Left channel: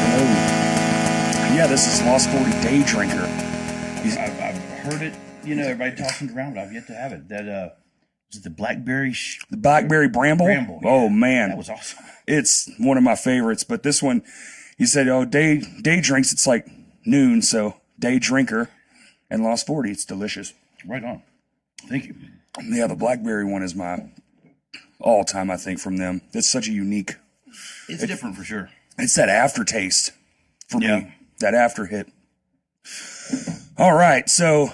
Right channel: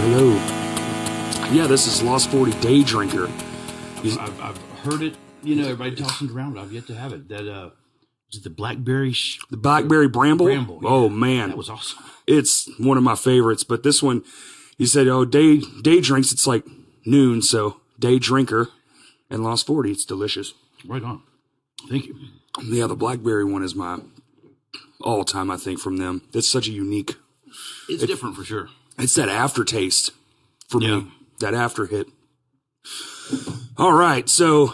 hello. Yeah, this is Lost 40 Day Drinker. I've heard it. You know, everybody tossing it around, but I've yet to have it. That was it the blackberry? The blackberry bramble? Bramble. Yeah. Oh, man. That was awesome. It's one of my favorites, but this one, he said, oh, day drinks, it's like noon, so day drinker. And Lost 40, it's delicious. Right on. Thank you. Yeah, the blackberry one is my all-time, I think, from them. It's such a unique... It's different for sure. It's that aftertaste for Yeah. me, that after hit. All right, so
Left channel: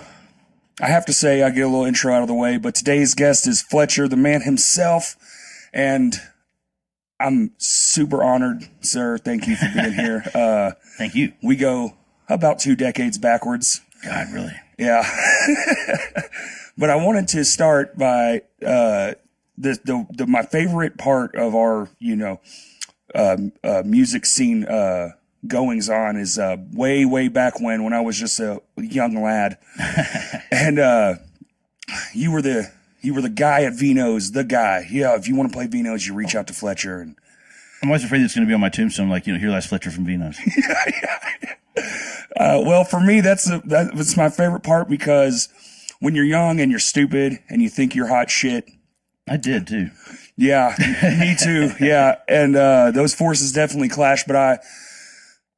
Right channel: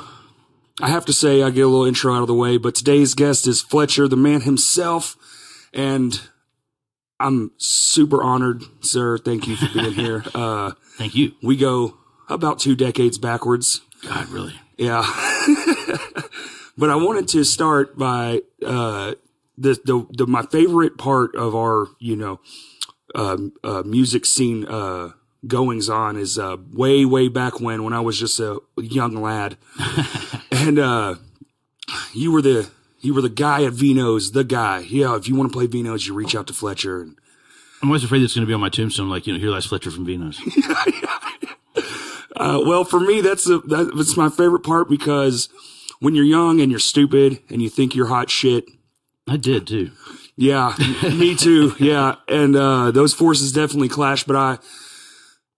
I have to say, I get a little intro out of the way, but today's guest is Fletcher, the man himself, and I'm super honored, sir. Thank you for being here. Thank you. We go about 2 decades backwards. God, really? Yeah. But I wanted to start by my favorite part of our, music scene goings on is way back when I was just a young lad. And you were the guy at Vino's, the guy. Yeah, if you want to play Vino's, you reach out to Fletcher. And I'm always afraid it's going to be on my tombstone, like, here lies Fletcher from Vino's. well, for me, that's my favorite part because when you're young and you're stupid and you think you're hot shit. I did too. Yeah, me too. Yeah. And those forces definitely clash, but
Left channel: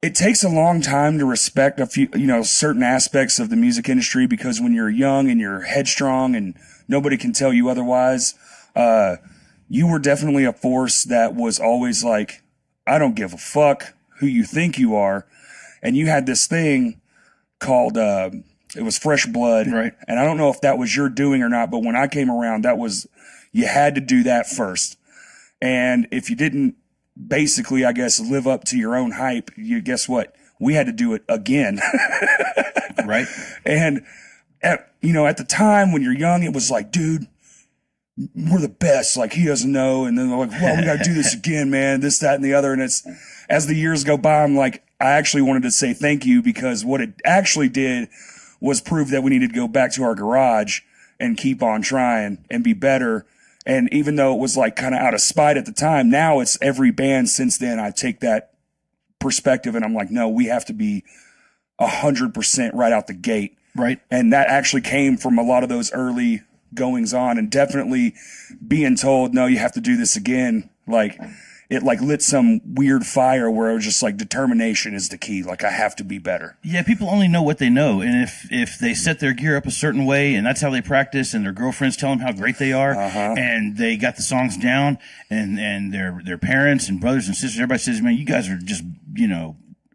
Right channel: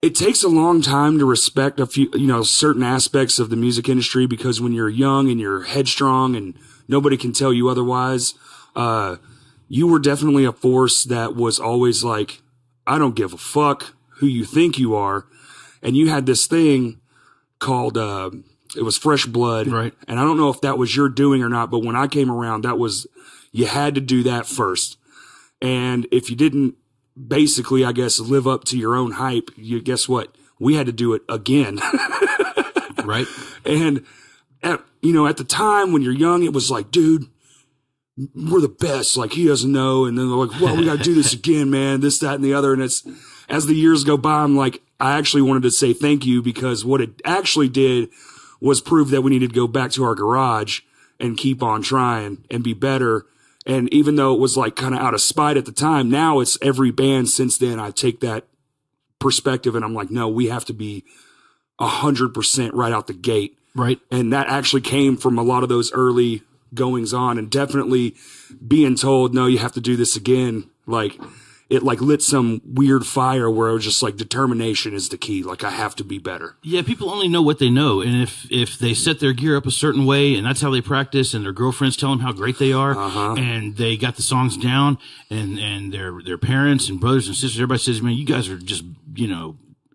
it takes a long time to respect a few, certain aspects of the music industry because when you're young and you're headstrong and nobody can tell you otherwise, you were definitely a force that was always like, I don't give a fuck who you think you are. And you had this thing called, it was Fresh Blood. Right. And I don't know if that was your doing or not, but when I came around, you had to do that first. And if you didn't basically, I guess, live up to your own hype, guess what? We had to do it again. Right. And, at the time when you're young, it was like, dude, we're the best. Like, he doesn't know. And then they're like, well, we got to do this again, man, this, that, and the other. And as the years go by, I'm like, I actually wanted to say thank you because what it actually did was prove that we needed to go back to our garage and keep on trying and be better. And even though it was like kind of out of spite at the time, now it's every band since then. I take that perspective and I'm like, no, we have to be 100% right out the gate. Right. And that actually came from a lot of those early goings on and definitely being told, no, you have to do this again. Like it lit some weird fire where it was just like determination is the key. Like I have to be better. Yeah, people only know what they know. And if they set their gear up a certain way and that's how they practice and their girlfriends tell them how great they are and they got the songs down and their parents and brothers and sisters, everybody says, man, you guys are just,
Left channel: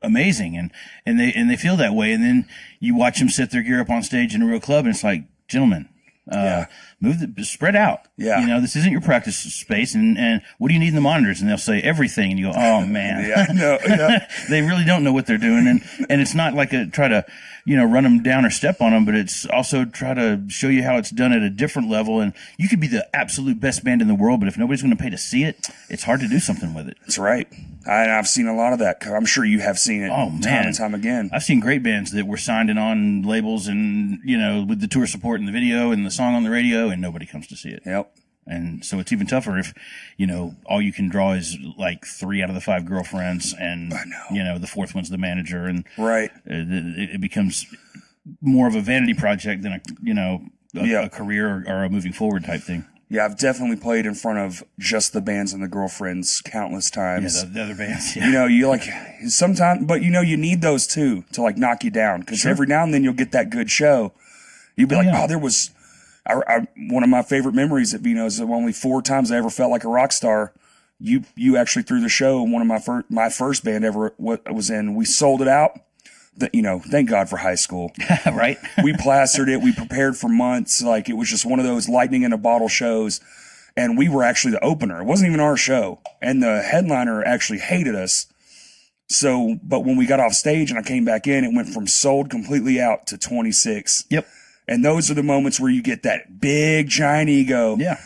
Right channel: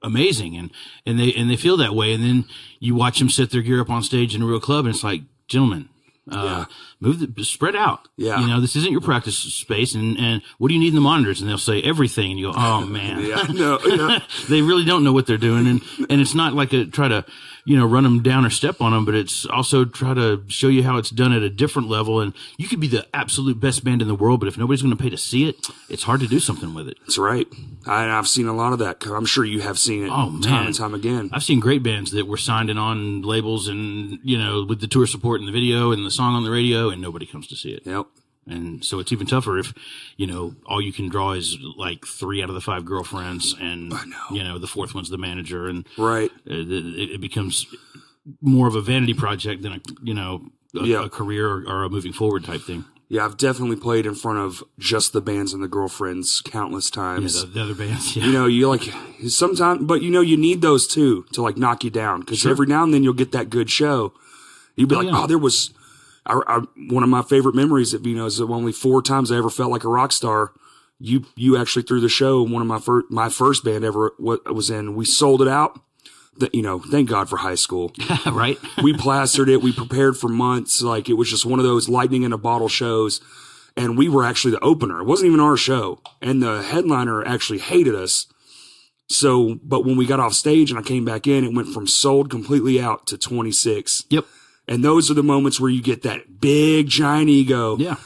amazing. And they feel that way. And then you watch them set their gear up on stage in a real club and it's like, gentlemen, spread out. Yeah. This isn't your practice space. And what do you need in the monitors? And they'll say everything. And you go, oh man. Yeah. No. Yeah. They really don't know what they're doing. And it's not like try to, run them down or step on them, but it's also try to show you how it's done at a different level. And you could be the absolute best band in the world, but if nobody's going to pay to see it, it's hard to do something with it. That's right. I've seen a lot of that. I'm sure you have seen it time and time again. I've seen great bands that were signed in on labels and, with the tour support and the video and the song on the radio and nobody comes to see it. Yep. And so it's even tougher if, all you can draw is like 3 out of the 5 girlfriends and, the 4th one's the manager. And right. It becomes more of a vanity project than a career or a moving forward type thing. Yeah, I've definitely played in front of just the bands and the girlfriends countless times. Yeah, the other bands. Yeah. You like sometimes, but you need those too to like knock you down because every now and then you'll get that good show. You'd be oh, there was one of my favorite memories at Vino's. Only 4 times I ever felt like a rock star. You actually threw the show. One of my first band ever was in. We sold it out. Thank God for high school. Right. We plastered it. We prepared for months. Like it was just one of those lightning in a bottle shows. And we were actually the opener. It wasn't even our show. And the headliner actually hated us. So, but when we got off stage and I came back in, it went from sold completely out to 26. Yep. And those are the moments where you get that big giant ego. Yeah.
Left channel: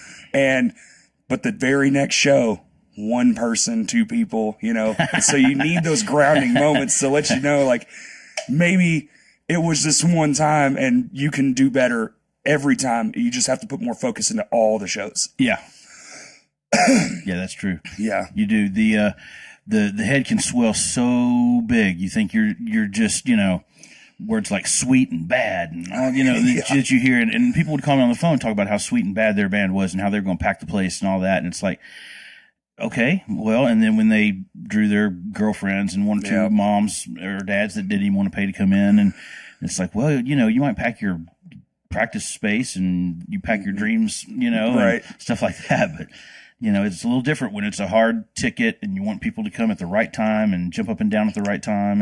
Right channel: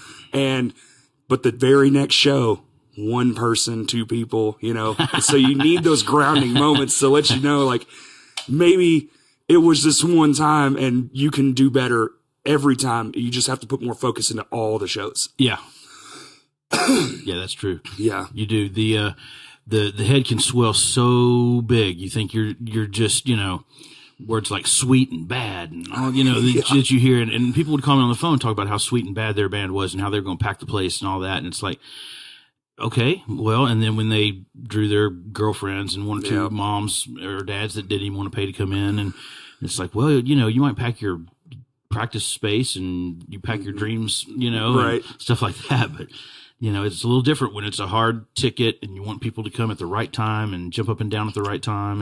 But the very next show, 1 person, 2 people, so you need those grounding moments to let you know, like, maybe it was this one time and you can do better every time. You just have to put more focus into all the shows. Yeah. Yeah, that's true. Yeah. You do. the head can swell so big. You think you're just, words like sweet and bad and all, that you hear. And people would call me on the phone, talk about how sweet and bad their band was and how they're going to pack the place and all that. And it's like, okay, well, and then when they drew their girlfriends and one or two moms or dads that didn't even want to pay to come in, and it's like, well, you might pack your practice space and you pack your dreams, right. and stuff like that. But, it's a little different when it's a hard ticket and you want people to come at the right time and jump up and down at the right time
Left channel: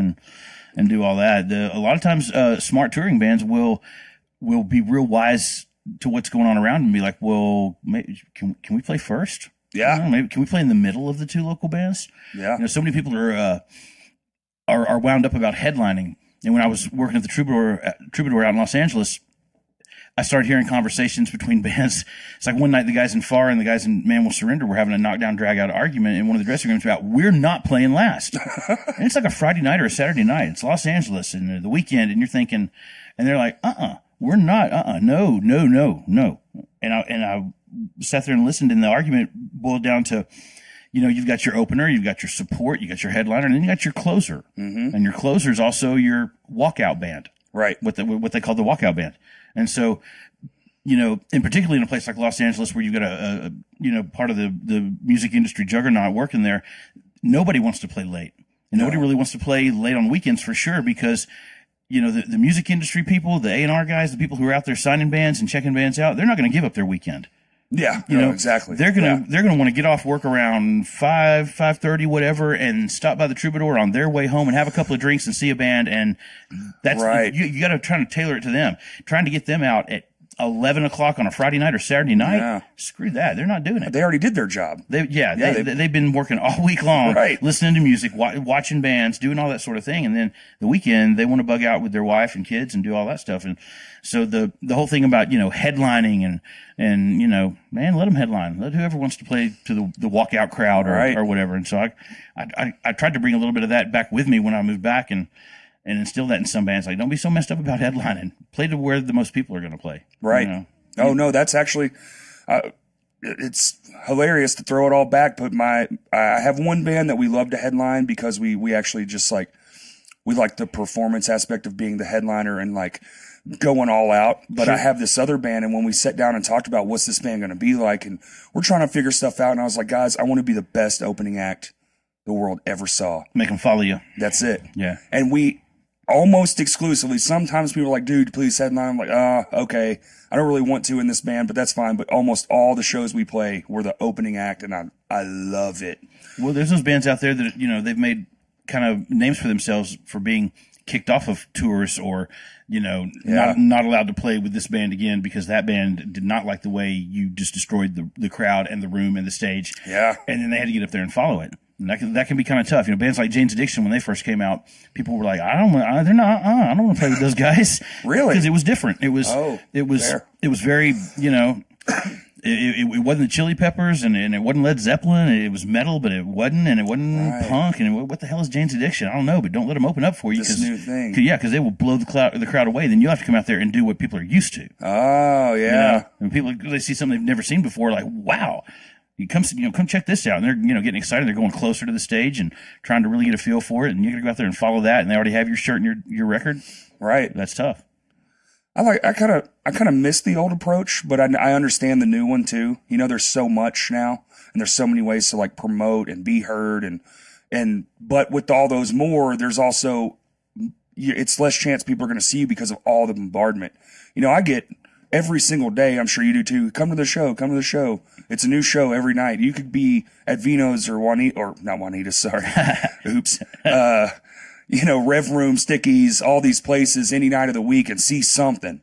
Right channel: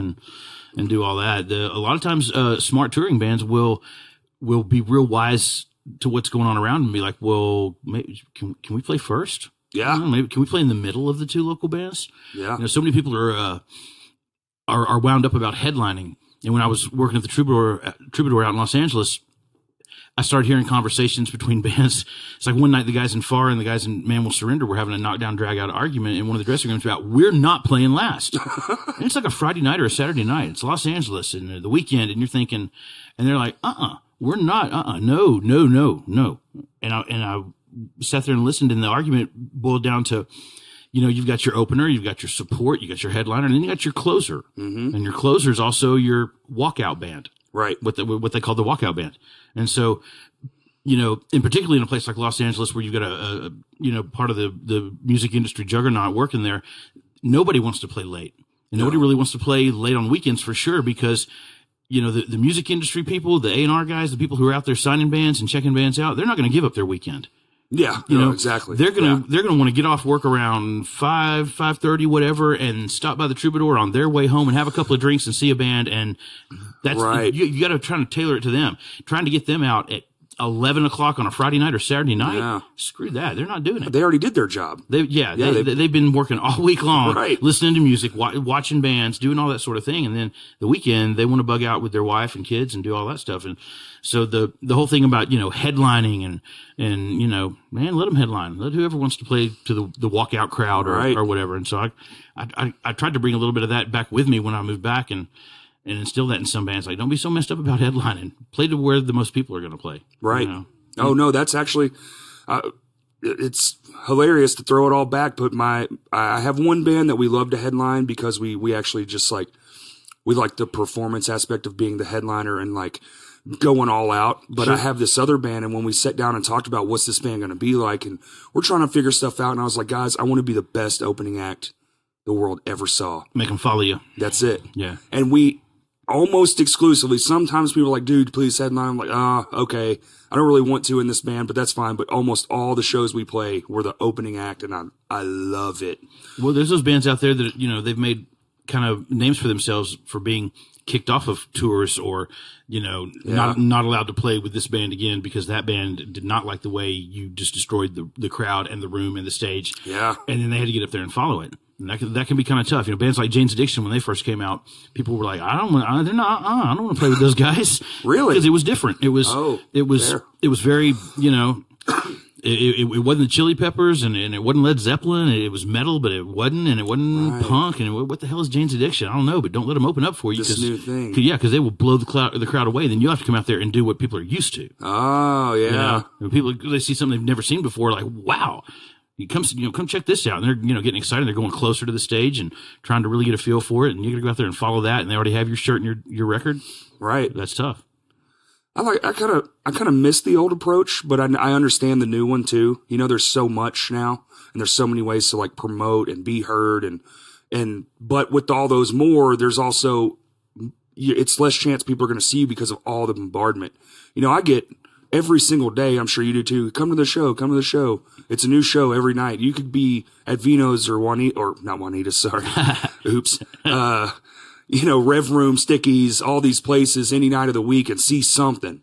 and do all that. A lot of times, smart touring bands will be real wise to what's going on around and be like, well, maybe, can we play first? Yeah. Maybe can we play in the middle of the two local bands? Yeah. So many people are wound up about headlining. And when I was working at the Troubadour out in Los Angeles, I started hearing conversations between bands. It's like one night the guys in Far and the guys in Man Will Surrender were having a knockdown, drag out argument in one of the dressing rooms about, we're not playing last. And it's like a Friday night or a Saturday night. It's Los Angeles and the weekend. And you're thinking, and they're like, we're not, no. And I sat there and listened, and the argument boiled down to, you've got your opener, you've got your support, you got your headliner, and then you got your closer. Mm-hmm. And your closer is also your walkout band. Right. What they call the walkout band. And so, and particularly in a place like Los Angeles where you've got a part of the music industry juggernaut working there, nobody wants to play late. And nobody really wants to play late on weekends for sure, because the music industry people, the A&R guys, the people who are out there signing bands and checking bands out, they're not going to give up their weekend. Yeah, exactly. They're gonna want to get off work around 5:30, whatever, and stop by the Troubadour on their way home and have a couple of drinks and see a band. And that's right. You got to try to tailor it to them. Trying to get them out at 11 o'clock on a Friday night or Saturday night. Yeah. Screw that. They're not doing it. They already did their job. They've been working all week long, right. Listening to music, watching bands, doing all that sort of thing. And then the weekend, they want to bug out with their wife and kids and do all that stuff. And so the whole thing about, headlining and, man, let them headline. Let whoever wants to play to the walkout crowd or whatever. And so I tried to bring a little bit of that back with me when I moved back and instill that in some bands. Like, don't be so messed up about headlining. Play to where the most people are going to play. Right. Oh, no, that's actually, it's hilarious to throw it all back. But I have one band that we love to headline because we actually just we like the performance aspect of being the headliner and going all out. But sure. I have this other band, and when we sat down and talked about what's this band going to be like, and we're trying to figure stuff out, and I was like, guys, I want to be the best opening act the world ever saw. Make them follow you. That's it. Yeah. And we almost exclusively, sometimes people are like, dude, please headline. I'm like, okay. I don't really want to in this band, but that's fine. But almost all the shows we play were the opening act, and I love it. Well, there's those bands out there that, they've made kind of names for themselves for being kicked off of tours or, not allowed to play with this band again because that band did not like the way you just destroyed the crowd and the room and the stage. Yeah. And then they had to get up there and follow it. And that can be kind of tough. Bands like Jane's Addiction, when they first came out, people were like, I don't want to play with those guys. Really? Because it was different. It was very, it wasn't the Chili Peppers and it wasn't Led Zeppelin. It was metal, but it wasn't punk. And what the hell is Jane's Addiction? I don't know, but don't let them open up for you. This new thing. Because they will blow the crowd away. Then you have to come out there and do what people are used to. Oh, yeah. And people, they see something they've never seen before, like, wow. Come check this out. And they're, getting excited. They're going closer to the stage and trying to really get a feel for it. And you got to go out there and follow that. And they already have your shirt and your record. Right. That's tough. I kind of miss the old approach, but I understand the new one too. There's so much now, and there's so many ways to promote and be heard, but with all those more, there's also it's less chance people are going to see you because of all the bombardment. I get every single day. I'm sure you do too. Come to the show. Come to the show. It's a new show every night. You could be at Vino's or not Juanita. Sorry, oops. Rev Room, Stickies, all these places any night of the week and see something.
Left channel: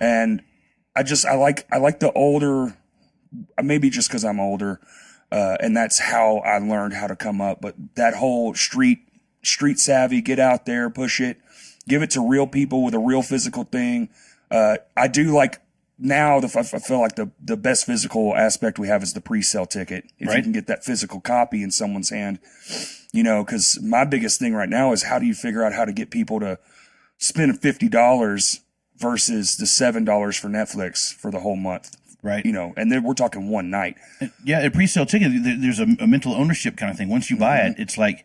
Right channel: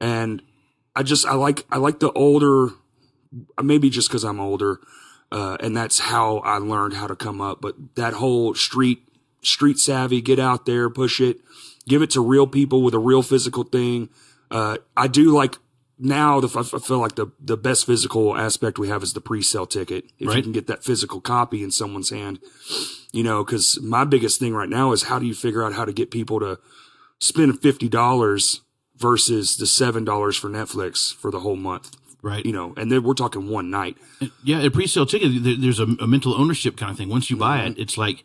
And I like the older, maybe just because I'm older, and that's how I learned how to come up. But that whole street savvy, get out there, push it, give it to real people with a real physical thing. I do like now. I feel like the best physical aspect we have is the pre-sale ticket. If you can get that physical copy in someone's hand. Because my biggest thing right now is how do you figure out how to get people to spend $50 versus the $7 for Netflix for the whole month Right. You know, and then we're talking one night. Yeah, a pre-sale ticket, there's a mental ownership kind of thing. Once you buy it, it's like,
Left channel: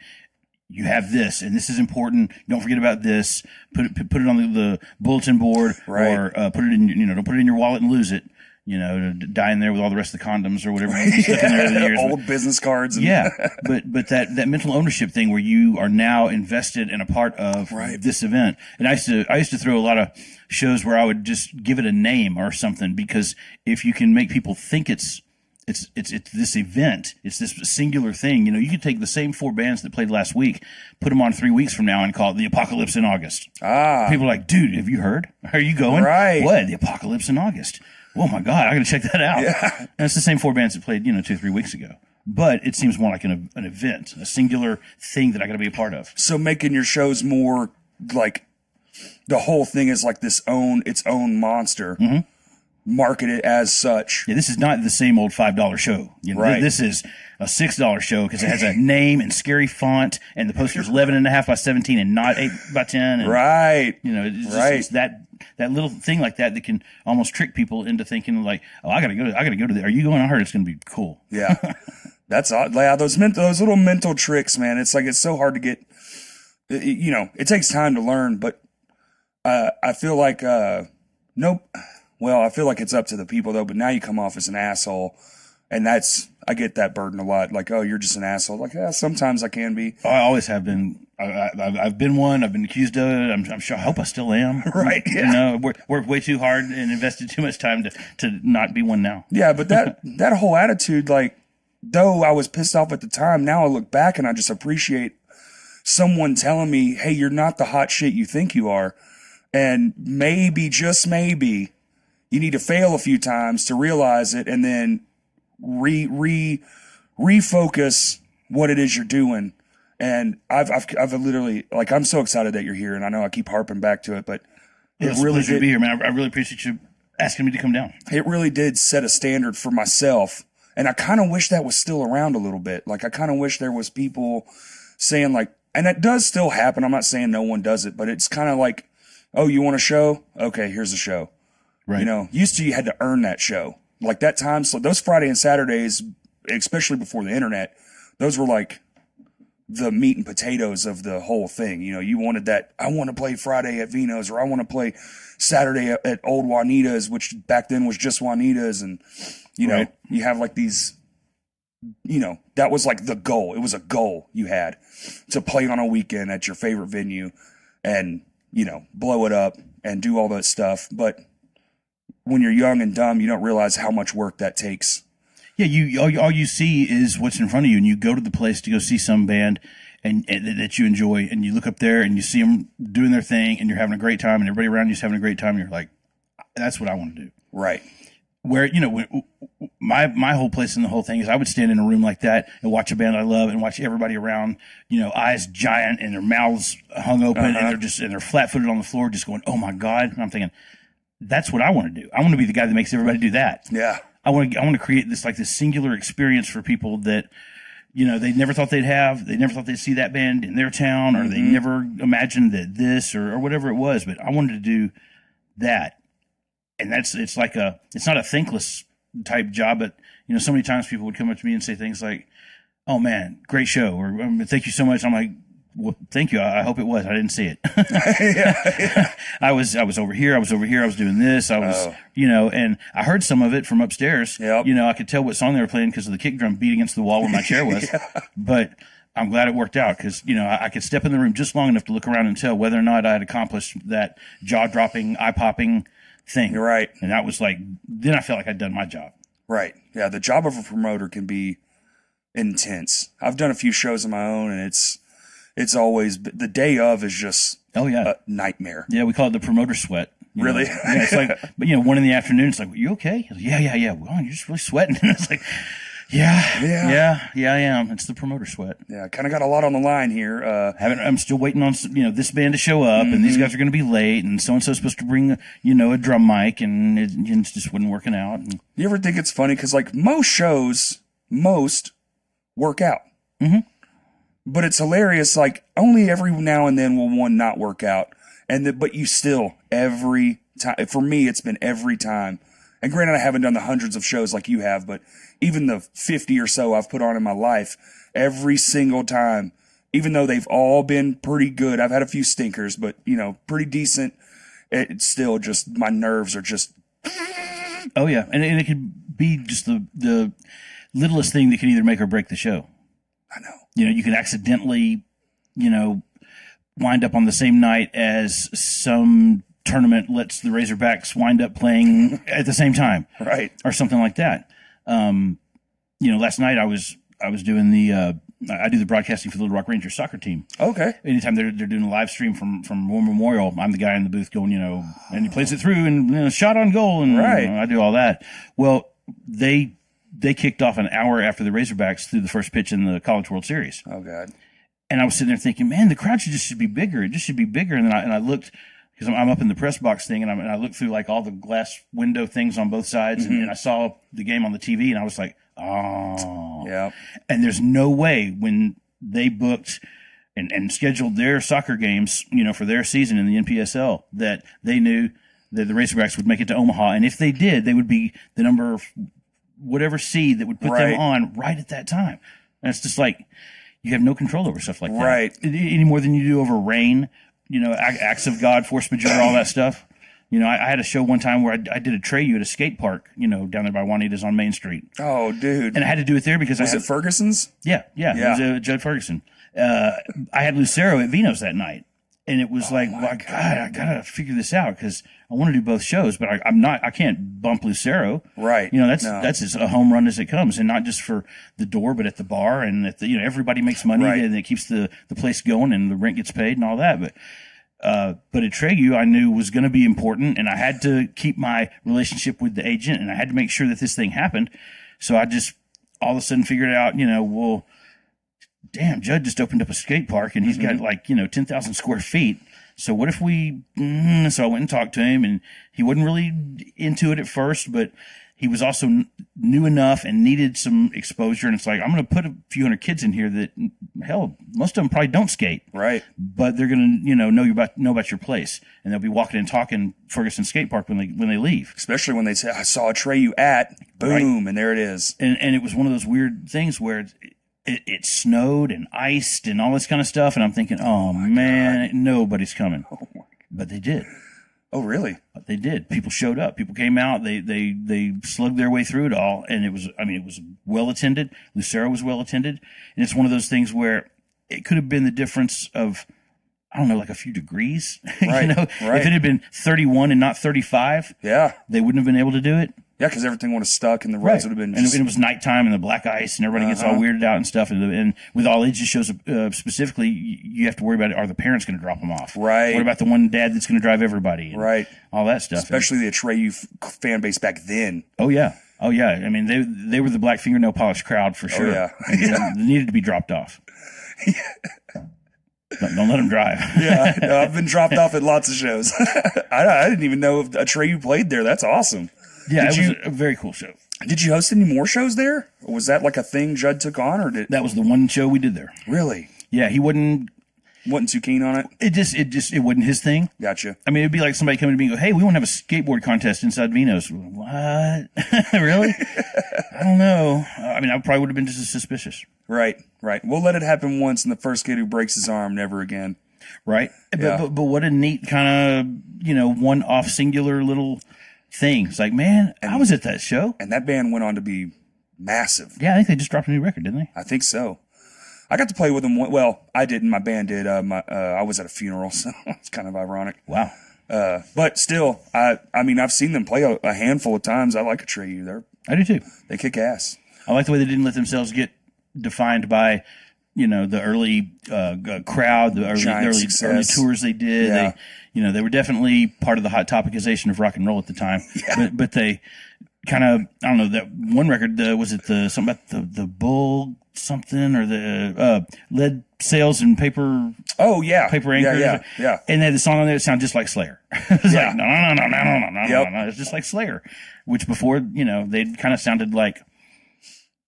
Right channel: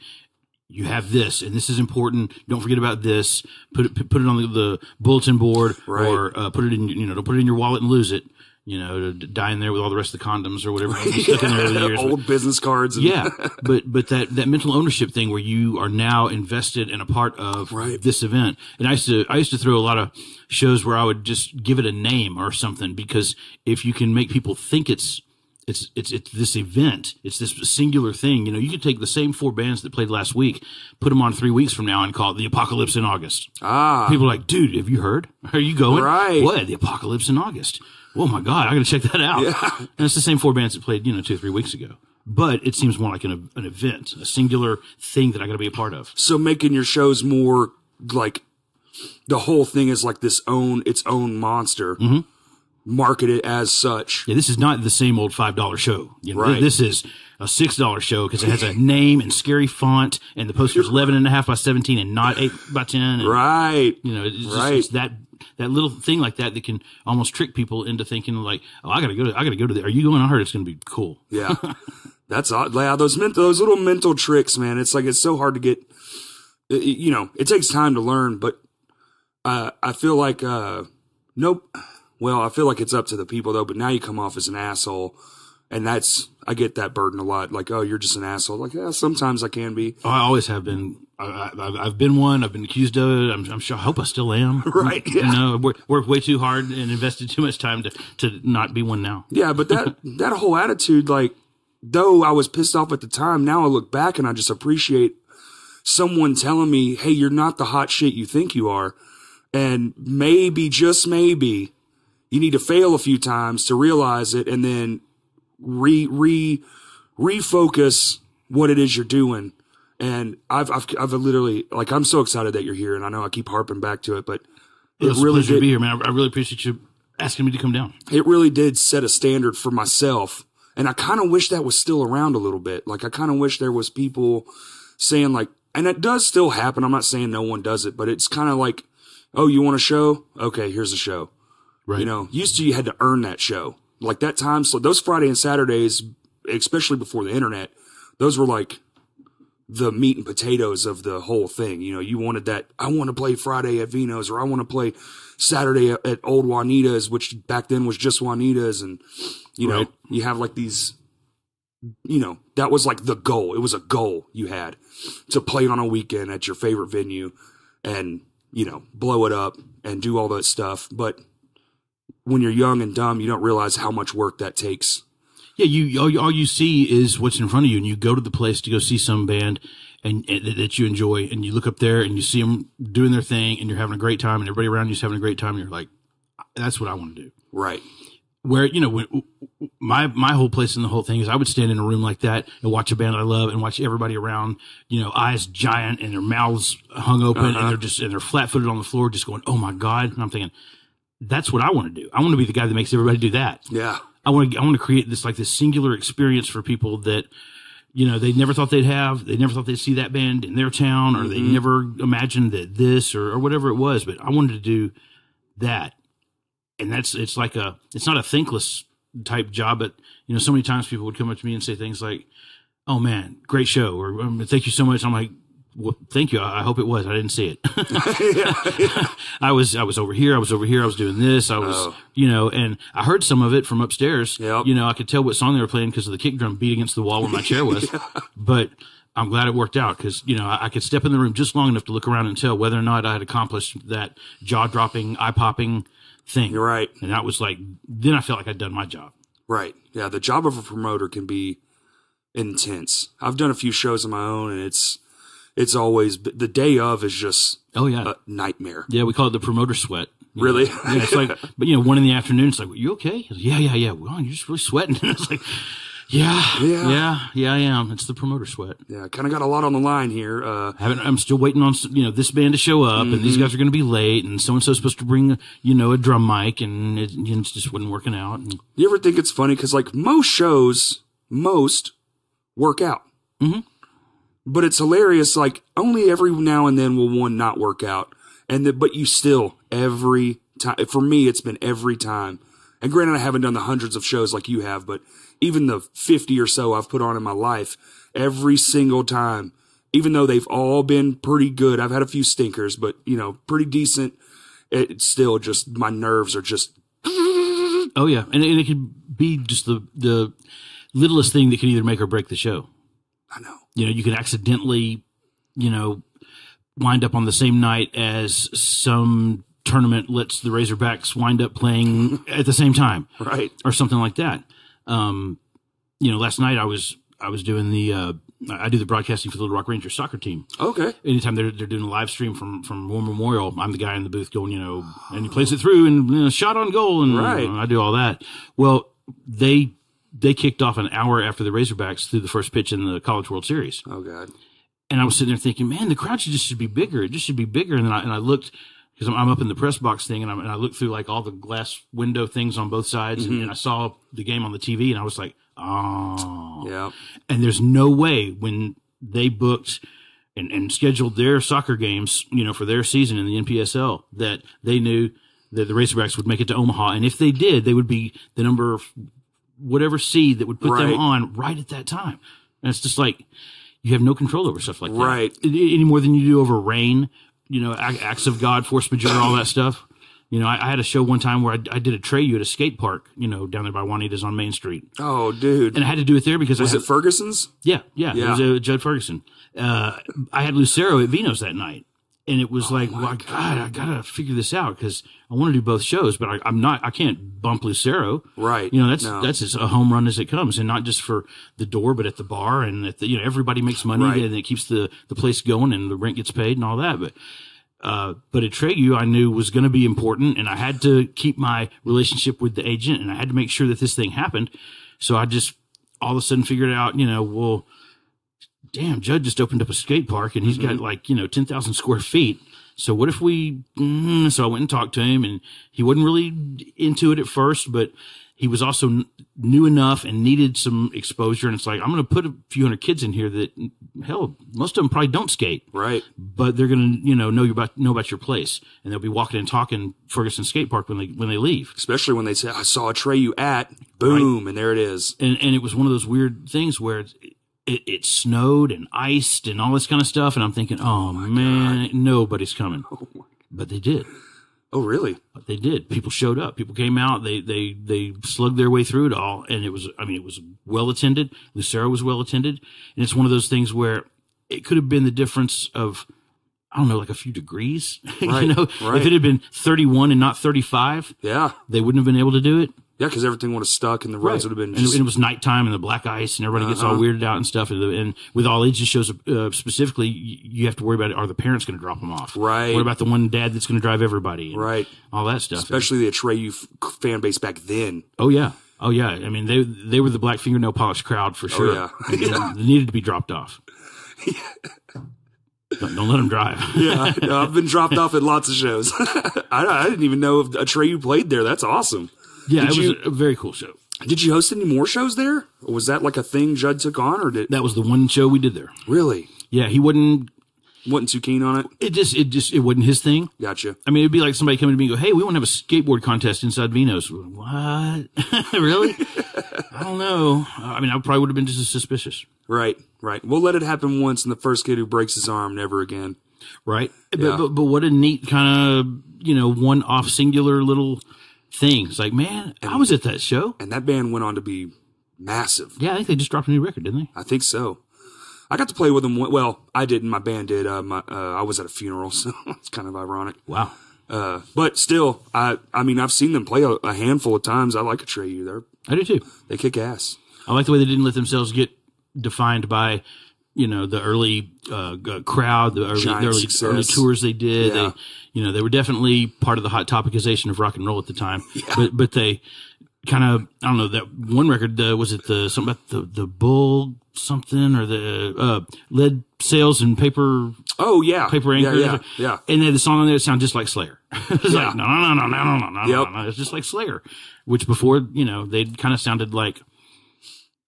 you have this, and this is important. Don't forget about this. Put it on the bulletin board, right. or put it in, don't put it in your wallet and lose it. To die in there with all the rest of the condoms or whatever you stuck in there over the years. Old business cards. And yeah, but that mental ownership thing where you are now invested and a part of this event. And I used to throw a lot of shows where I would just give it a name or something, because if you can make people think it's this event, it's this singular thing. You could take the same 4 bands that played last week, put them on 3 weeks from now, and call it the Apocalypse in August. People are like, dude, have you heard? Are you going? Right. What? The Apocalypse in August. Oh my God, I got to check that out. Yeah. And it's the same 4 bands that played, 2 or 3 weeks ago. But it seems more like an event, a singular thing that I got to be a part of. So making your shows more like the whole thing is like its own monster. Mm-hmm. Market it as such. Yeah, this is not the same old $5 show. Right. This is a $6 show because it has a name and scary font, and the poster's 11.5 by 17 and not 8 by 10. And, right. It's that little thing like that can almost trick people into thinking like, oh, I gotta go to are you going? I heard it's gonna be cool. Yeah. That's odd. Yeah, those little mental tricks, man. It's like, it's so hard to get, it takes time to learn, but, I feel like, nope. Well, I feel like it's up to the people though, but now you come off as an asshole, and I get that burden a lot. Like, oh, you're just an asshole. Like, yeah, sometimes I can be. Oh, I always have been. I've been one. I've been accused of it. I'm sure. I hope I still am. Right. Yeah. Worked way too hard and invested too much time to not be one now. Yeah, but that whole attitude, like, though I was pissed off at the time, now I look back and I just appreciate someone telling me, hey, you're not the hot shit you think you are. And maybe, just maybe, you need to fail a few times to realize it, and then refocus what it is you're doing. And I've literally, like, I'm so excited that you're here, and I know I keep harping back to it, but it's really a pleasure to be here, man. I really appreciate you asking me to come down. It really did set a standard for myself, and I kind of wish that was still around a little bit. Like, I kind of wish there was people saying, like, and it does still happen. I'm not saying no one does it, but it's kind of like, oh, you want a show? Okay, here's a show. Right. Used to, you had to earn that show. Like, that time, so those Friday and Saturdays, especially before the internet, those were like the meat and potatoes of the whole thing. You wanted that, I want to play Friday at Vino's, or I want to play Saturday at Old Juanita's, which back then was just Juanita's. And, right. You have like these, that was like the goal. It was a goal you had to play on a weekend at your favorite venue and, blow it up and do all that stuff. But when you're young and dumb, you don't realize how much work that takes. Yeah, all you see is what's in front of you, and you go to the place to go see some band and that you enjoy, and you look up there and you see them doing their thing, and you're having a great time, and everybody around you's having a great time, and you're like, that's what I want to do. Right. Where, my whole place in the whole thing is I would stand in a room like that and watch a band I love and watch everybody around, eyes giant and their mouths hung open, and they're flat footed on the floor just going, oh my God. And I'm thinking, that's what I want to do. I want to be the guy that makes everybody do that. Yeah. I want to create this singular experience for people that, they never thought they'd have. They never thought they'd see that band in their town, or they never imagined that this or whatever it was. But I wanted to do that. And it's not a thankless type job, but so many times people would come up to me and say things like, oh man, great show, or thank you so much. I'm like, well, thank you. I hope it was. I didn't see it. Yeah. I was over here. I was doing this. I was, and I heard some of it from upstairs. Yep. I could tell what song they were playing because of the kick drum beat against the wall where my chair was. Yeah. But I'm glad it worked out because, I could step in the room just long enough to look around and tell whether or not I had accomplished that jaw-dropping, eye-popping thing. You're right. And that was then I felt like I'd done my job. Right. Yeah. The job of a promoter can be intense. I've done a few shows of my own, and it's always, the day of is just a nightmare. Yeah, we call it the promoter sweat. Really? Yeah, it's like, but 1 in the afternoon, it's like, you okay? Like, yeah. Well, you're just really sweating. And it's like, yeah, I am. It's the promoter sweat. Yeah, kind of got a lot on the line here. I'm still waiting on this band to show up, and these guys are going to be late, and so and so's supposed to bring a drum mic, and it just wasn't working out. And you ever think it's funny because most shows work out. Mm-hmm. But it's hilarious. Like, only every now and then will one not work out. But you still, every time, for me, it's been every time. And granted, I haven't done the hundreds of shows like you have, but even the 50 or so I've put on in my life, every single time, even though they've all been pretty good, I've had a few stinkers, but pretty decent. It's still just, my nerves are just. Oh yeah. And it could be just the littlest thing that can either make or break the show. I know. You can accidentally, wind up on the same night as some tournament lets the Razorbacks wind up playing at the same time. Right. Or something like that. Last night I was doing I do the broadcasting for the Little Rock Rangers soccer team. Okay. Anytime they're doing a live stream from War Memorial, I'm the guy in the booth going, and he plays it through and shot on goal, and right. I do all that. Well, they kicked off an hour after the Razorbacks threw the first pitch in the College World Series. Oh God. And I was sitting there thinking, man, the crowd should be bigger. It just should be bigger. And then I looked, because I'm up in the press box thing, and I looked through like all the glass window things on both sides, and I saw the game on the TV, and I was like, oh. Yeah. And there's no way when they booked and scheduled their soccer games, for their season in the NPSL, that they knew that the Razorbacks would make it to Omaha. And if they did, they would be the number whatever seed that would put them on right at that time. And it's just like, you have no control over stuff like that. Right. Any more than you do over rain, acts of God, force majeure, all that stuff. I had a show one time where I did a Treyu at a skate park, down there by Juanita's on Main Street. Oh, dude. And I had to do it there because Was it Ferguson's? Yeah. It was Judd Ferguson. I had Lucero at Vino's that night. And it was God, I gotta figure this out because I want to do both shows, but I can't bump Lucero. Right. That's as a home run as it comes, and not just for the door, but at the bar, and at the, everybody makes money, and it keeps the place going, and the rent gets paid and all that. But at Treyu, I knew was going to be important, and I had to keep my relationship with the agent, and I had to make sure that this thing happened. So I just all of a sudden figured out, well, damn, Judd just opened up a skate park and he's got 10,000 square feet. So what if we, so I went and talked to him, and he wasn't really into it at first, but he was also new enough and needed some exposure. And it's like, I'm going to put a few hundred kids in here that, hell, most of them probably don't skate. Right. But they're going to, know about your place, and they'll be walking and talking Ferguson Skate Park when they leave. Especially when they say, I saw a Treyu at, boom, and there it is. And it was one of those weird things where it snowed and iced and all this kind of stuff. And I'm thinking, oh man, God. Nobody's coming. Oh my God. But they did. Oh, really? But they did. People showed up. People came out. They slugged their way through it all. And it was well attended. Lucero was well attended. And it's one of those things where it could have been the difference of, I don't know, like a few degrees. Right. If it had been 31 and not 35, they wouldn't have been able to do it. Yeah, because everything would have stuck and the roads would have been just... And it was nighttime and the black ice and everybody gets all weirded out and stuff. And with all ages shows specifically, you have to worry about, are the parents going to drop them off? Right. What about the one dad that's going to drive everybody? And right. All that stuff. Especially the Treyu fan base back then. Oh, yeah. Oh, yeah. I mean, they were the black fingernail polish crowd for sure. Oh, yeah. They needed to be dropped off. Yeah. Don't let them drive. Yeah, no, I've been dropped off at lots of shows. I didn't even know if a Treyu played there. That's awesome. Yeah, it was a very cool show. Did you host any more shows there? Or was that like a thing Judd took on, or did that was the one show we did there? Really? Yeah, he wasn't too keen on it. It wasn't his thing. Gotcha. I mean, it'd be like somebody coming to me and go, "Hey, we want to have a skateboard contest inside Vino's." What? Really? I don't know. I mean, I probably would have been just as suspicious. Right. We'll let it happen once, and the first kid who breaks his arm, never again. Right. Yeah. But what a neat kind of one-off singular little thing. It's like, man, I was at that show. And that band went on to be massive. Yeah, I think they just dropped a new record, didn't they? I think so. I got to play with them. Well, I didn't. My band did. I was at a funeral, so it's kind of ironic. Wow. But still, I mean, I've seen them play a handful of times. I like a Treyu. I do too. They kick ass. I like the way they didn't let themselves get defined by, the early crowd, the early tours they did. Yeah. They were definitely part of the hot topicization of rock and roll at the time. Yeah. But they kind of, I don't know, that one record, was it something about the bull something, or the lead sails and paper? Oh yeah, paper anchors. Yeah. And they had the song on there that sounded just like Slayer. It was like no. It's just like Slayer, which before they'd kind of sounded like,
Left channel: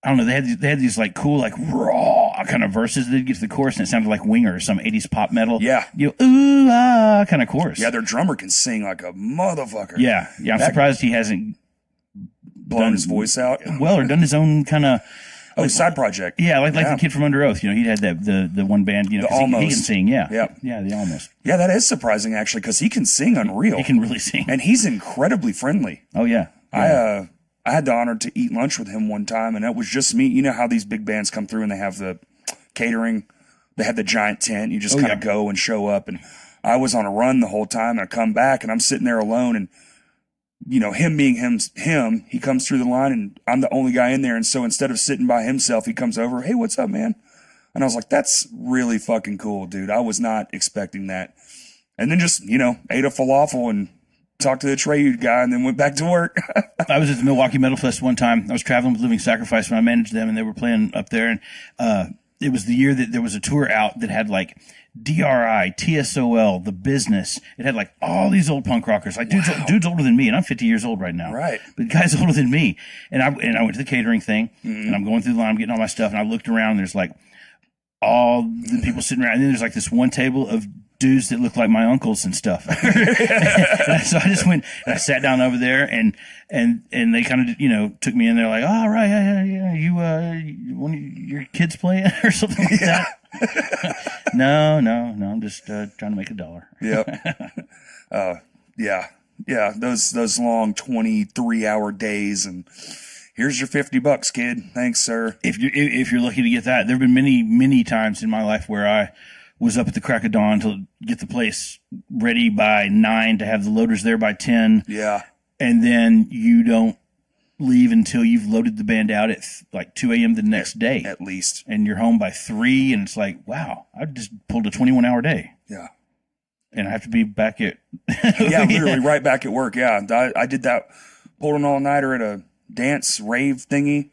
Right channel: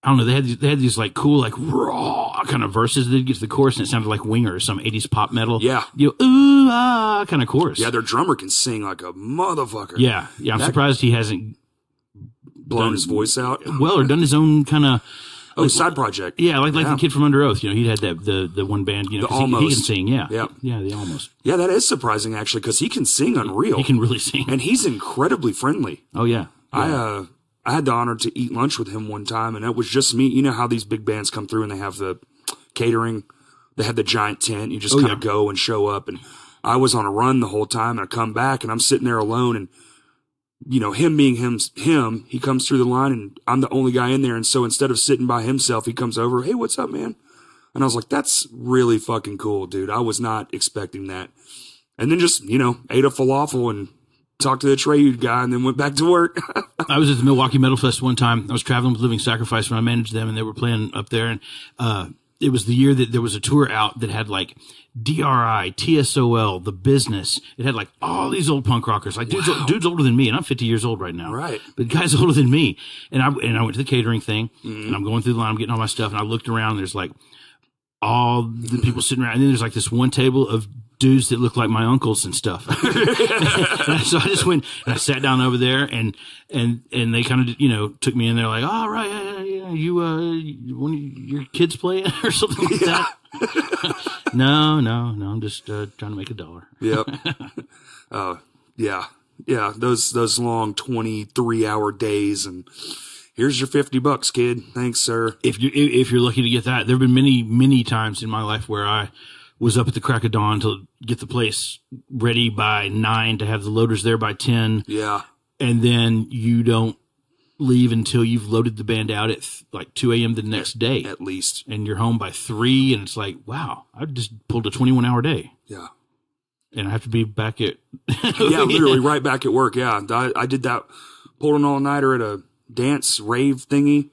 I don't know. They had these like cool, like raw kind of verses. They'd get to the chorus and it sounded like Winger or some 80s pop metal. Yeah. Ooh, ah, kind of chorus. Yeah. Their drummer can sing like a motherfucker. Yeah. I'm surprised he hasn't blown his voice out. Well, or done his own kind of side project. Yeah, like the kid from Under Oath. You know, he'd had the one band. You know, he can sing. Yeah, the Almost. Yeah, that is surprising actually because he can sing unreal. He can really sing, and he's incredibly friendly. Oh yeah. I had the honor to eat lunch with him one time, and it was just me. You know how these big bands come through and they have the catering. They have the giant tent. You just kind of go and show up. And I was on a run the whole time, and I come back, and I'm sitting there alone, and you know, him being him, he comes through the line, and I'm the only guy in there. And so instead of sitting by himself, he comes over, hey, what's up, man? And I was like, that's really fucking cool, dude. I was not expecting that. And then just, you know, ate a falafel and talked to the Trade guy and then went back to work. I was at the Milwaukee Metal Fest one time. I was traveling with Living Sacrifice when I managed them, and they were playing up there. And it was the year that there was a tour out that had like DRI, TSOL, The Business. It had like all these old punk rockers. Like dude's older than me, and I'm 50 years old right now. Right. But the guy's older than me. And I went to the catering thing, and I'm going through the line, I'm getting all my stuff, and I looked around, and there's like all the people sitting around, and then there's like this one table of dudes that look like my uncles and stuff. And so I just went and I sat down over there, and they kind of, you know, took me in there like, oh, right, yeah, you one of your kids playing or something like that. No, I'm just trying to make $1. Yep. Yeah. Those long 23-hour days, and here's your $50, kid. Thanks, sir. If you're lucky to get that, there've been many times in my life where I was up at the crack of dawn to get the place ready by 9 to have the loaders there by 10. Yeah. And then you don't leave until you've loaded the band out at like 2 a.m. the next day. At least. And you're home by 3, and it's like, wow, I just pulled a 21-hour day. Yeah. And I have to be back at... yeah, literally right back at work, yeah. I did that, pulled an all-nighter at a dance rave thingy.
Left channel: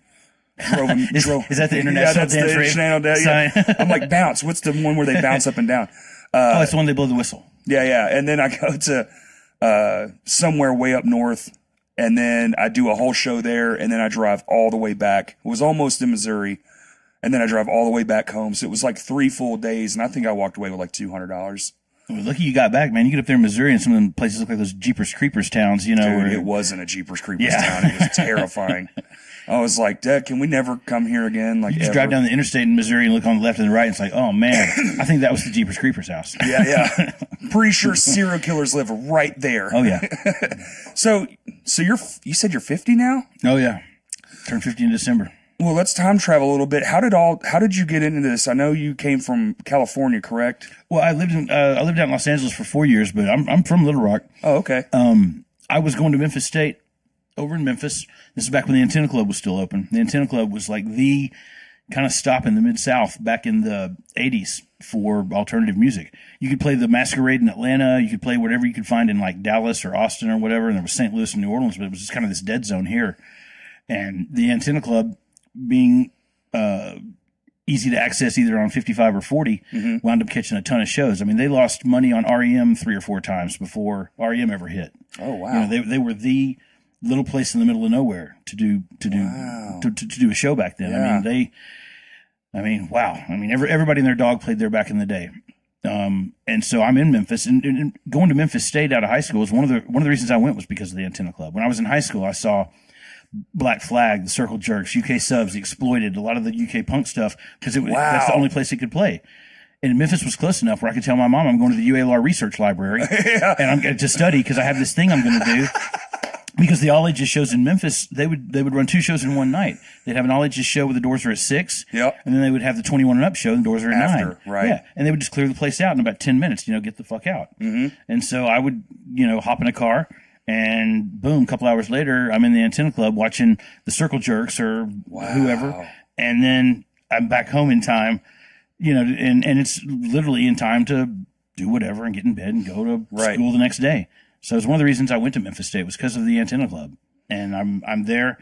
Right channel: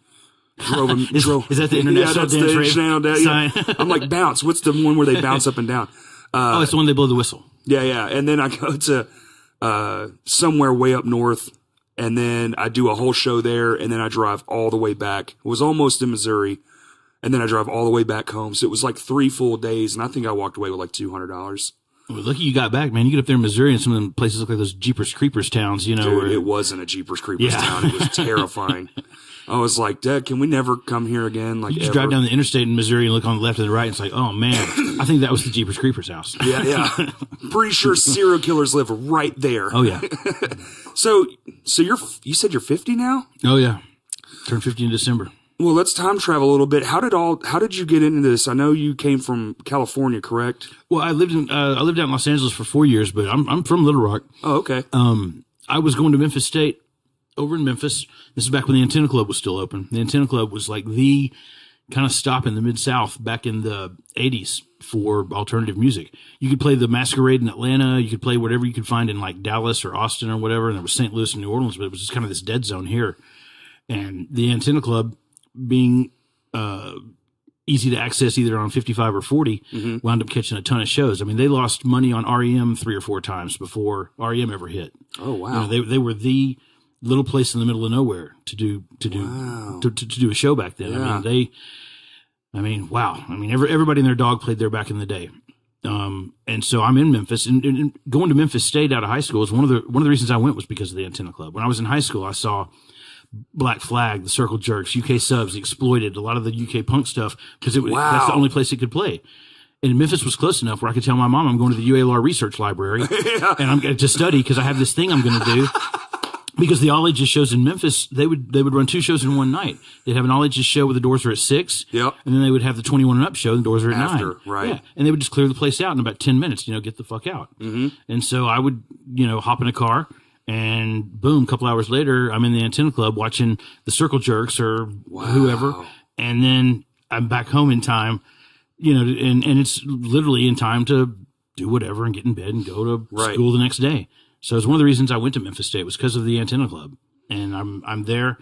Is that the international dance rave? Yeah. I'm like, bounce. What's the one where they bounce up and down? It's the one they blow the whistle. Yeah. And then I go to somewhere way up north, and then I do a whole show there, and then I drive all the way back. It was almost in Missouri, and then I drive all the way back home. So it was like 3 full days, and I think I walked away with like $200. Well, lucky you got back, man. You get up there in Missouri, and some of them places look like those Jeepers Creepers towns, you know. Dude, it wasn't a Jeepers Creepers town. It was terrifying. I was like, Dad, can we never come here again? Like, you just drive down the interstate in Missouri and look on the left and the right, and it's like, oh man, I think that was the Jeepers Creepers house. Yeah. Pretty sure serial killers live right there. Oh yeah. So you said you're 50 now? Oh yeah. Turned 50 in December. Well, let's time travel a little bit. How did you get into this? I know you came from California, correct? I lived out in Los Angeles for 4 years, but I'm from Little Rock. Oh, okay. I was going to Memphis State over in Memphis. This is back when the Antenna Club was still open. The Antenna Club was like the kind of stop in the Mid-South back in the 80s for alternative music. You could play the Masquerade in Atlanta. You could play whatever you could find in like Dallas or Austin or whatever. And there was St. Louis and New Orleans, but it was just kind of this dead zone here. And the Antenna Club, being easy to access either on 55 or 40, wound up catching a ton of shows. I mean, they lost money on REM 3 or 4 times before REM ever hit. Oh, wow. You know, they were the little place in the middle of nowhere to do a show back then. Yeah. I mean, wow. I mean, everybody and their dog played there back in the day. And so I'm in Memphis, and going to Memphis State out of high school is one of the reasons I went was because of the Antenna Club. When I was in high school, I saw Black Flag, the Circle Jerks, UK Subs, the Exploited, a lot of the UK punk stuff, because that's the only place it could play. And Memphis was close enough where I could tell my mom I'm going to the UALR Research Library and I'm going to study because I have this thing I'm going to do. Because the all ages shows in Memphis, they would run 2 shows in one night. They'd have an all ages show where the doors are at 6. Yep. And then they would have the 21 and up show, and the doors are at 9. Right. Yeah. And they would just clear the place out in about 10 minutes, get the fuck out. Mm-hmm. And so I would, hop in a car, and boom, a couple hours later, I'm in the Antenna Club watching the Circle Jerks or whoever. And then I'm back home in time, and it's literally in time to do whatever and get in bed and go to school the next day. So it's one of the reasons I went to Memphis State was because of the Antenna Club. And I'm there,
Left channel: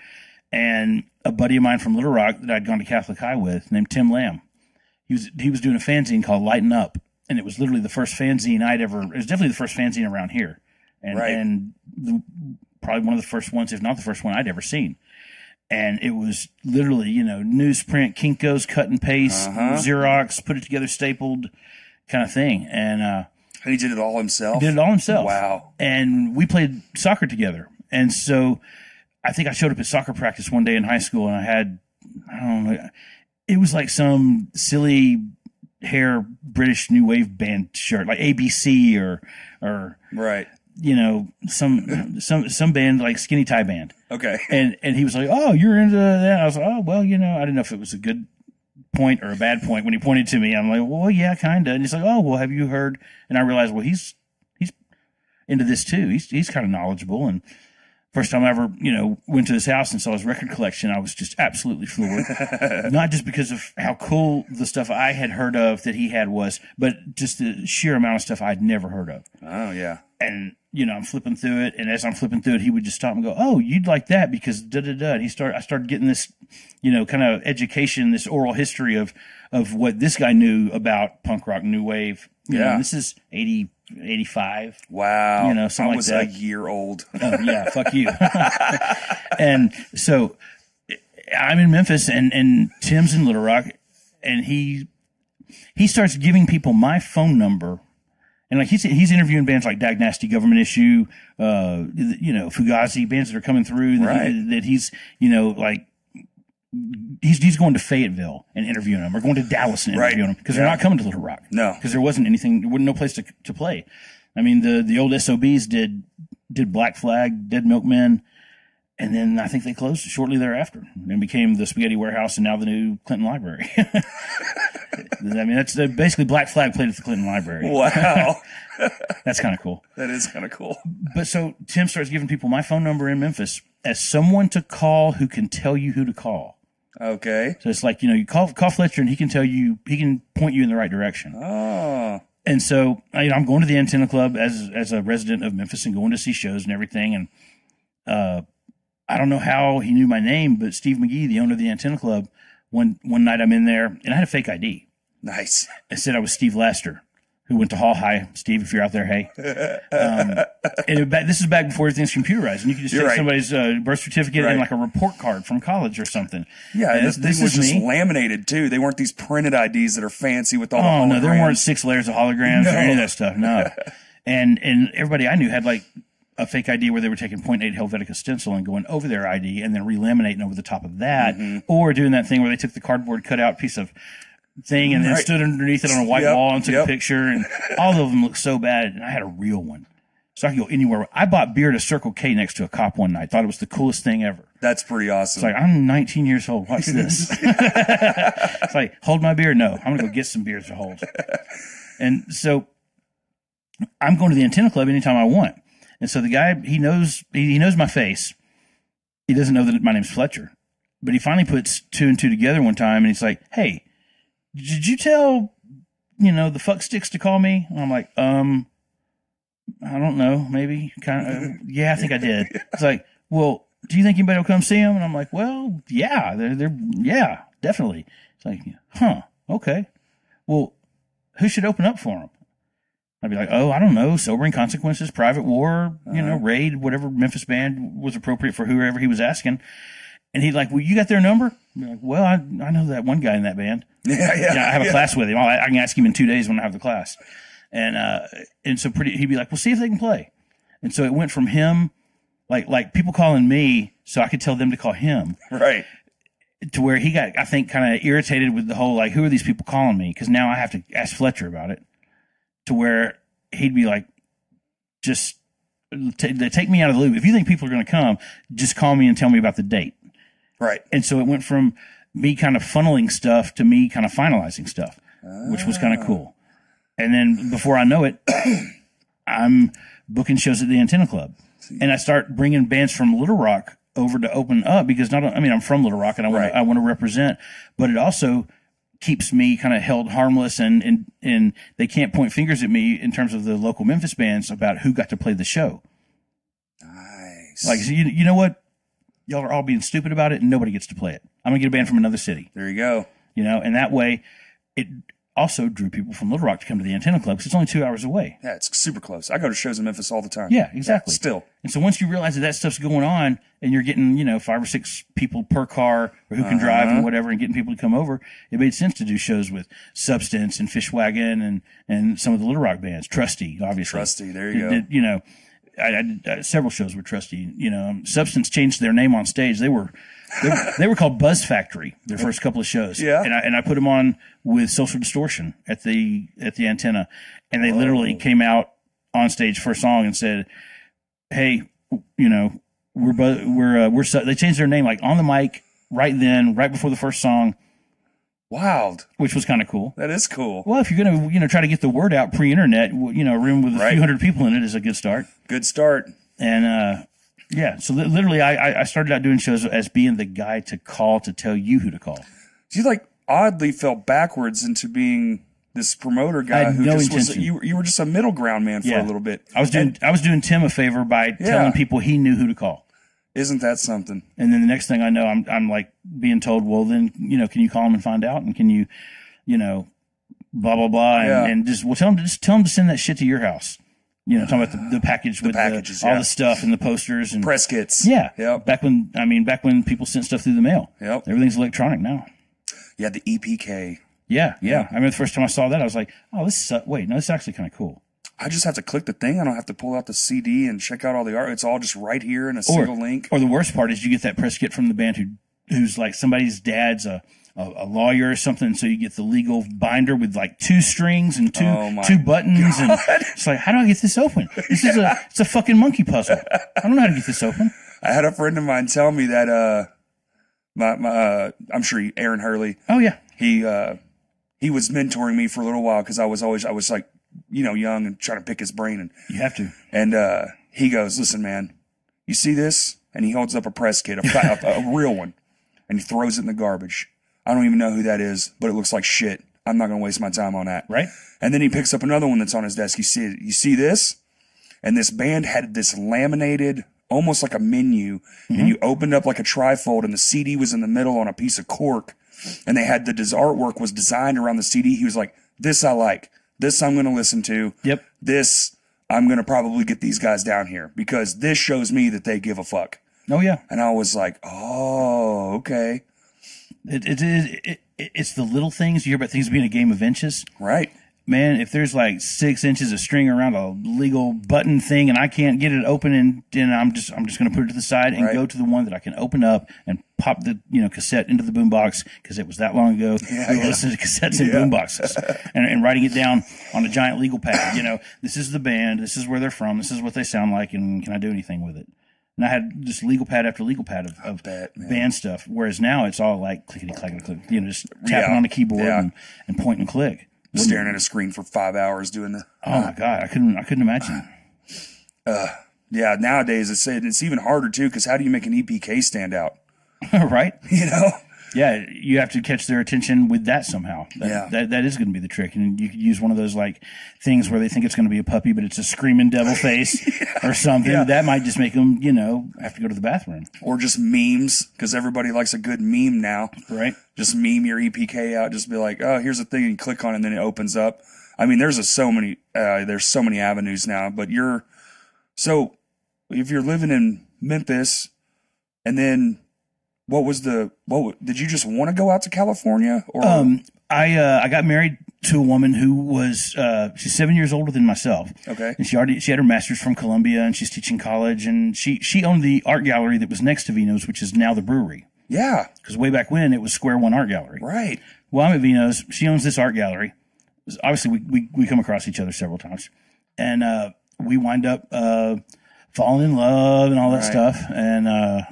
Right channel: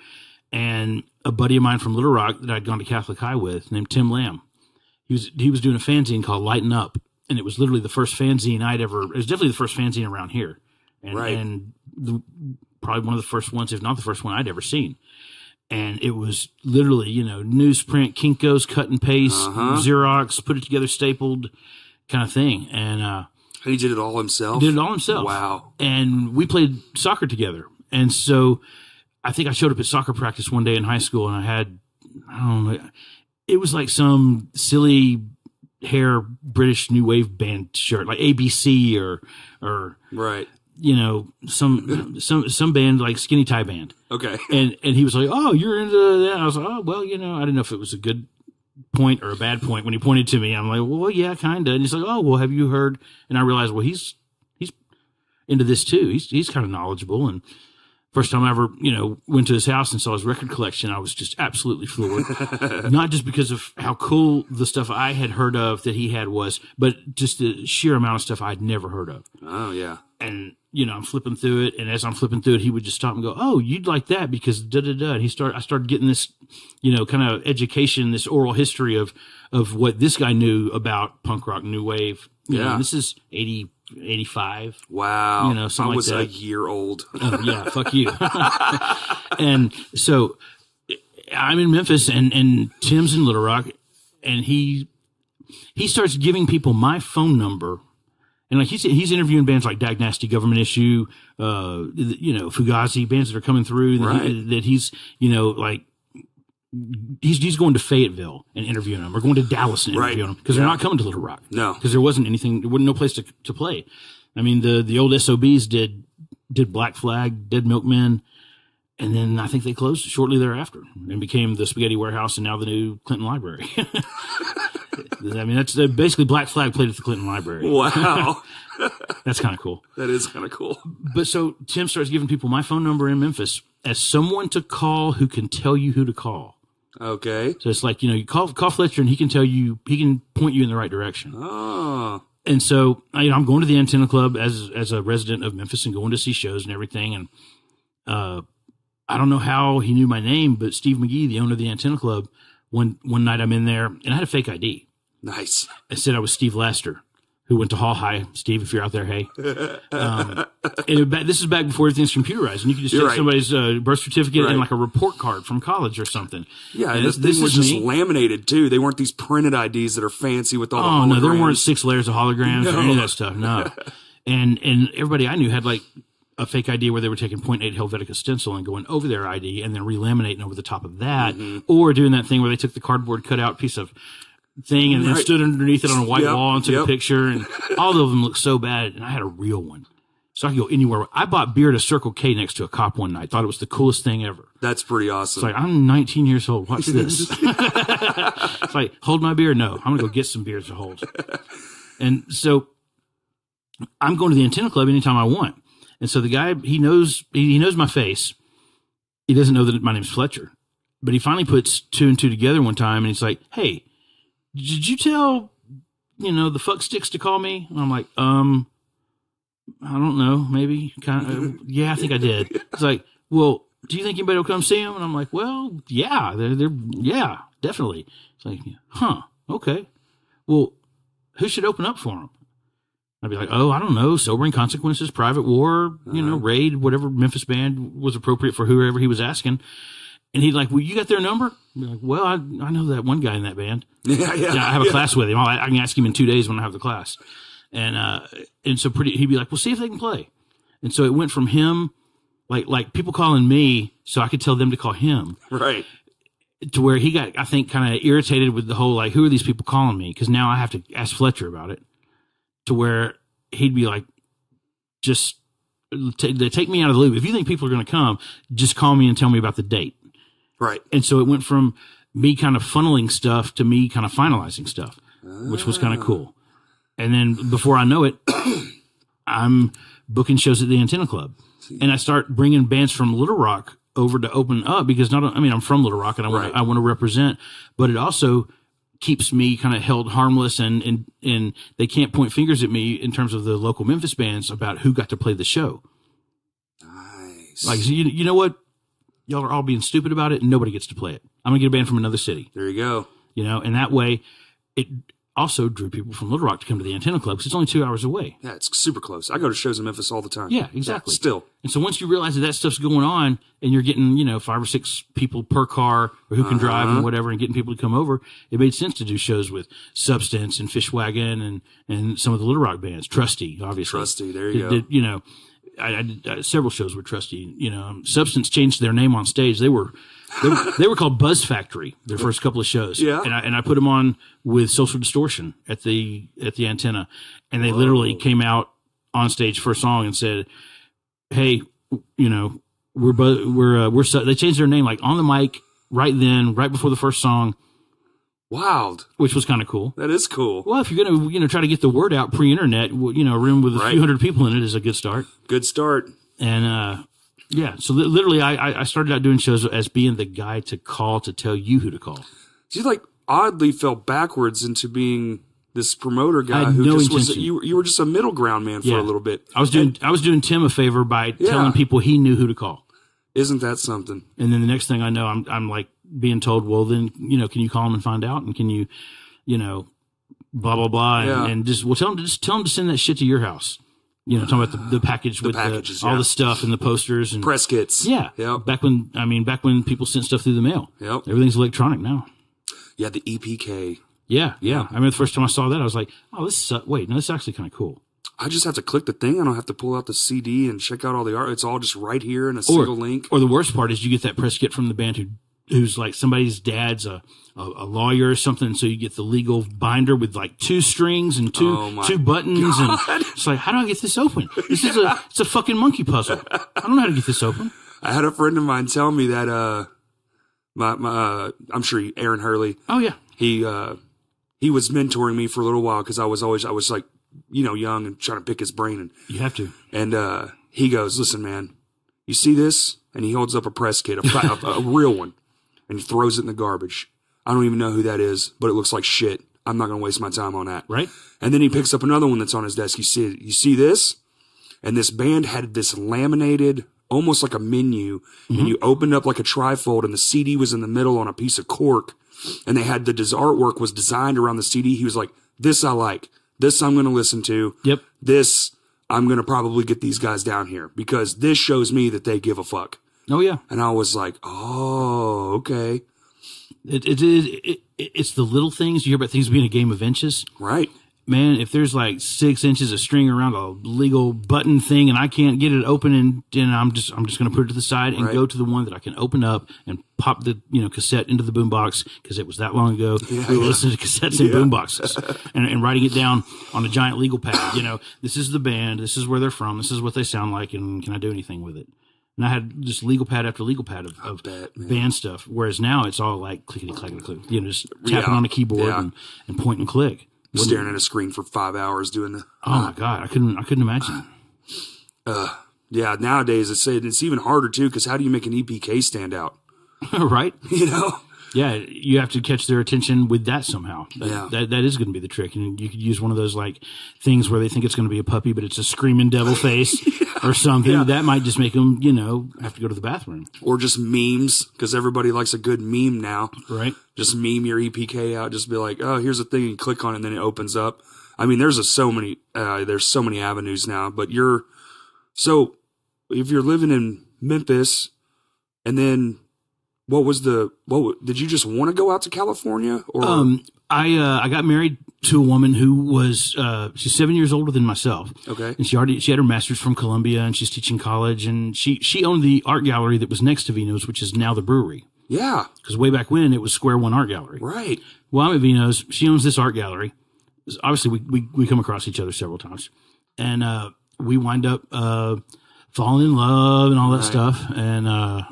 and a buddy of mine from Little Rock that I'd gone to Catholic High with, named Tim Lamb, he was doing a fanzine called Lighten Up, and it was literally the first fanzine it was definitely the first fanzine around here. And probably one of the first ones, if not the first one I'd ever seen. And it was literally, newsprint, Kinko's, cut and paste, Xerox, put it together, stapled kind of thing. And he did it all himself? He did it all himself. Wow. And we played soccer together. And so I think I showed up at soccer practice one day in high school, and I don't know, it was like some silly hair British new wave band shirt, like ABC or right. You know, some band like Skinny Tie Band. Okay. And he was like, "Oh, you're into that?" I was like, "Oh, well, you know, I didn't know if it was a good point or a bad point." When he pointed to me, I'm like, "Well, yeah, kind of." And he's like, "Oh, well, have you heard?" And I realized, well, he's into this too. He's kind of knowledgeable. And first time I ever, you know, went to his house and saw his record collection, I was just absolutely floored. Not just because of how cool the stuff I had heard of that he had was, but just the sheer amount of stuff I'd never heard of. Oh yeah. And, you know, I'm flipping through it, and as I'm flipping through it, he would just stop and go, "Oh, you'd like that because da-da-da." And I started getting this, you know, kind of education, this oral history of what this guy knew about punk rock, new wave. You know, this is 80, 85. Wow. You know, something I was like that. a year old. Oh, yeah, fuck you. And so I'm in Memphis, and Tim's in Little Rock, and he starts giving people my phone number. And like he's interviewing bands like Dag Nasty, Government Issue, you know, Fugazi, bands that are coming through that he's, you know, like he's going to Fayetteville and interviewing them, or going to Dallas and interviewing them, because they're not coming to Little Rock. No, because there wasn't no place to play. I mean, the old SOBs did Black Flag, Dead Milkmen, and then I think they closed shortly thereafter and became the Spaghetti Warehouse and now the new Clinton Library. I mean, that's basically Black Flag played at the Clinton Library. Wow. That's kind of cool. That is kind of cool. But so Tim starts giving people my phone number in Memphis as someone to call who can tell you who to call. Okay. So it's like, you know, you call Fletcher and he can point you in the right direction. Oh. And so, you know, I'm going to the Antenna Club as a resident of Memphis and going to see shows and everything. And I don't know how he knew my name, but Steve McGee, the owner of the Antenna Club, one night I'm in there and I had a fake ID. Nice. I said I was Steve Laster, who went to Hall High. Steve, if you're out there, hey. This is back before everything's computerized, and you can just take somebody's birth certificate and like a report card from college or something. Yeah, and this was just laminated too. They weren't these printed IDs that are fancy with all the holograms. No, there weren't 6 layers of holograms or any of that stuff. No, and everybody I knew had like a fake ID where they were taking .8 Helvetica stencil and going over their ID and then relaminating over the top of that, or doing that thing where they took the cardboard cutout piece of thing and then stood underneath it on a white wall and took a picture, and all of them looked so bad. And I had a real one, so I could go anywhere. I bought beer at a Circle K next to a cop one night. Thought it was the coolest thing ever. That's pretty awesome. It's like, I'm 19 years old. What's this? It's like, hold my beer. No, I'm gonna go get some beers to hold. And so I'm going to the Antenna Club anytime I want. And so the guy, he knows my face. He doesn't know that my name's Fletcher, but he finally puts 2 and 2 together one time, and he's like, "Hey, did you tell, you know, the fuck sticks to call me?" And I'm like, I don't know, maybe, kind of. Yeah, I think I did. It's like, well, do you think anybody will come see him? And I'm like, well, yeah, yeah, definitely. It's like, huh, okay. Well, who should open up for him? I'd be like, oh, I don't know, Sobering Consequences, Private War, you know, Raid, whatever Memphis band was appropriate for whoever he was asking. And he'd like, well, you got their number? I'd be like, well, I know that one guy in that band. Yeah, I have a class with him. I can ask him in 2 days when I have the class. And so he'd be like, well, see if they can play. And so it went from him, like people calling me so I could tell them to call him. Right. To where he got, I think, kind of irritated with the whole, like, who are these people calling me? Because now I have to ask Fletcher about it. To where he'd be like, just take me out of the loop. If you think people are going to come, just call me and tell me about the date. Right. And so it went from me kind of funneling stuff to me kind of finalizing stuff, which was kind of cool. And then before I know it, I'm booking shows at the Antenna Club. And I start bringing bands from Little Rock over to open up because I'm from Little Rock and I want to represent, but it also keeps me kind of held harmless and they can't point fingers at me in terms of the local Memphis bands about who got to play the show. Nice. Like, you know what? Y'all are all being stupid about it and nobody gets to play it. I'm going to get a band from another city. There you go. You know, and that way it also drew people from Little Rock to come to the Antenna Club because it's only 2 hours away. Yeah, it's super close. I go to shows in Memphis all the time. Yeah, exactly. Yeah, still. And so once you realize that stuff's going on and you're getting, you know, 5 or 6 people per car or who can drive and whatever and getting people to come over, it made sense to do shows with Substance and Fishwagon and some of the Little Rock bands. Trusty, obviously. Trusty, there you go. You know, I did several shows with Trusty. You know, Substance changed their name on stage. They were called Buzz Factory, their first couple of shows. Yeah. And I put them on with Social Distortion at the Antenna, and they literally came out on stage first song and said, "Hey, you know, they changed their name like on the mic right then, right before the first song." Wild. Which was kind of cool. That is cool. Well, if you're going to, try to get the word out pre-internet, a room with a few hundred people in it is a good start. Good start. And, yeah, so literally I started out doing shows as being the guy to call to tell you who to call. So you oddly fell backwards into being this promoter guy who no just intention. was, you were just a middle ground man for a little bit. I was doing Tim a favor by telling people he knew who to call. Isn't that something? And then the next thing I know, I'm like being told, well, then, can you call him and find out? And can you, blah, blah, blah. And just, tell him to send that shit to your house. Talking about the package with all the stuff and the posters and press kits. Yeah. Yep. Back when people sent stuff through the mail. Yep. Everything's electronic now. Yeah. The EPK. Yeah. I remember the first time I saw that, I was like, oh, this is actually kind of cool. I just have to click the thing. I don't have to pull out the CD and check out all the art. It's all just right here in a single link. Or the worst part is you get that press kit from the band who's like somebody's dad's a lawyer or something. So you get the legal binder with like 2 strings and two buttons. God. And it's like, how do I get this open? It's a fucking monkey puzzle. I don't know how to get this open. I had a friend of mine tell me that, I'm sure Aaron Hurley. Oh yeah. He was mentoring me for a little while because I was like, young and trying to pick his brain. And you have to. And he goes, listen, man, you see this? And he holds up a press kit, a real one, and he throws it in the garbage. I don't even know who that is, but it looks like shit. I'm not going to waste my time on that. Right. And then he picks up another one that's on his desk. You see this? And this band had this laminated, almost like a menu, and you opened up like a trifold, and the CD was in the middle on a piece of cork, and they had his artwork was designed around the CD. He was like, this I like. This I'm going to listen to. Yep. This I'm going to probably get these guys down here because this shows me that they give a fuck. Oh yeah. And I was like, oh, okay. It's the little things. You hear about things being a game of inches. Right. Man, if there's like 6 inches of string around a legal button thing and I can't get it open and I'm just going to put it to the side and go to the one that I can open up and pop the, cassette into the boombox because it was that long ago. We were listening to cassettes in boomboxes and writing it down on a giant legal pad. This is the band. This is where they're from. This is what they sound like. And can I do anything with it? And I had just legal pad after legal pad of band stuff. Whereas now it's all like clickety clackety click, just tapping on a keyboard and point and click. Staring at a screen for 5 hours doing the. Oh my God. I couldn't imagine. Yeah. Nowadays it's even harder too. Cause how do you make an EPK stand out? Right. Yeah. You have to catch their attention with that somehow. That is going to be the trick. And you could use one of those like things where they think it's going to be a puppy, but it's a screaming devil face or something. Yeah. That might just make them, have to go to the bathroom. Or just memes, because everybody likes a good meme now. Right. Just meme your EPK out. Just be like, oh, here's a thing, and you click on it, and then it opens up. I mean, there's so many avenues now. But so if you're living in Memphis, and then. Did you just want to go out to California? Or I got married to a woman who was she's 7 years older than myself. Okay. And she had her master's from Columbia and she's teaching college and she owned the art gallery that was next to Vino's, which is now the brewery. Yeah. Because way back when it was Square One Art Gallery. Right. Well, I'm at Vino's. She owns this art gallery. Obviously we come across each other several times. And we wind up falling in love and all that stuff. And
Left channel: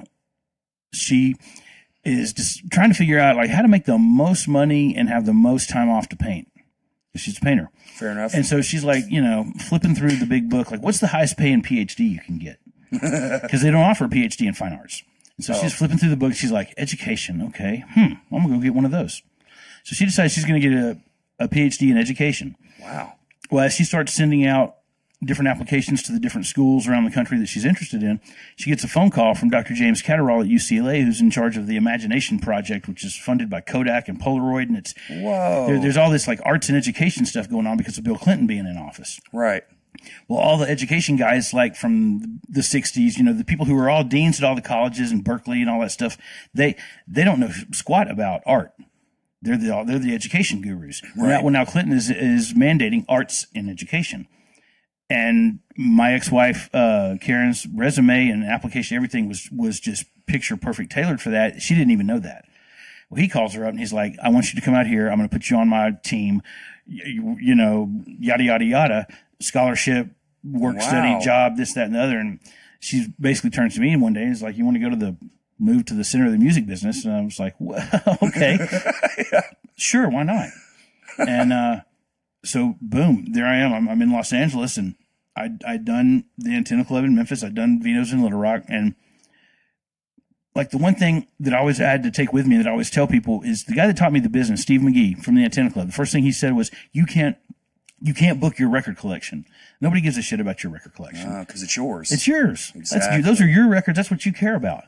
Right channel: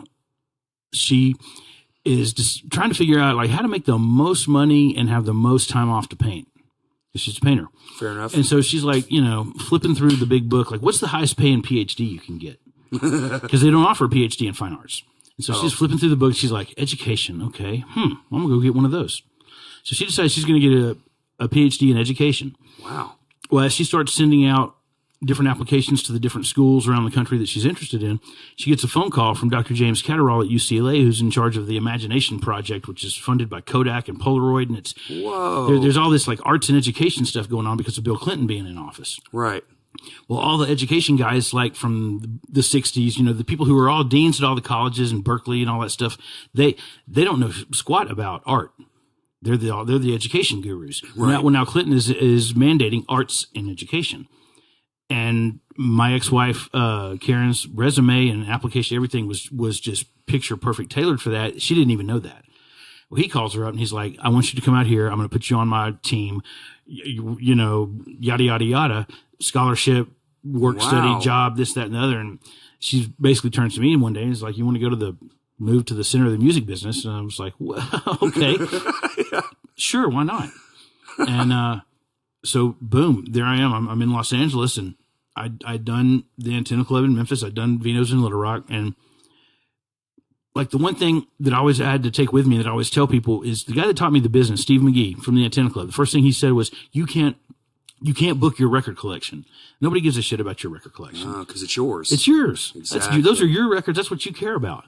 she is just trying to figure out like how to make the most money and have the most time off to paint. She's a painter. Fair enough. And so she's like, flipping through the big book, like what's the highest paying PhD you can get? Because they don't offer a PhD in fine arts. And so she's flipping through the book. She's like, education. Okay. I'm going to go get one of those. So she decides she's going to get a PhD in education. Wow. Well, as she starts sending out different applications to the different schools around the country that she's interested in, she gets a phone call from Dr. James Catterall at UCLA, who's in charge of the Imagination Project, which is funded by Kodak and Polaroid. And it's there's all this like arts and education stuff going on because of Bill Clinton being in office. Right. Well, all the education guys like from the 60s, the people who were all deans at all the colleges and Berkeley and all that stuff, they don't know squat about art. They're the education gurus. Right. Now Clinton is mandating arts in education. And my ex-wife, Karen's resume and application, everything was just picture perfect, tailored for that. She didn't even know that. Well, he calls her up and he's like, I want you to come out here. I'm going to put you on my team, you know, yada, yada, yada, scholarship, work, study, job, this, that, and the other. And she basically turns to me one day and is like, you want to go to move to the center of the music business? And I was like, well, okay, yeah. Sure. Why not? And, so boom, there I am. I'm in Los Angeles, and I'd done the Antenna Club in Memphis. I'd done Vino's in Little Rock. And like the one thing that I always had to take with me that I always tell people is the guy that taught me the business, Steve McGee from the Antenna Club. The first thing he said was, you can't book your record collection. Nobody gives a shit about your record collection. Cause it's yours. It's yours. Exactly. Those are your records. That's what you care about.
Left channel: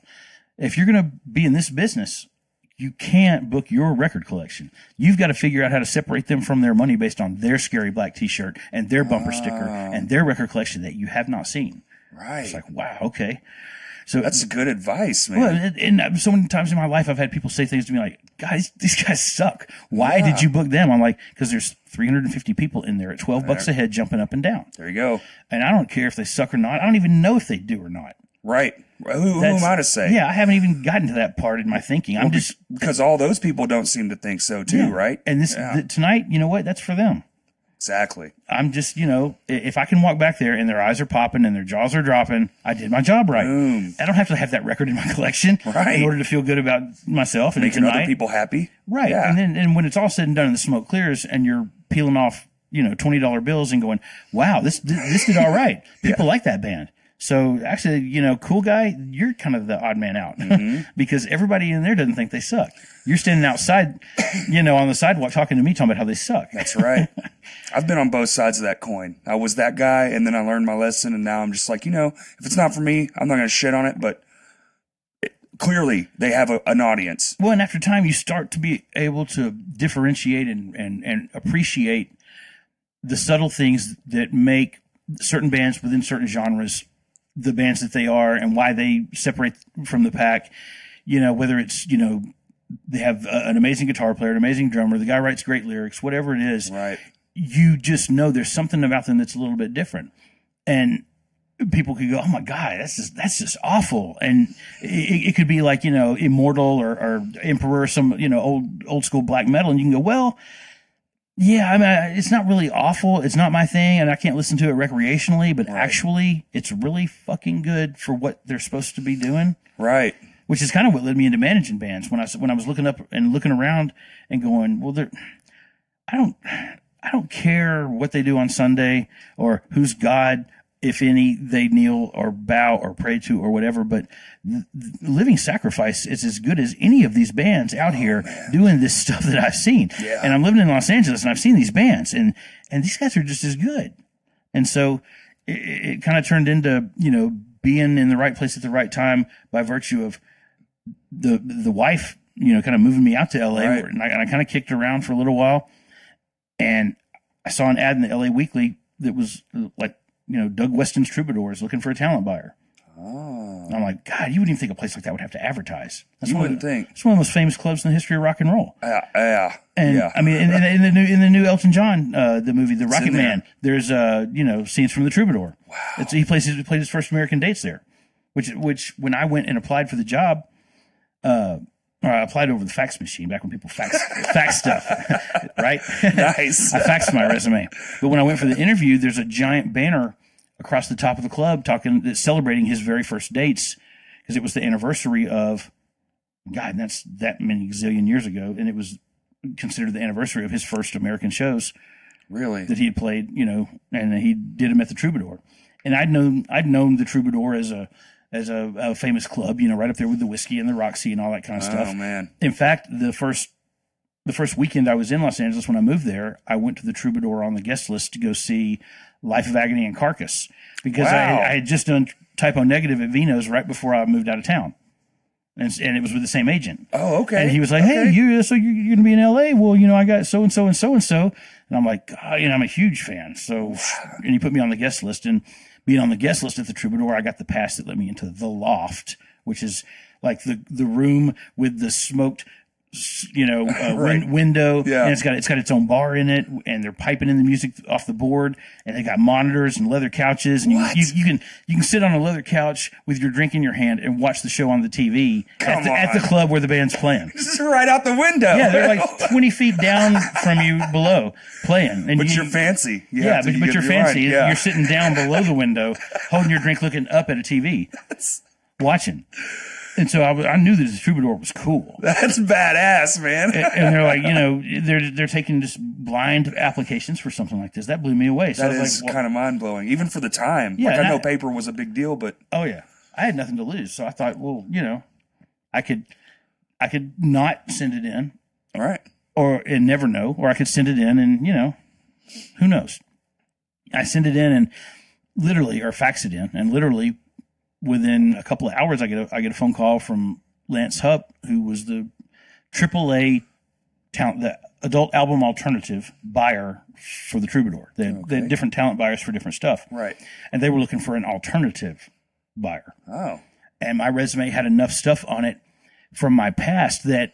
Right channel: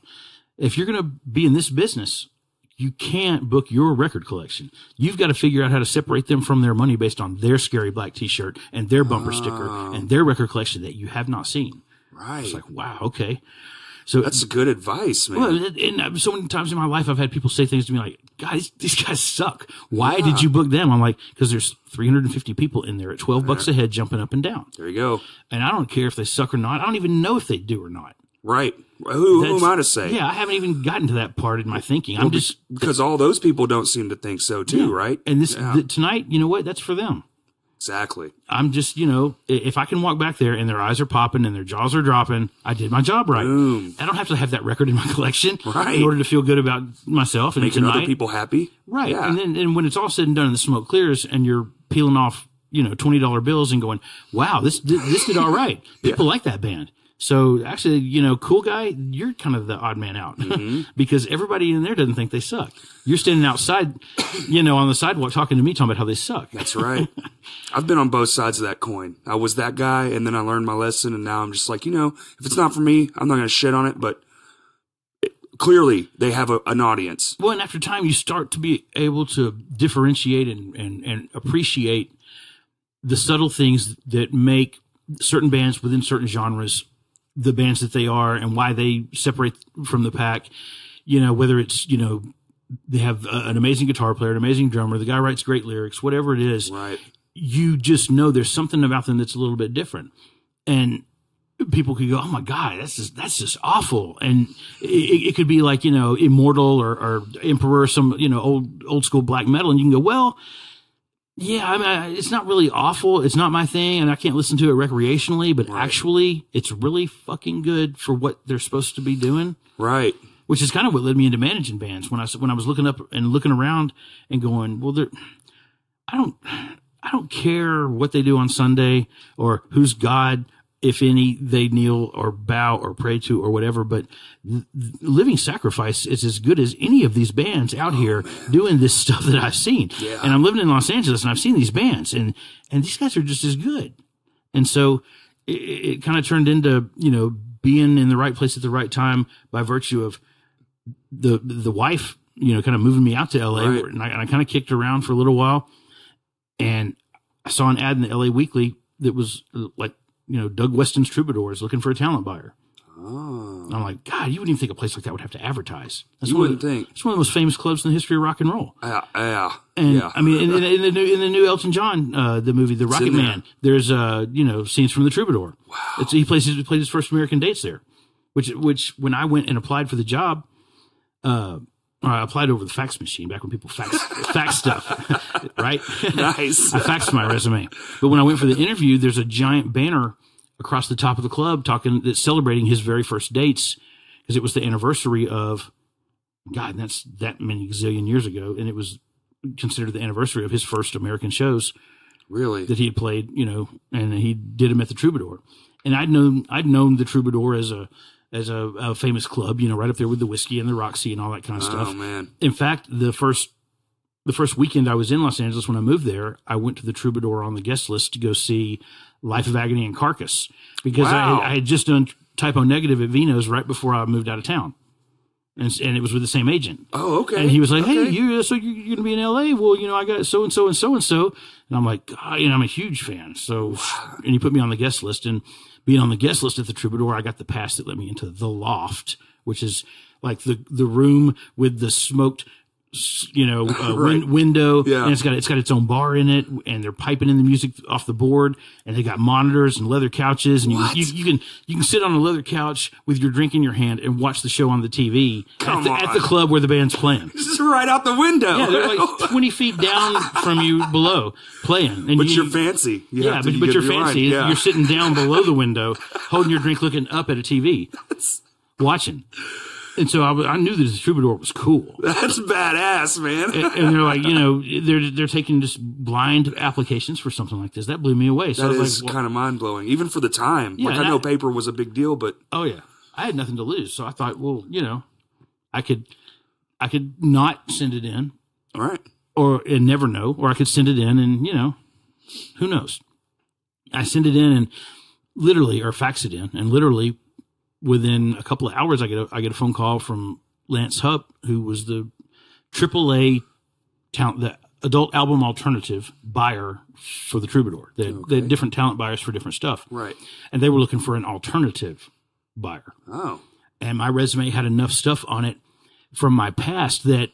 If you're going to be in this business, you can't book your record collection. You've got to figure out how to separate them from their money based on their scary black t-shirt and their bumper sticker and their record collection that you have not seen. Right. It's like, wow. Okay. So that's good advice, man. Well, and so many times in my life, I've had people say things to me like, guys, these guys suck. Why did you book them? I'm like, because there's 350 people in there at $12 a head jumping up and down. There you go. And I don't care if they suck or not. I don't even know if they do or not. Right. Who am I to say? Yeah, I haven't even gotten to that part in my thinking. I'm just because all those people don't seem to think so too, right? And tonight, you know what? That's for them. Exactly. I'm just, you know, if I can walk back there and their eyes are popping and their jaws are dropping, I did my job right. Boom. I don't have to have that record in my collection in order to feel good about myself and making other people happy. Right. Yeah. And when it's all said and done and the smoke clears and you're peeling off, you know, $20 bills and going, wow, this did all right. People like that band. So actually, you know, cool guy, you're kind of the odd man out because everybody in there doesn't think they suck. You're standing outside, you know, on the sidewalk talking to me, talking about how they suck. That's right. I've been on both sides of that coin. I was that guy, and then I learned my lesson, and now I'm just like, you know, if it's not for me, I'm not going to shit on it, but clearly they have an audience. Well, and after time, you start to be able to differentiate and appreciate the subtle things that make certain bands within certain genres the bands that they are and why they separate from the pack, you know, whether it's, you know, they have an amazing guitar player, an amazing drummer, the guy writes great lyrics, whatever it is, right? You just know there's something about them that's a little bit different. And people could go, oh my God, that's just awful. And it could be like, you know, Immortal or Emperor, some, you know, old school black metal. And you can go, well, yeah, I mean, it's not really awful. It's not my thing, and I can't listen to it recreationally, but actually, it's really fucking good for what they're supposed to be doing. Right. Which is kind of what led me into managing bands. When I was looking up and looking around and going, well, I don't care what they do on Sunday or who's God, if any, they kneel or bow or pray to or whatever. But Living Sacrifice is as good as any of these bands out here doing this stuff that I've seen. Yeah. And I'm living in Los Angeles and I've seen these bands and these guys are just as good. And so it kind of turned into, you know, being in the right place at the right time by virtue of the wife, you know, kind of moving me out to LA. Right. And I kind of kicked around for a little while and I saw an ad in the LA Weekly that was like, you know, Doug Weston's Troubadours looking for a talent buyer. Oh. And I'm like, God, you wouldn't even think a place like that would have to advertise. You wouldn't think. It's one of the most famous clubs in the history of rock and roll. Yeah. And I mean, in the new Elton John, the movie, The Rocket Man, there's, you know, scenes from the Troubadour. Wow. He played his first American dates there, which when I went and applied for the job, or I applied over the fax machine back when people fax stuff, right? Nice. I faxed my resume. But when I went for the interview, there's a giant banner across the top of the club that's celebrating his very first dates because it was the anniversary of, God, that's that many gazillion years ago. And it was considered the anniversary of his first American shows. Really? That he had played, you know, and he did them at the Troubadour. And I'd known the Troubadour as a famous club, you know, right up there with the Whiskey and the Roxy and all that kind of stuff. Oh man! In fact, the first weekend I was in Los Angeles when I moved there, I went to the Troubadour on the guest list to go see Life of Agony and Carcass because I had just done Typo Negative at Vino's right before I moved out of town, and it was with the same agent. Oh, okay. And he was like, "Hey, you're going to be in L.A.? Well, you know, I got so and so and so and so," and I'm like, God, you know, I'm a huge fan. So, and he put me on the guest list and. Being on the guest list at the Troubadour, I got the pass that let me into the loft, which is like the room with the smoked Right. window, Yeah. and it's got its own bar in it, and they're piping in the music off the board, and they got monitors and leather couches, and you can sit on a leather couch with your drink in your hand and watch the show on the TV at the club where the band's playing. This is right out the window. Yeah, they're like 20 feet down from you below playing. And but you're fancy. But you're fancy. Yeah. You're sitting down below the window, holding your drink, looking up at a TV, watching. And so I knew that the Troubadour was cool. That's badass, man. And they're like, they're taking just blind applications for something like this. That blew me away. So That I was is like, kind of mind blowing, even for the time. Yeah, like I know paper was a big deal, but oh yeah, I had nothing to lose. So I thought, well, I could not send it in, all right, and never know, or I could send it in, and who knows? I send it in and fax it in, and literally within a couple of hours, I get a phone call from Lance Hupp, who was the AAA the adult album alternative buyer for the Troubadour. They had different talent buyers for different stuff, right? And they were looking for an alternative buyer. Oh, and my resume had enough stuff on it from my past that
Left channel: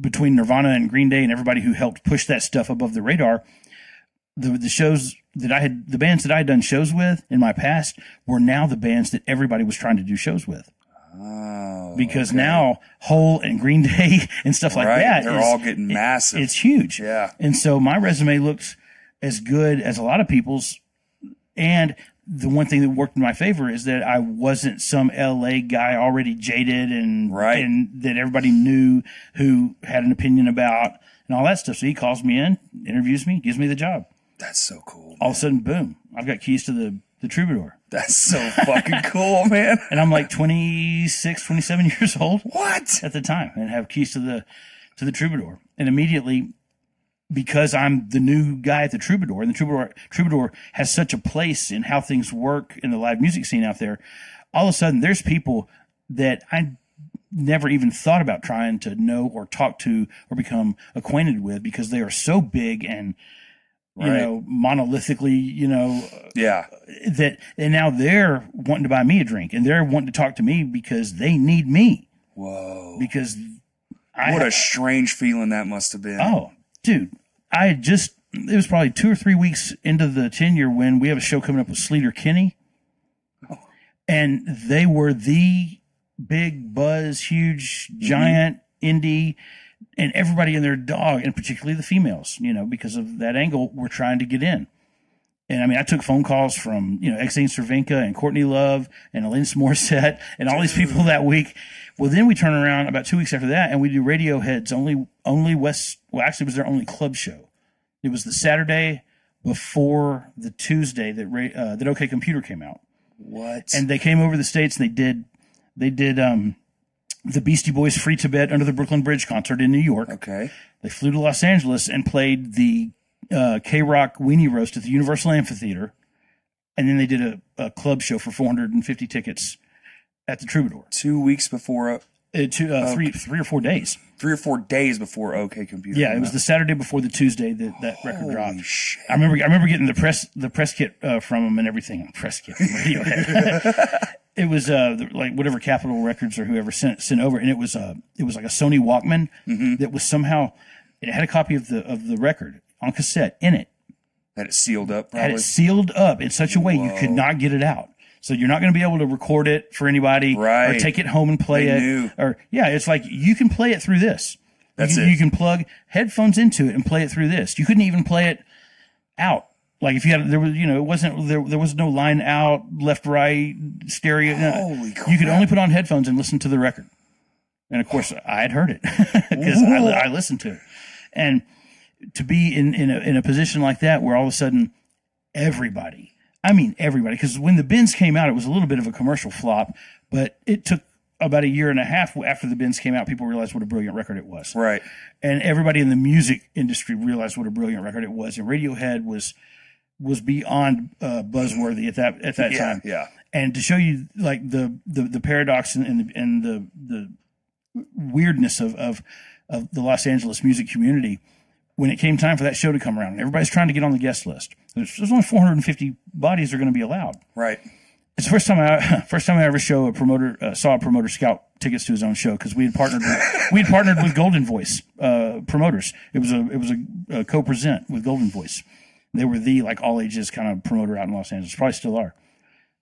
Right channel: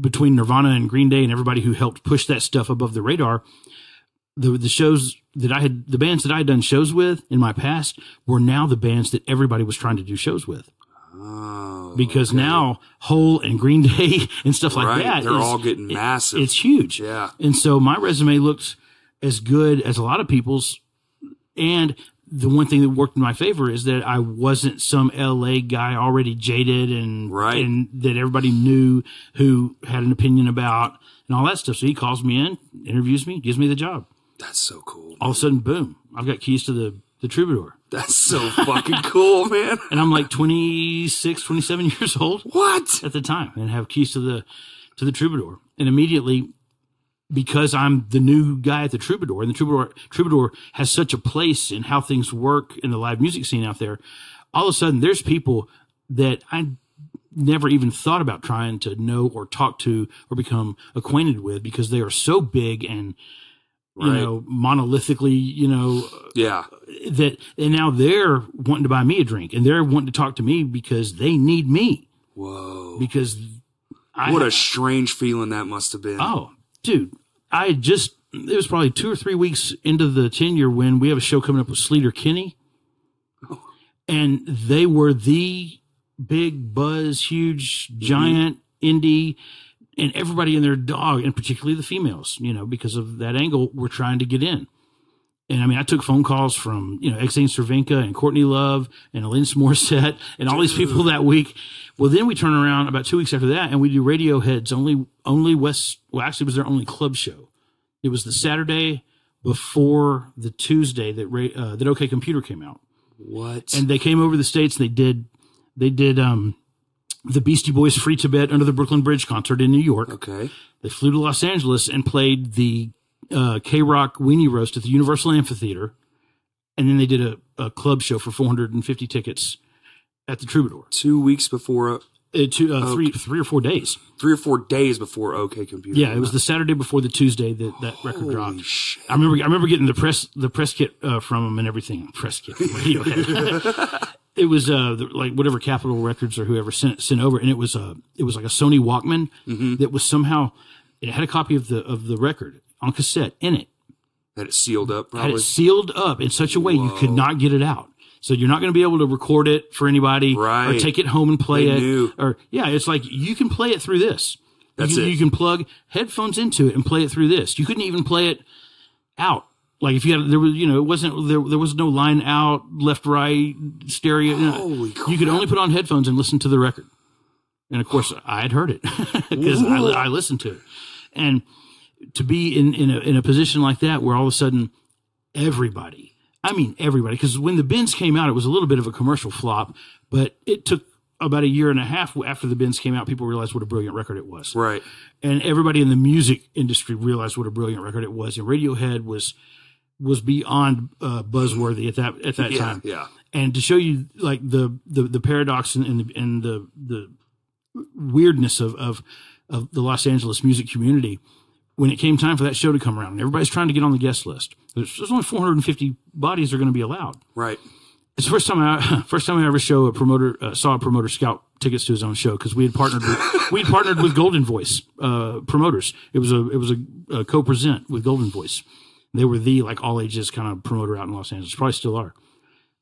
between Nirvana and Green Day and everybody who helped push that stuff above the radar, the shows that the bands that I had done shows with in my past were now the bands that everybody was trying to do shows with. Oh, because now Hole and Green Day and stuff like that, they're all getting massive. It's huge. Yeah. And so my resume looked as good as a lot of people's. And the one thing that worked in my favor is that I wasn't some LA guy already jaded and that everybody knew, who had an opinion about and all that stuff. So he calls me in, interviews me, gives me the job. That's so cool. All of a sudden, boom, I've got keys to the Troubadour. That's so fucking cool, man. And I'm like 26, 27 years old. What? At the time, and have keys to the Troubadour. And immediately, because I'm the new guy at the Troubadour, and the Troubadour has such a place in how things work in the live music scene out there, all of a sudden there's people that I never even thought about trying to know or talk to or become acquainted with, because they are so big and monolithically, that, and now they're wanting to buy me a drink, and they're wanting to talk to me because they need me. Whoa. Because what a strange feeling that must have been. Oh, dude, it was probably 2 or 3 weeks into the tenure when we have a show coming up with Sleater Kinney. Oh. And they were the big buzz, huge, giant indie, and everybody and their dog, and particularly the females, because of that angle, were trying to get in. And I mean, I took phone calls from, Exane Cervenka and Courtney Love and Alanis Morissette and all these people that week. Well, then we turn around about 2 weeks after that and we do Radiohead's only West. Well, actually, it was their only club show. It was the Saturday before the Tuesday that OK Computer came out. What? And they came over the States. They did the Beastie Boys Free Tibet Under the Brooklyn Bridge concert in New York. Okay. They flew to Los Angeles and played the K-Rock Weenie Roast at the Universal Amphitheater. And then they did a club show for 450 tickets at the Troubadour. 2 weeks before... 3 or 4 days. 3 or 4 days before OK Computer. Yeah, it was the Saturday before the Tuesday that record dropped. Holy shit. I remember getting the press kit from them and everything. Press kit from Radiohead. It was like whatever Capitol Records or whoever sent over, and it was like a Sony Walkman that was somehow, it had a copy of the record on cassette in it. Had it sealed up, probably. Had it sealed up in such a way you could not get it out. So you're not going to be able to record it for anybody, or take it home and play it. Knew. Or it's like you can play it through this. You can plug headphones into it and play it through this. You couldn't even play it out. Like if you had, there was, it wasn't there was no line out, left, right, stereo. Holy crap. You could only put on headphones and listen to the record. And of course, I had heard it because I listened to it. And to be in a position like that, where all of a sudden everybody, because when the Bins came out, it was a little bit of a commercial flop, but it took about a year and a half after the Bins came out, people realized what a brilliant record it was. Right. And everybody in the music industry realized what a brilliant record it was. And Radiohead was beyond buzzworthy at that time. Yeah. And to show you like the paradox and the weirdness of the Los Angeles music community, when it came time for that show to come around, and everybody's trying to get on the guest list. There's only 450 bodies are going to be allowed. Right. It's the first time I ever saw a promoter scout tickets to his own show, because we had partnered with Golden Voice promoters. It was a co-present with Golden Voice. They were the like all ages kind of promoter out in Los Angeles. Probably still are.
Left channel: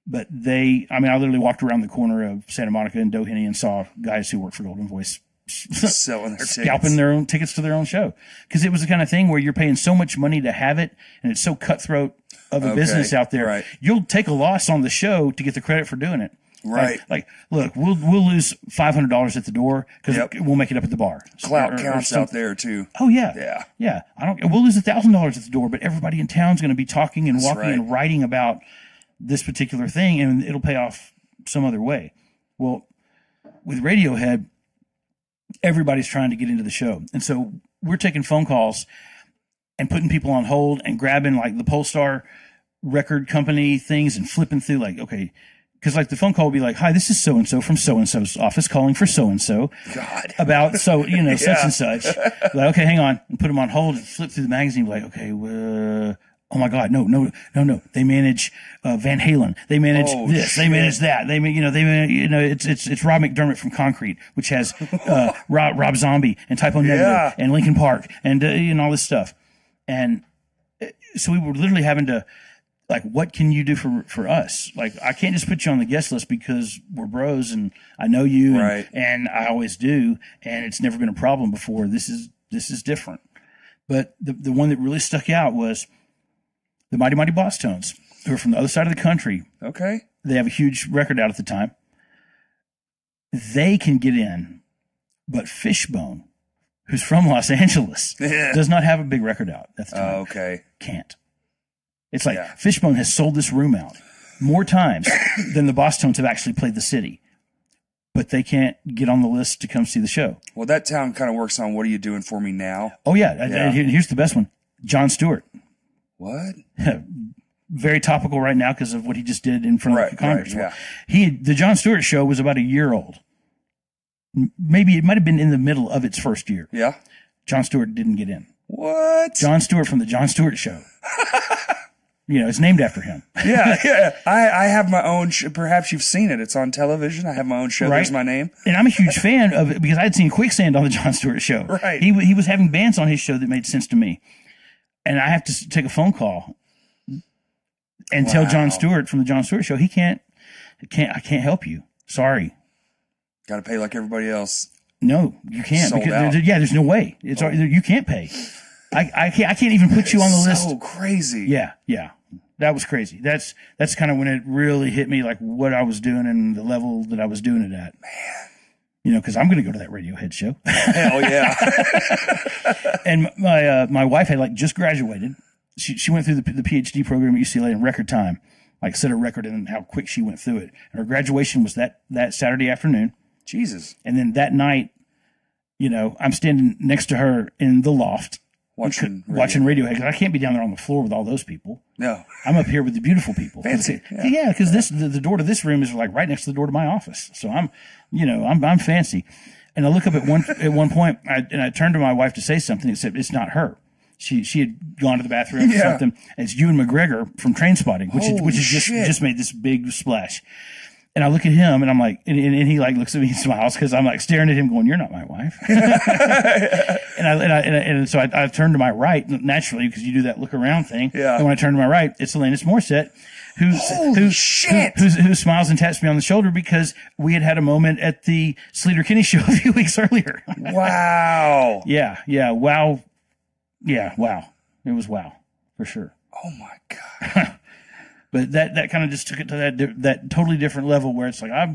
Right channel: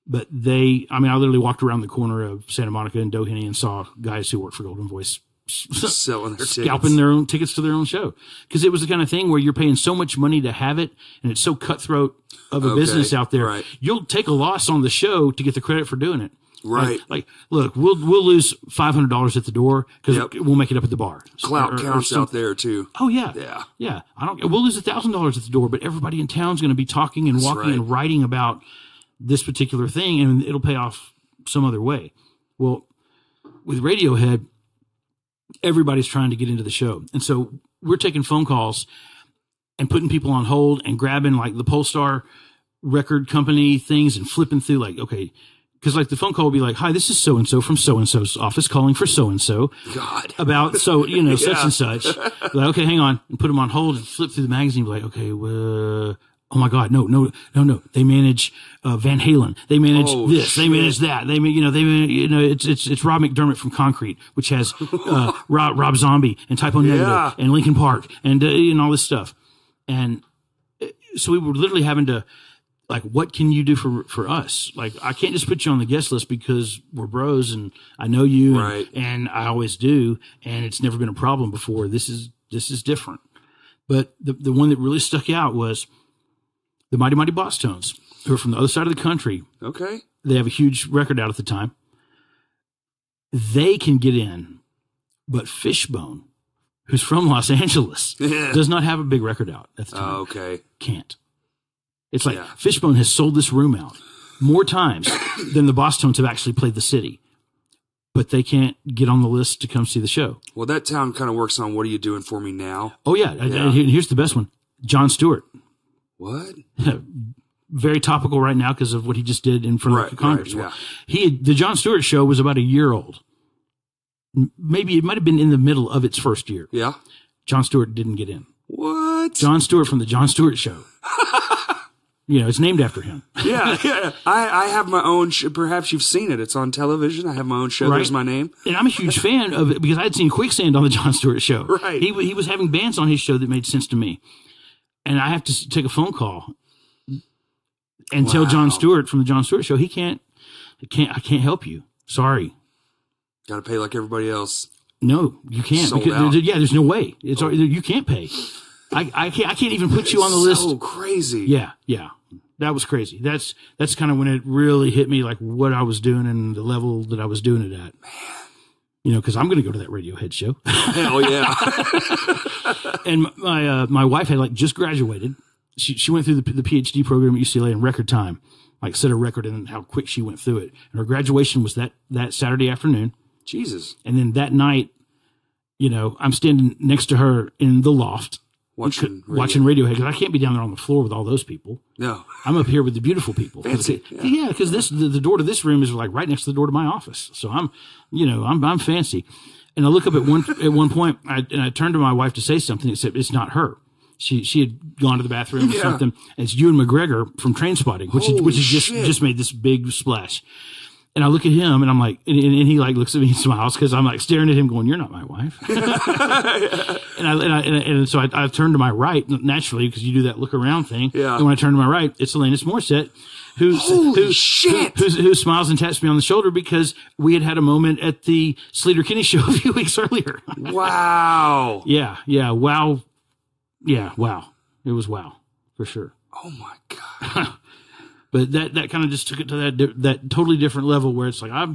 But I literally walked around the corner of Santa Monica and Doheny and saw guys who worked for Golden Voice selling their scalping their own tickets to their own show, because it was the kind of thing where you're paying so much money to have it, and it's so cutthroat of a business out there. Right. You'll take a loss on the show to get the credit for doing it. Right. Like look, we'll lose $500 at the door because we'll make it up at the bar. Clout counts out there too. Oh yeah. Yeah. We'll lose $1,000 at the door, but everybody in town's going to be talking and walking and writing about this particular thing, and it'll pay off some other way. Well, with Radiohead, everybody's trying to get into the show. And so we're taking phone calls and putting people on hold and grabbing like the Polestar record company things and flipping through like, okay, because like the phone call would be like, hi, this is so-and-so from so-and-so's office calling for so-and-so. God. About such and such. Like, okay, hang on. And put them on hold and flip through the magazine. Be like, okay, oh my God, no. They manage Van Halen. They manage this. Shit. They manage that. It's Rob McDermott from Concrete, which has Rob Zombie and Typo Negative and Linkin Park and all this stuff. And so we were literally having to, like, what can you do for us? Like, I can't just put you on the guest list because we're bros and I know you and I always do, and it's never been a problem before. This is different. But the one that really stuck out was the Mighty Mighty Boss Tones, who are from the other side of the country. Okay. They have a huge record out at the time. They can get in, but Fishbone, who's from Los Angeles, does not have a big record out at the time. Okay. Can't. It's like Fishbone has sold this room out more times than the Boss Tones have actually played the city, but they can't get on the list to come see the show. Well, that town kind of works on What Are You Doing For Me Now? Oh, yeah. And here's the best one. John Stewart. What? Very topical right now because of what he just did in front of Congress. Right, yeah. The John Stewart show was about a year old. Maybe it might have been in the middle of its first year. Yeah. John Stewart didn't get in. What? John Stewart from the John Stewart Show. It's named after him. Yeah. I have my own perhaps you've seen it. It's on television. I have my own show. Right. There's my name. And I'm a huge fan of it because I'd seen Quicksand on the John Stewart Show. Right. He was having bands on his show that made sense to me. And I have to take a phone call and tell John Stewart from the John Stewart Show, I can't help you. Sorry. Got to pay like everybody else. No, you can't. Sold out. There's no way. You can't pay. I can't even put you on the list. So crazy. Yeah. That was crazy. That's kind of when it really hit me, like what I was doing and the level that I was doing it at. Man. Because I'm going to go to that Radiohead show. Hell yeah. And my wife had like just graduated. She went through the PhD program at UCLA in record time, like set a record in how quick she went through it. And her graduation was that Saturday afternoon. Jesus. And then that night, I'm standing next to her in the loft watching Radiohead because I can't be down there on the floor with all those people. No. I'm up here with the beautiful people. Fancy. Yeah, because the door to this room is like right next to the door to my office. So I'm fancy. And I look up at one point, I turned to my wife to say something, except it's not her. She had gone to the bathroom or something. And it's Ewan McGregor from Trainspotting, which has just made this big splash. And I look at him and I'm like, and he like looks at me and smiles because I'm like staring at him going, you're not my wife. and so I turn to my right naturally because you do that look around thing. Yeah. And when I turn to my right, it's Alanis Morissette who smiles and taps me on the shoulder because we had a moment at the Sleater Kinney show a few weeks earlier. Wow. Yeah. Wow. Yeah. Wow. It was wow for sure. Oh my God. But that kind of just took it to that totally different level where it's like I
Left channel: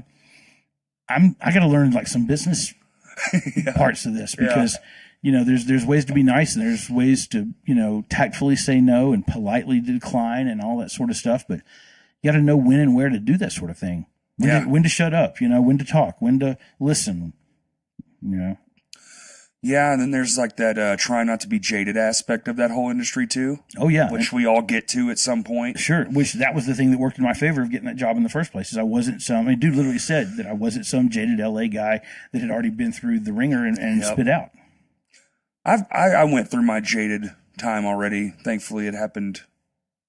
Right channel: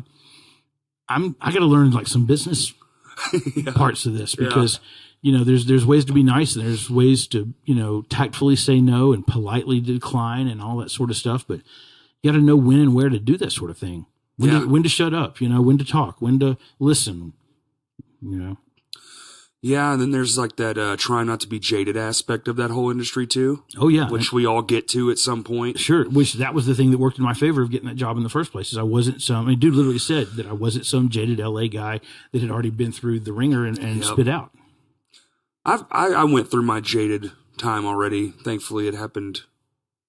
got to learn like some business parts of this because there's ways to be nice and there's ways to tactfully say no and politely decline and all that sort of stuff. But you got to know when and where to do that sort of thing. When to shut up, when to talk, when to listen. Yeah, and then there's like that try not to be jaded aspect of that whole industry too. Oh yeah, which we all get to at some point. Sure, which that was the thing that worked in my favor of getting that job in the first place. Is I wasn't dude literally said that I wasn't some jaded LA guy that had already been through the ringer and spit out. I went through my jaded time already. Thankfully, it happened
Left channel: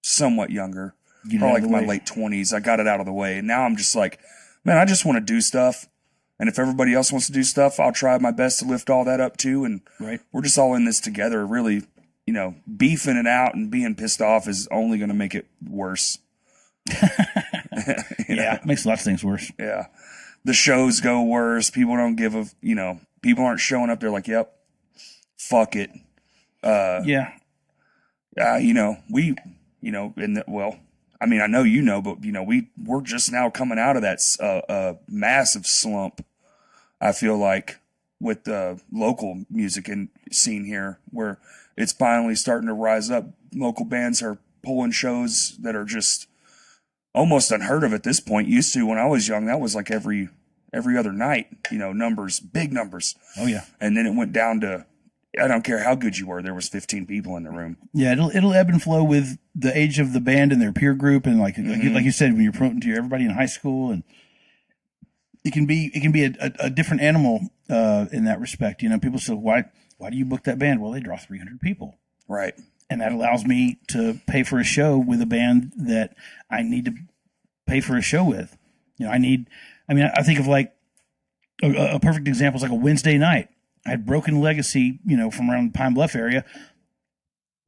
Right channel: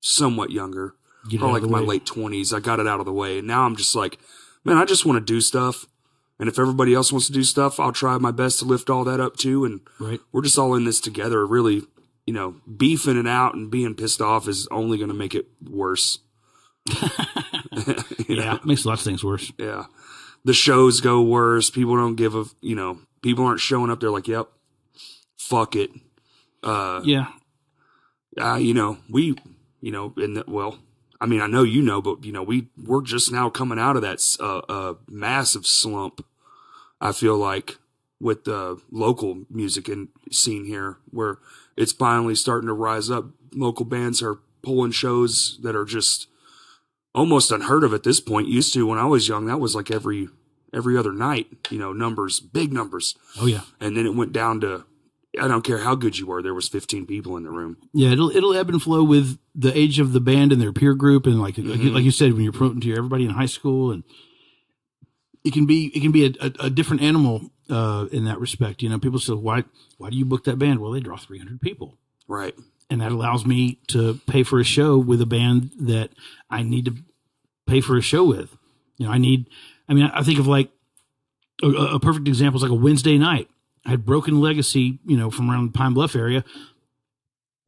somewhat younger. probably like my late 20s. I got it out of the way. And now I'm just like, man, I just want to do stuff. And if everybody else wants to do stuff, I'll try my best to lift all that up too. And we're just all in this together. Really, you know, beefing it out and being pissed off is only going to make it worse. Yeah, it makes lots of things worse. Yeah. The shows go worse. People don't give a, you know, people aren't showing up. They're like, yep, fuck it. Yeah. You know, we, you know, well, I mean, I know, you know, but you know, we're just now coming out of that, massive slump. I feel like with the local music and scene here, where it's finally starting to rise up. Local bands are pulling shows that are just almost unheard of at this point. Used to, when I was young, that was like every other night, you know, numbers, big numbers. Oh yeah. And then it went down to, I don't care how good you were, there was 15 people in the room. Yeah, it'll ebb and flow with the age of the band and their peer group, and like you said, when you're promoting to everybody in high school, and it can be a different animal in that respect. You know, people say, why do you book that band? Well, they draw 300 people, right? And that allows me to pay for a show with a band that I need to pay for a show with. You know, I think of like a perfect example is like a Wednesday night. I had Broken Legacy, you know, from around the Pine Bluff area,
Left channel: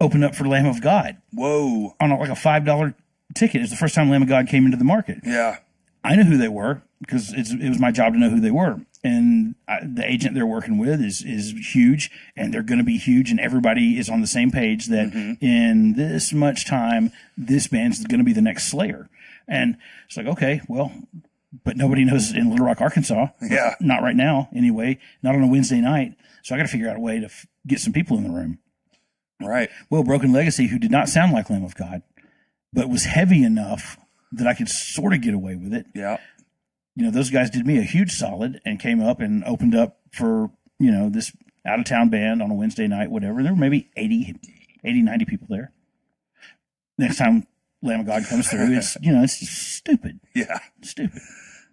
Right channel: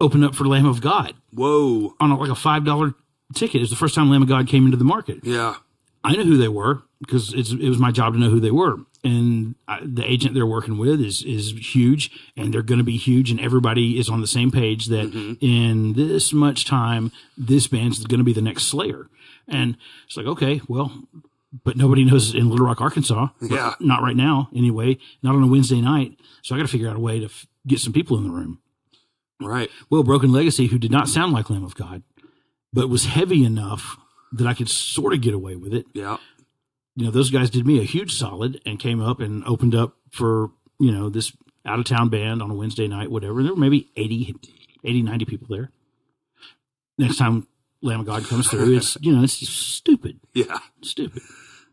open up for Lamb of God. Whoa. On like a $5 ticket. It was the first time Lamb of God came into the market. Yeah. I knew who they were because it was my job to know who they were. And the agent they're working with is huge, and they're going to be huge, and everybody is on the same page that in this much time, this band's going to be the next Slayer. And it's like, okay, well, but nobody knows in Little Rock, Arkansas. Yeah. Not right now, anyway. Not on a Wednesday night. So I got to figure out a way to get some people in the room. Right. Well, Broken Legacy, who did not sound like Lamb of God, but was heavy enough that I could sort of get away with it. Yeah. You know, those guys did me a huge solid and came up and opened up for, you know, this out-of-town band on a Wednesday night, whatever. There were maybe 80, 90 people there. Next time Lamb of God comes through, it's, you know, it's just stupid. Yeah. Stupid.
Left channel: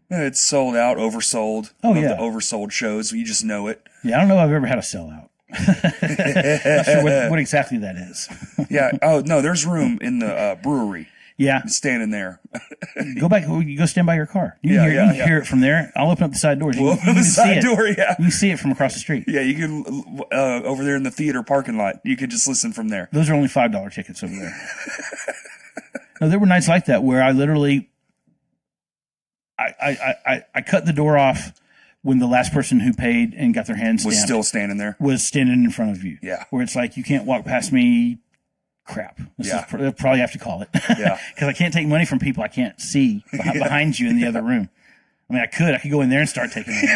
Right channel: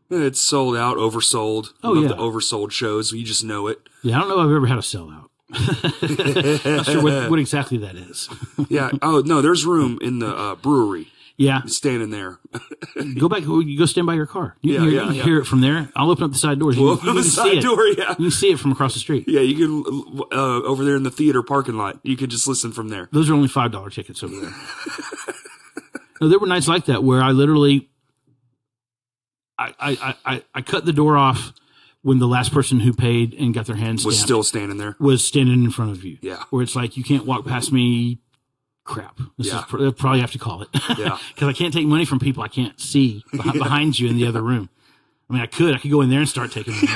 It's sold out, oversold. Oh, yeah. The oversold shows. You just know it. Yeah, I don't know if I've ever had a sellout. Not sure what exactly that is. Yeah. Oh, no, there's room in the brewery. Yeah. Standing there. Go back. You go stand by your car. You can hear it from there. I'll open up the side doors. We'll open the side door, yeah. You can see it from across the street. Yeah, you can, over there in the theater parking lot, you could just listen from there. Those are only $5 tickets over there. No, there were nights like that where I literally, I cut the door off when the last person who paid and got their hands was stamped still standing there. Was standing in front of you. Yeah. Where it's like, you can't walk past me. Crap. They'll probably have to call it. Yeah. Because I can't take money from people I can't see behind you in the other room. I mean, I could go in there and start taking money,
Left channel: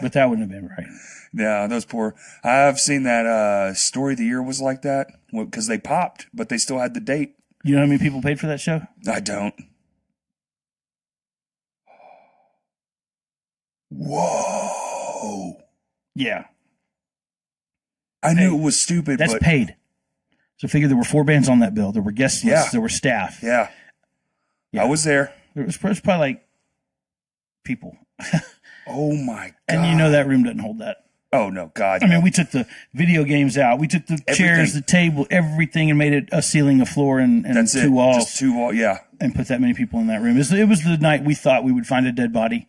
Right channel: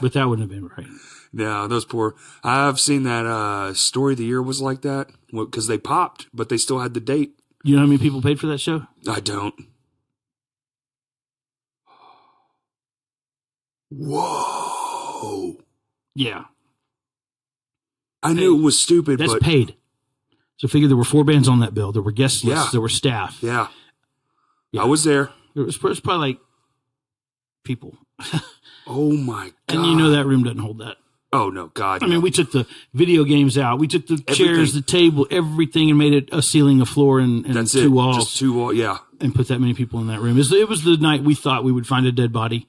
but that wouldn't have been right. Yeah, those poor. I've seen that Story of the Year was like that because they popped, but they still had the date. You know how many people paid for that show? I don't. Whoa. Yeah. I knew it was stupid. That's paid. So figure there were 4 bands on that bill. There were guest lists. Yeah. There were staff. Yeah. I was there. There was probably like people. Oh my God. And you know that room doesn't hold that. Oh no, God. I mean, we took the video games out. We took the chairs, the table, everything, and made it a ceiling, a floor, and That's 2 walls. Just 2 walls, yeah. And put that many people in that room. It was the night we thought we would find a dead body.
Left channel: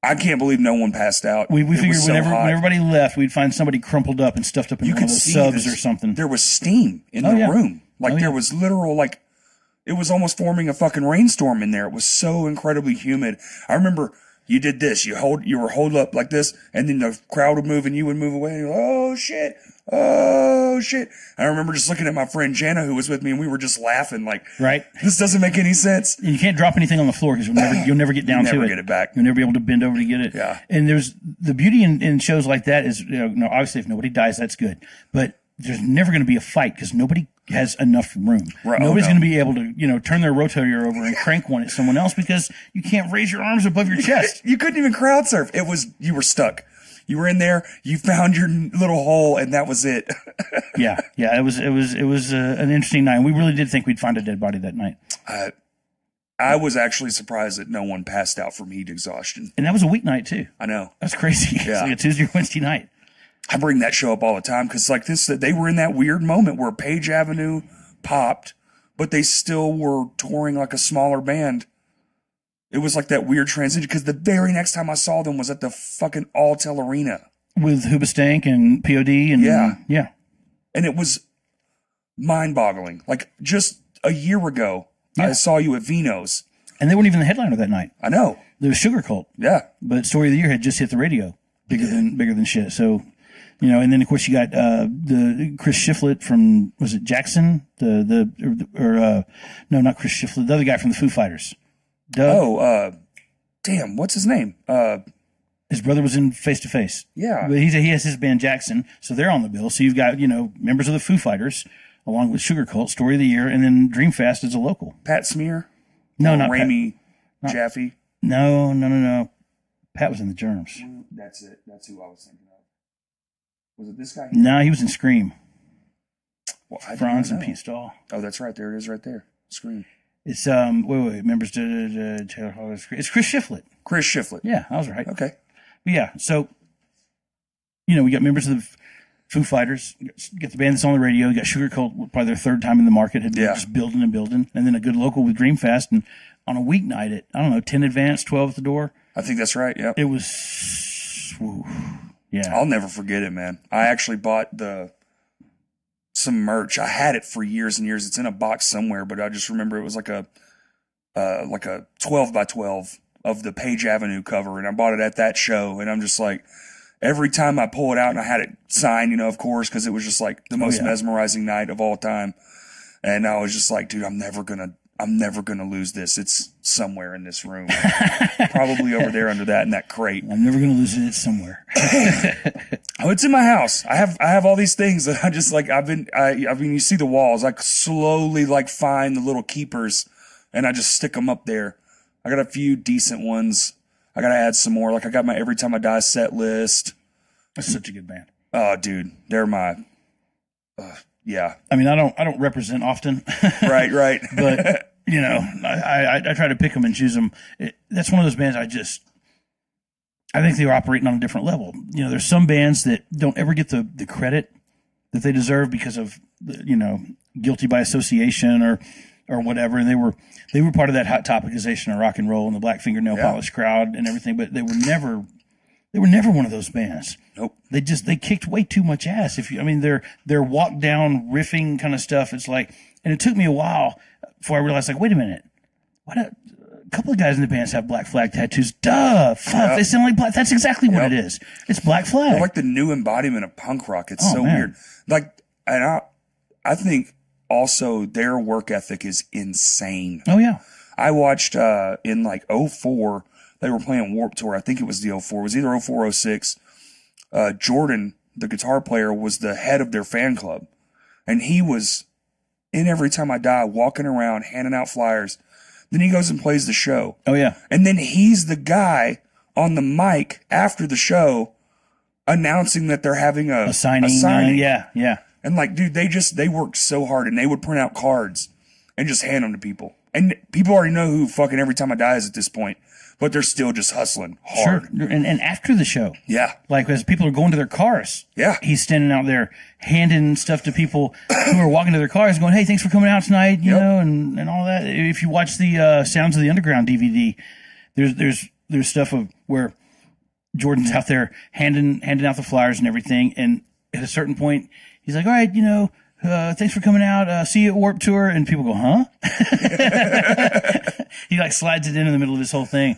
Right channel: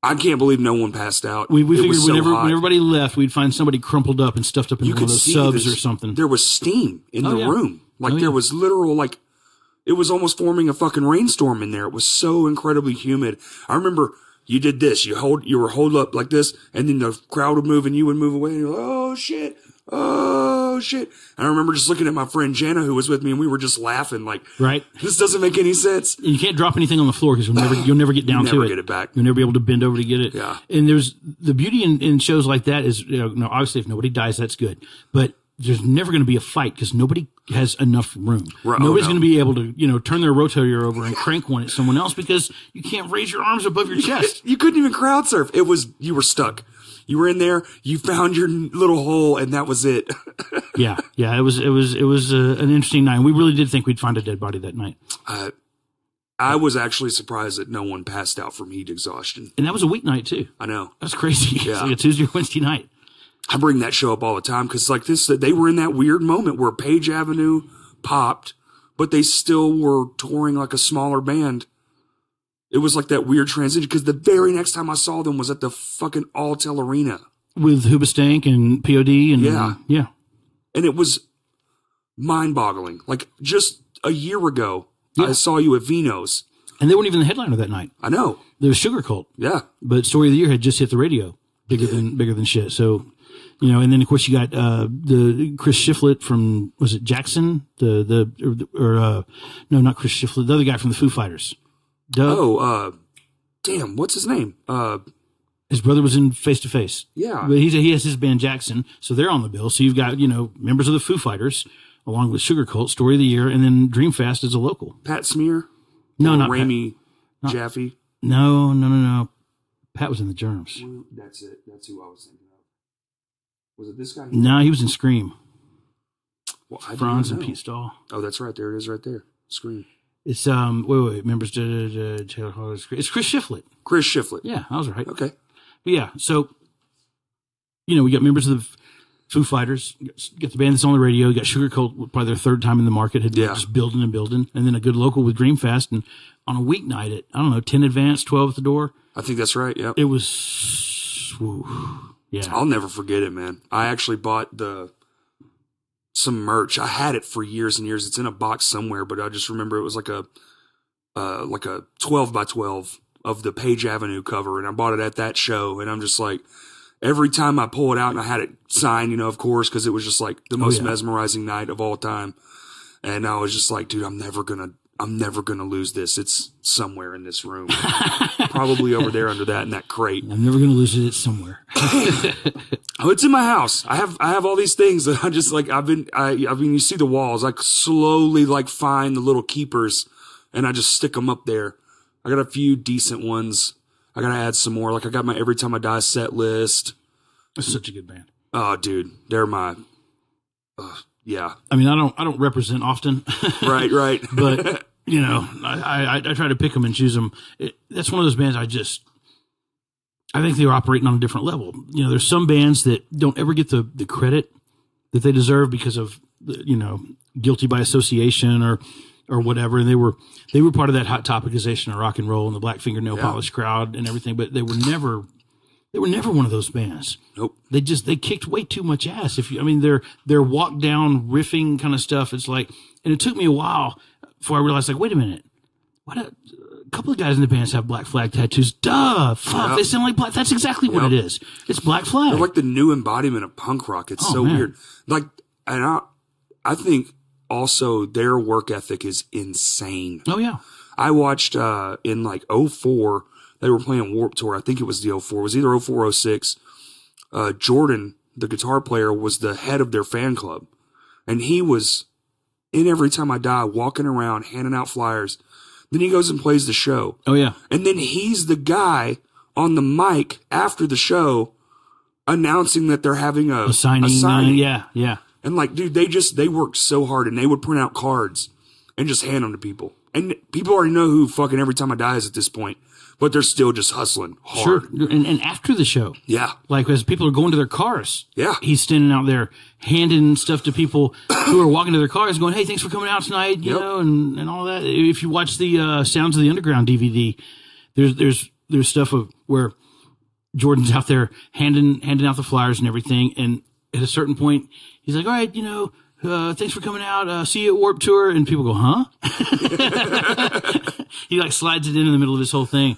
I can't believe no one passed out. We figured when everybody left, we'd find somebody crumpled up and stuffed up in one of those subs or something. There was steam in the room. Like there was literal, like, it was almost forming a fucking rainstorm in there. It was so incredibly humid. I remember you did this. You were holed up like this, and then the crowd would move and you would move away, and you're like, oh shit. Oh shit. And I remember just looking at my friend Jana, who was with me, and we were just laughing like, right, this doesn't make any sense. And you can't drop anything on the floor because you'll never get down to it. Never get it back. You'll never be able to bend over to get it. Yeah. And there's the beauty in shows like that is, you know, obviously if nobody dies, that's good. But there's never going to be a fight because nobody has enough room. Right. Nobody's going to be able to, you know, turn their rotator over and crank one at someone else because you can't raise your arms above your chest. You couldn't even crowd surf. You were stuck. You were in there, you found your little hole, and that was it. Yeah. It was an interesting night. We really did think we'd find a dead body that night. I was actually surprised that no one passed out from heat exhaustion. And that was a weeknight too. I know. That's crazy. Yeah. It's like a Tuesday or Wednesday night. I bring that show up all the time because like this, they were in that weird moment where Page Avenue popped, but they still were touring like a smaller band. It was like that weird transition because the very next time I saw them was at the fucking Alltel Arena. With Hoobastank and POD and yeah. And it was mind-boggling. Like just a year ago, I saw you at Vino's. And they weren't even the headliner that night. I know. There was Sugar Cult. Yeah. But Story of the Year had just hit the radio. Bigger than shit. So, you know, and then of course you got the Chris Shiflett from, was it Jackson? No, not Chris Shiflett. The other guy from the Foo Fighters. Doug. Oh, damn, what's his name? His brother was in Face to Face. Yeah. But he has his band Jackson, so they're on the bill. So you've got, you know, members of the Foo Fighters, along with Sugar Cult, Story of the Year, and then Dreamfast is a local. Pat Smear? No, not Ramey Pat. Jaffe? No. Pat was in the Germs. That's it. That's who I was thinking of. Was it this guy? No, he was in Scream. Well, Franz and Pete Stahl. Oh, that's right. There it is right there. Scream. It's, wait, members, Taylor Hall. It's Chris Shiflett. Chris Shiflett. Yeah, I was right. Okay. But yeah, so, you know, we got members of the Foo Fighters, get the band that's on the radio, you got Sugar Cult, probably their third time in the market, had been just building, and then a good local with Dreamfast, and on a weeknight at, I don't know, 10 advance, 12 at the door. I think that's right, yeah. It was, yeah. I'll never forget it, man. I actually bought some merch. I had it for years and years. It's in a box somewhere, but I just remember it was like a 12 by 12 of the Page Avenue cover, and I bought it at that show, and I'm just like, every time I pull it out, and I had it signed, you know, of course, because it was just like the most mesmerizing night of all time, and I was just like, dude, I'm never gonna lose this. It's somewhere in this room, probably over there under that crate. I'm never gonna lose it. It's somewhere. Oh, it's in my house. I have all these things that I just like. I mean, you see the walls. I slowly like find the little keepers, and I just stick them up there. I got a few decent ones. I got to add some more. Like I got my Every Time I Die set list. That's such a good band. Oh, dude, they're my. Yeah. I mean, I don't represent often. Right. But you know, I try to pick them and choose them. That's one of those bands I think they're operating on a different level. You know, there's some bands that don't ever get the credit that they deserve because of, you know, guilty by association or whatever. And they were part of that Hot Topicization of rock and roll and the Black Fingernail Polish crowd and everything, but they were never one of those bands. Nope. They kicked way too much ass. Their walk down riffing kind of stuff. It's like, and it took me a while before I realized, like, wait a minute, a couple of guys in the bands have Black Flag tattoos. Duh, fuck, they sound like Black. That's exactly what it is. It's Black Flag. They're like the new embodiment of punk rock. It's so weird. Like, and I think also their work ethic is insane. Oh yeah. I watched in like 04, they were playing Warped Tour. I think it was the 04. It was either 04 or 06. Jordan, the guitar player, was the head of their fan club. And he was in Every Time I Die, walking around, handing out flyers. Then he goes and plays the show. Oh, yeah. And then he's the guy on the mic after the show announcing that they're having a signing. Yeah. And like, dude, they worked so hard, and they would print out cards and just hand them to people. And people already know who fucking Every Time I Die is at this point, but they're still just hustling hard. Sure. And after the show. Yeah. Like as people are going to their cars. Yeah. He's standing out there handing stuff to people who are walking to their cars going, hey, thanks for coming out tonight, you know, and all that. If you watch the Sounds of the Underground DVD, there's stuff of where Jordan's out there handing out the flyers and everything. And at a certain point, he's like, all right, you know, thanks for coming out. See you at Warped Tour. And people go, huh? He like slides it in the middle of his whole thing.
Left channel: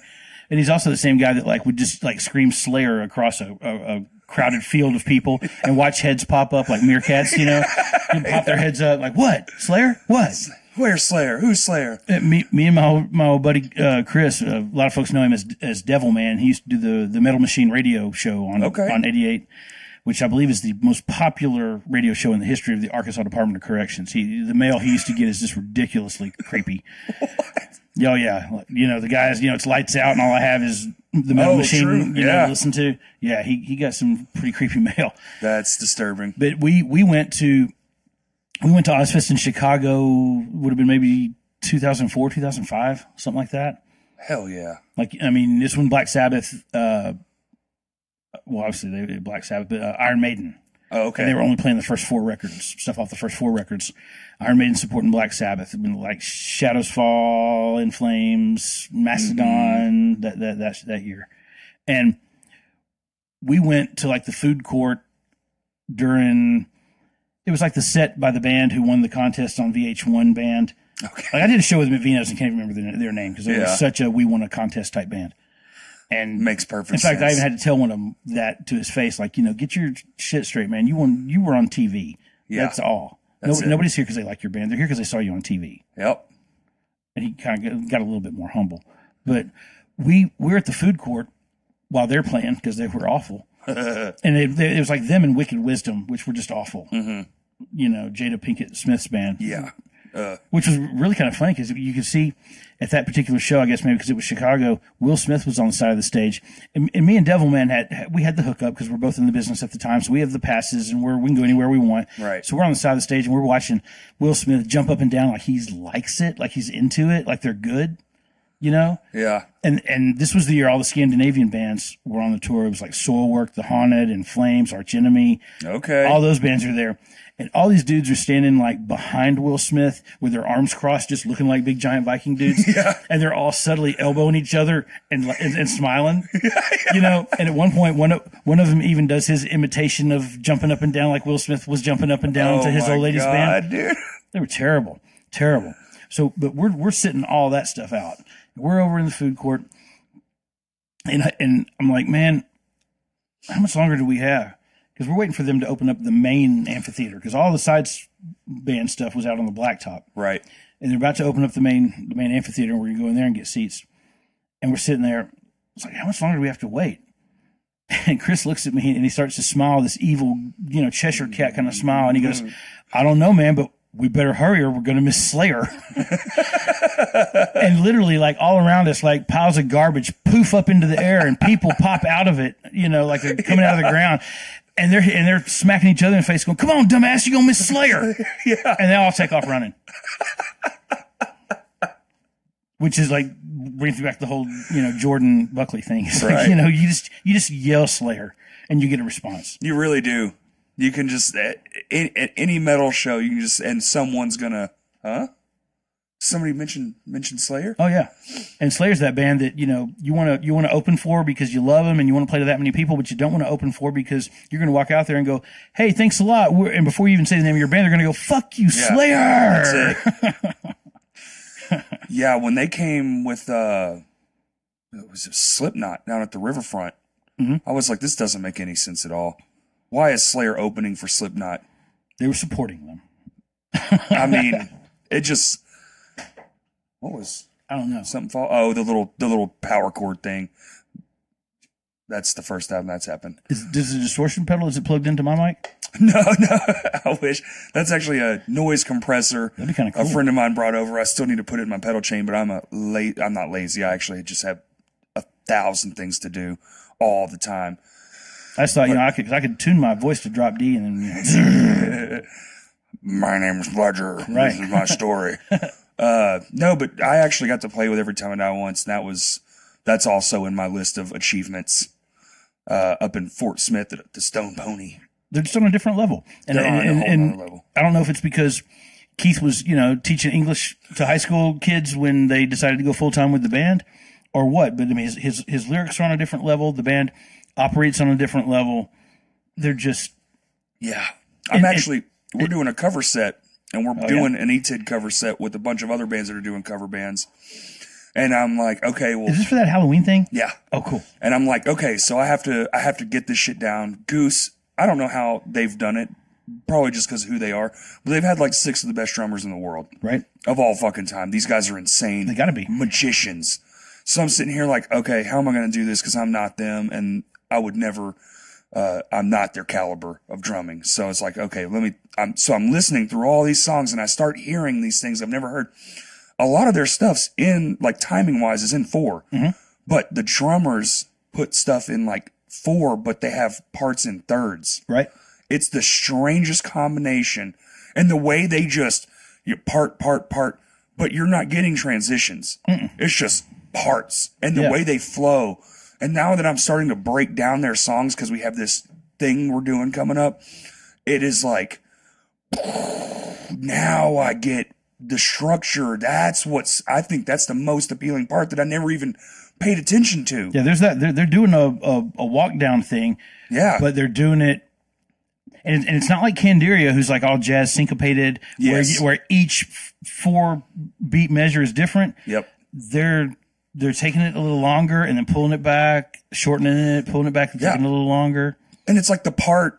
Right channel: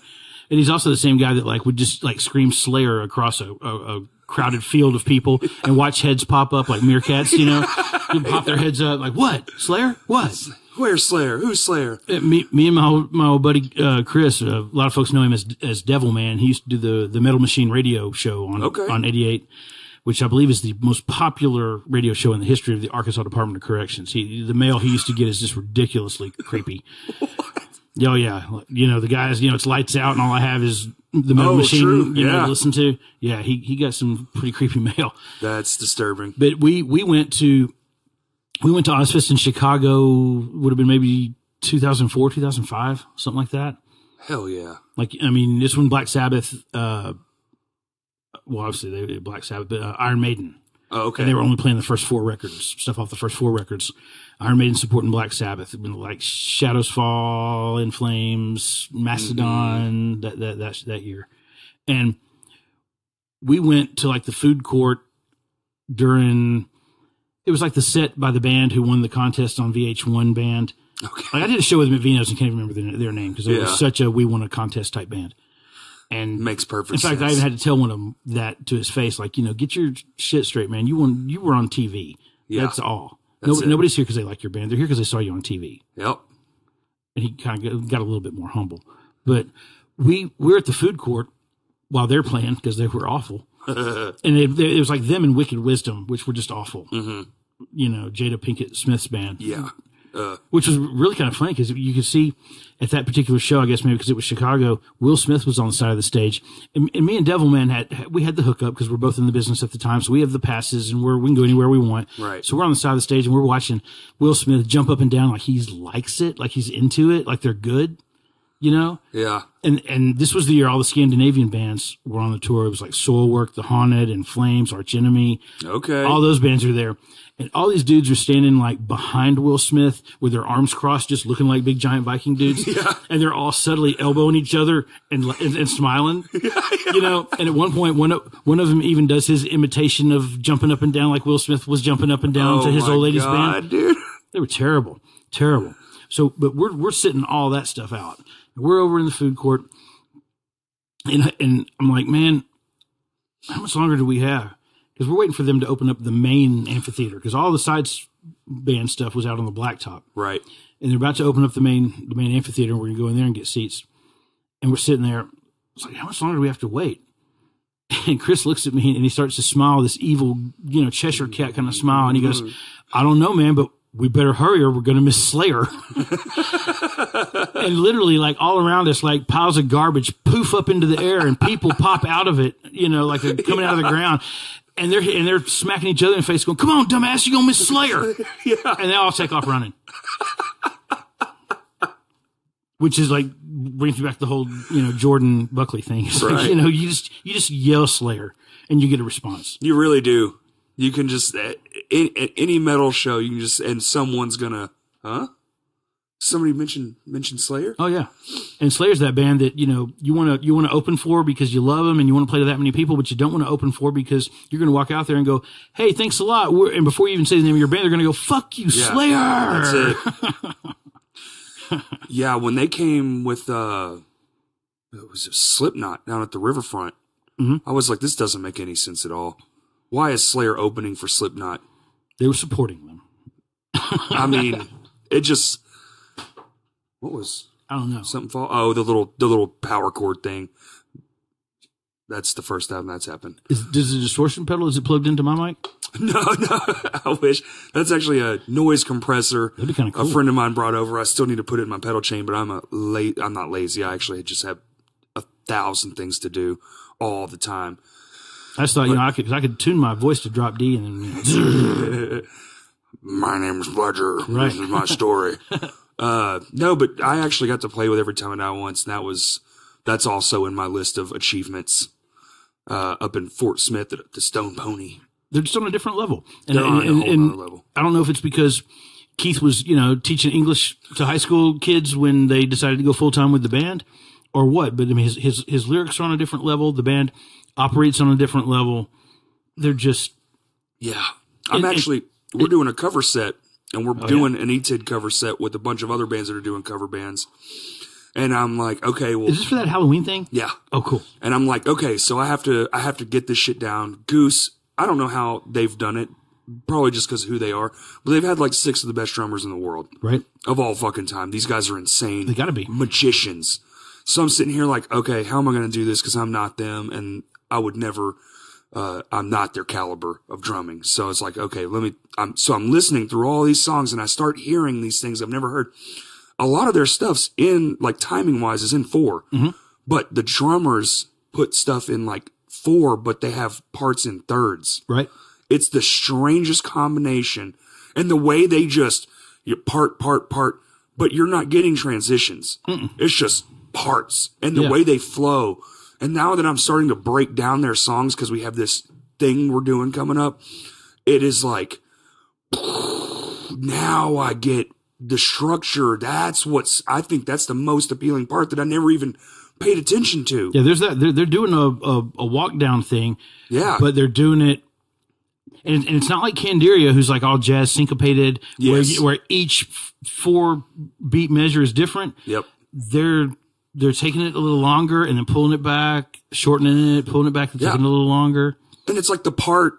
And he's also the same guy that like would just like scream Slayer across a crowded field of people and watch heads pop up like meerkats, you know, and pop their heads up like, what? Slayer? What? Where's Slayer? Who's Slayer? Me and my old buddy, Chris, a lot of folks know him as Devil Man. He used to do the Metal Machine radio show on 88. Which I believe is the most popular radio show in the history of the Arkansas Department of Corrections. The mail he used to get is just ridiculously creepy. Oh yeah, you know the guys. You know it's lights out, and all I have is the Metal Machine. True. You know, to listen to. Yeah, he got some pretty creepy mail. That's disturbing. But we went to Ozfest in Chicago. Would have been maybe 2004, 2005, something like that. Hell yeah! Like I mean, this one Black Sabbath. Well, obviously they Black Sabbath, but Iron Maiden Oh, okay. And they were only playing the first 4 records, stuff off the first 4 records. Iron Maiden supporting Black Sabbath, like Shadows Fall, In Flames, Mastodon, that year. And we went to like the food court during, it was like the set by the band who won the contest on VH1 Band. Okay. Like I did a show with them at Vino's and can't even remember their name because they were such a we won a contest type band. And makes perfect sense. In fact, I even had to tell one of them that to his face, like, get your shit straight, man. You were on TV. Yeah. That's all. Nobody's here because they like your band. They're here because they saw you on TV. Yep. And he kind of got a little bit more humble. But we're at the food court while they're playing because they were awful. And it was like them and Wicked Wisdom, which were just awful. Mm-hmm. Jada Pinkett Smith's band. Yeah. Which was really kind of funny because you could see at that particular show, I guess maybe because it was Chicago, Will Smith was on the side of the stage. And me and Devilman had the hookup because we're both in the business at the time. So we have the passes and we can go anywhere we want. Right. So we're on the side of the stage and we're watching Will Smith jump up and down like he likes it, like he's into it, like they're good, Yeah. And this was the year all the Scandinavian bands were on the tour. It was like Soilwork, The Haunted, In Flames, Arch Enemy. Okay. All those bands are there. And all these dudes are standing like behind Will Smith with their arms crossed, just looking like big giant Viking dudes. Yeah. And they're all subtly elbowing each other and smiling, And at one point, one of them even does his imitation of jumping up and down like Will Smith was jumping up and down to his old lady's band. Dude. They were terrible, terrible. So, but we're sitting all that stuff out. We're over in the food court, and I'm like, man, how much longer do we have? Because we're waiting for them to open up the main amphitheater because all the sides band stuff was out on the blacktop. Right. And they're about to open up the main amphitheater, and we're going to go in there and get seats. And we're sitting there. It's like, how much longer do we have to wait? And Chris looks at me, and he starts to smile, this evil, Cheshire cat kind of smile. And he goes, I don't know, man, but we better hurry or we're going to miss Slayer. And literally, like, all around us, like, piles of garbage poof up into the air, and people pop out of it, like they're coming out of the ground. And they're smacking each other in the face, going, "Come on, dumbass, you're going to miss Slayer." Yeah. And they all take off running. Which is like, brings me back to the whole, Jordan Buckley thing. It's right. like, you just yell Slayer and you get a response. You really do. You can just, at any metal show, you can just, and someone's gonna, huh? Somebody mentioned Slayer? Oh yeah. And Slayer's that band that, you want to open for because you love them and you want to play to that many people, but you don't want to open for because you're going to walk out there and go, "Hey, thanks a lot." And before you even say the name of your band, they're going to go, "Fuck you, Slayer." That's it. Yeah. When they came with, it was Slipknot down at the riverfront. Mm-hmm. I was like, this doesn't make any sense at all. Why is Slayer opening for Slipknot? They were supporting them. I mean, it just, what was, I don't know. Something fall. Oh, the little power cord thing. That's the first time that's happened. Does the distortion pedal, is it plugged into my mic? No. I wish. That's actually a noise compressor. That'd be kind of cool. A friend of mine brought over. I still need to put it in my pedal chain, but I'm not lazy. I actually just have 1,000 things to do all the time. I just thought, I could tune my voice to drop D and then, My name is Fletcher. Right. This is my story. No, but I actually got to play with Every Time I Die Once, and that's also in my list of achievements. Up in Fort Smith at the Stone Pony. They're just on a different level. And, they're on a whole other level. I don't know if it's because Keith was, teaching English to high school kids when they decided to go full time with the band, or what. But I mean, his lyrics are on a different level. The band operates on a different level. They're just, yeah. We're doing a cover set, and we're doing an E-Tid cover set with a bunch of other bands that are doing cover bands. And I'm like, okay, well, is this for that Halloween thing? Yeah. Oh, cool. And I'm like, okay, so I have to get this shit down. Goose, I don't know how they've done it. Probably just because of who they are. But they've had like 6 of the best drummers in the world. Right. Of all fucking time. These guys are insane. They gotta be. Magicians. So I'm sitting here like, okay, how am I going to do this? Because I'm not them. And I would never, I'm not their caliber of drumming. So it's like, okay, I'm listening through all these songs and I start hearing these things I've never heard. A lot of their stuff's in, like, timing wise, is in 4. Mm-hmm. But the drummers put stuff in like 4, but they have parts in thirds. Right. It's the strangest combination. And the way they just, part, but you're not getting transitions. Mm-mm. It's just parts. And the way they flow. And now that I'm starting to break down their songs because we have this thing we're doing coming up, it is like, now I get the structure. I think that's the most appealing part that I never even paid attention to. Yeah, there's that. They're doing a walk down thing. Yeah. But they're doing it. And it's not like Candiria, who's like all jazz syncopated, Yes. where each 4 beat measure is different. Yep. They're taking it a little longer and then pulling it back, shortening it, pulling it back, and taking it a little longer. And it's like the part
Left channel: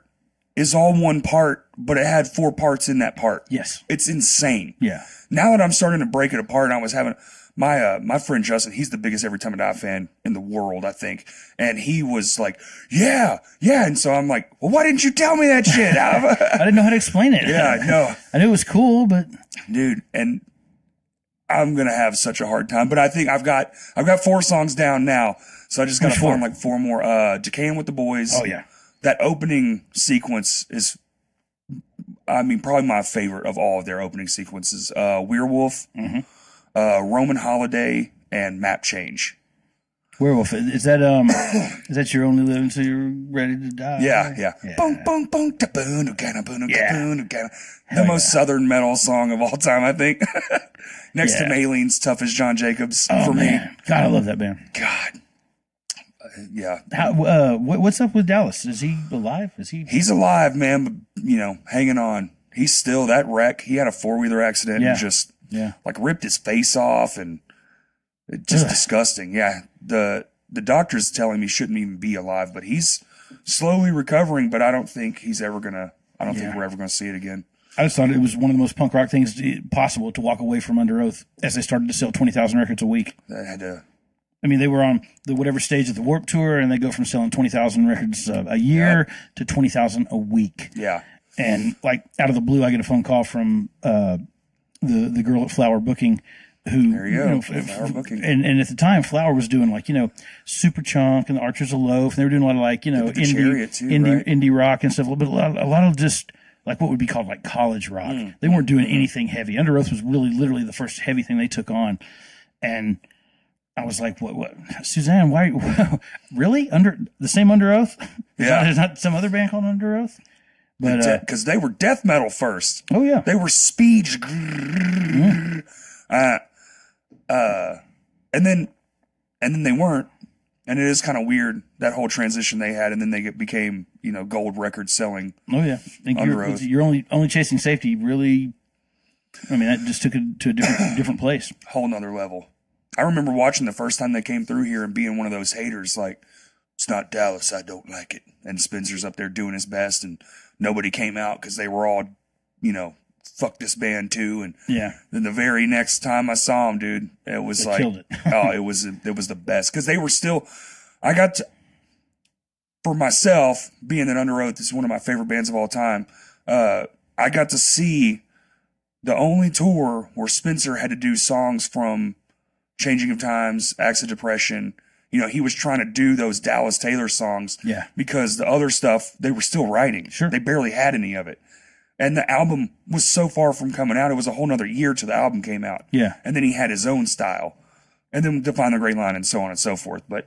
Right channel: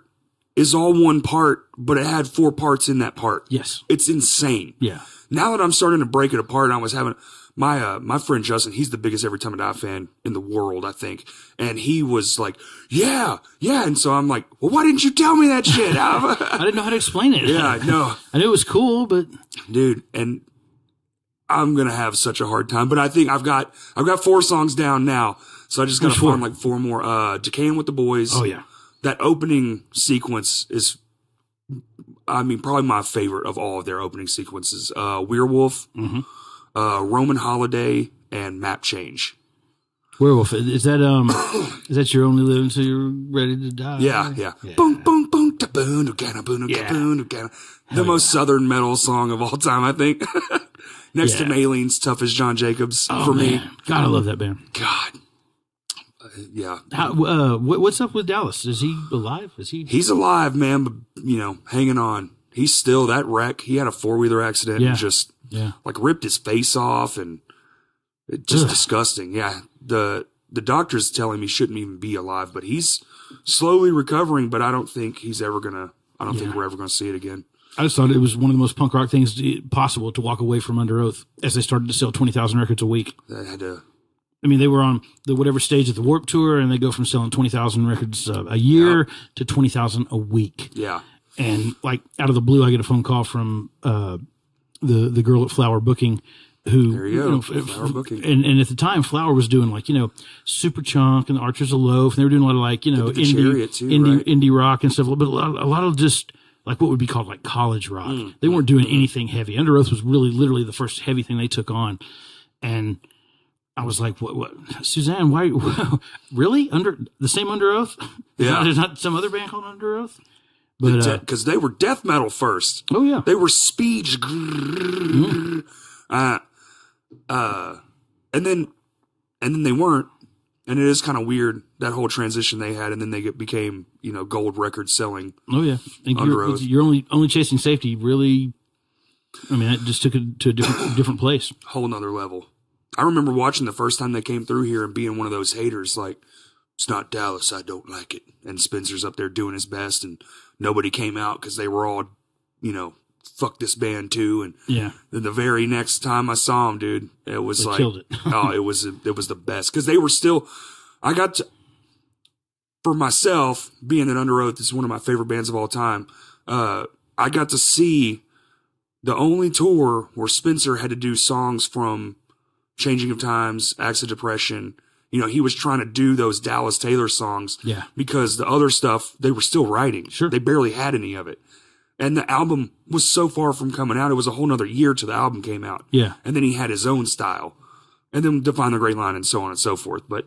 is all one part, but it had 4 parts in that part. Yes. It's insane. Yeah. Now that I'm starting to break it apart, and I was having my friend Justin, he's the biggest Every Time I Die fan in the world, I think. And he was like, yeah. And so I'm like, well, why didn't you tell me that shit? I didn't know how to explain it. Yeah, no. I knew it was cool, but dude, and I'm going to have such a hard time, but I think I've got 4 songs down now. So I just got to find like 4 more. Decaying with the Boys. Oh yeah. That opening sequence is, I mean, probably my favorite of all of their opening sequences. Werewolf, Roman Holiday, and Map Change. Werewolf, is that You're Only Living Till You're Ready to Die? Yeah. Boom, boom, boom, da boom, da boom, da boom, da. The most southern metal song of all time, I think. Next to Maline's Tough as John Jacobs for me. God, I love that band. God. Yeah. What's up with Dallas? Is he alive? He's alive, man, but, hanging on. He's still that wreck. He had a 4-wheeler accident and just like ripped his face off, and it just disgusting. Yeah. The doctor's telling me he shouldn't even be alive, but he's slowly recovering, but I don't think he's ever gonna, I don't think we're ever going to see it again. I just thought it was one of the most punk rock things possible to walk away from Under Oath as they started to sell 20,000 records a week. That had to. I mean, they were on the whatever stage of the Warped Tour, and they go from selling 20,000 records a year to 20,000 a week. Yeah. And like out of the blue, I get a phone call from the girl at Flower Booking, who there you go, Flower Booking, and at the time, Flower was doing like Super Chunk and the Archers of Loaf, and they were doing a lot of like indie rock and stuff, but a lot of just like what would be called like college rock. They weren't doing anything heavy. Under Oath was really literally the first heavy thing they took on, and I was like, what, Suzanne, why, really? The same Under Oath? There's not some other band called Under Oath? But, because they were death metal first. Oh yeah. They were speed. And then they weren't. And it is kind of weird, that whole transition they had. And then they became, gold record selling. Oh yeah. You're only chasing safety. Really. I mean, that just took it to a different place. Whole nother level. I remember watching the first time they came through here and being one of those haters, like, it's not Dallas, I don't like it. And Spencer's up there doing his best, and nobody came out because they were all, fuck this band too. And then the very next time I saw them, dude, it was they killed it. It was the best, because they were still. For myself, being that Under Oath is one of my favorite bands of all time, I got to see the only tour where Spencer had to do songs from Changing of Times, Acts of Depression. He was trying to do those Dallas Taylor songs because the other stuff they were still writing. Sure. They barely had any of it. And the album was so far from coming out. It was a whole nother year till the album came out. Yeah. And then he had his own style. And then Define the Great Line and so on and so forth. But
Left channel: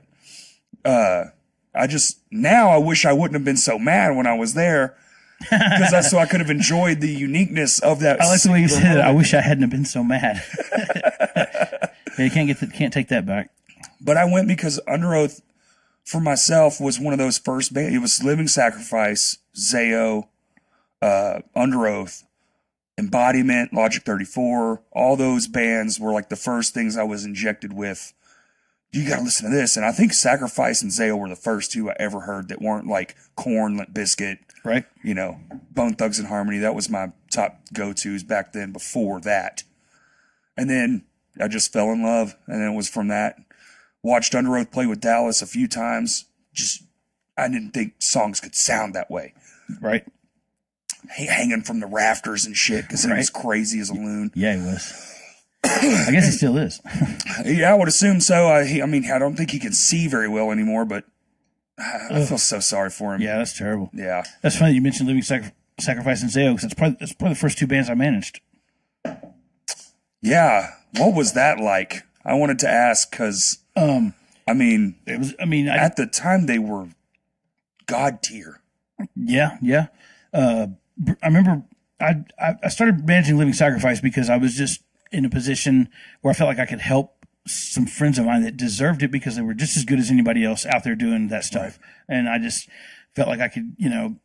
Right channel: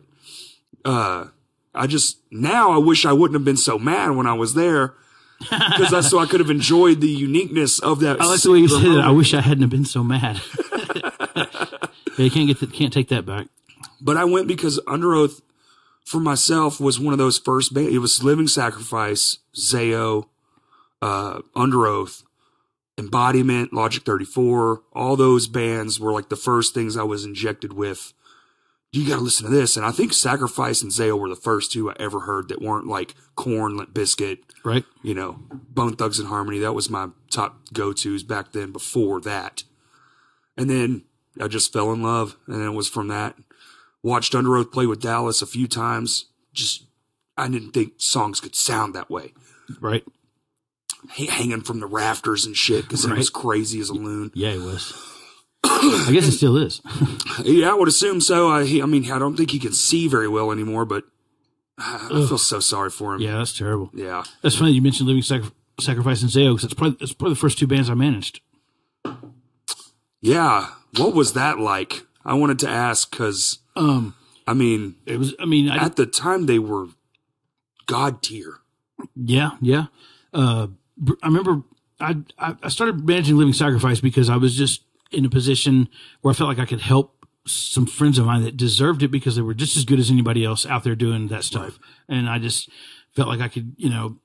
I wish I wouldn't have been so mad when I was there. Because that's so I could have enjoyed the uniqueness of that. I like the way you said it. I wish I hadn't have been so mad. You can't take that back. But I went because Under Oath, for myself, was one of those first bands. It was Living Sacrifice, Zao, Under Oath, Embodiment, Logic 34. All those bands were like the first things I was injected with. You got to listen to this. And I think Sacrifice and Zao were the first two I ever heard that weren't like Korn, Limp Bizkit, right? Bone Thugs and Harmony. That was my top go-tos back then before that. And then I just fell in love. And then it was from that. Watched Under Oath play with Dallas a few times. I didn't think songs could sound that way. Right. Hanging from the rafters and shit because he was crazy as a loon. Yeah, he was. I guess he still is. Yeah, I would assume so. I don't think he can see very well anymore, but I feel so sorry for him. Yeah, that's terrible. Yeah. That's funny you mentioned Living Sacrifice and Zao, because that's probably the first two bands I managed. Yeah. What was that like? I wanted to ask because, at the time they were God tier. Yeah. I remember I started managing Living Sacrifice because I was just in a position where I felt like I could help some friends of mine that deserved it because they were just as good as anybody else out there doing that stuff. Right. And I just felt like I could, you know,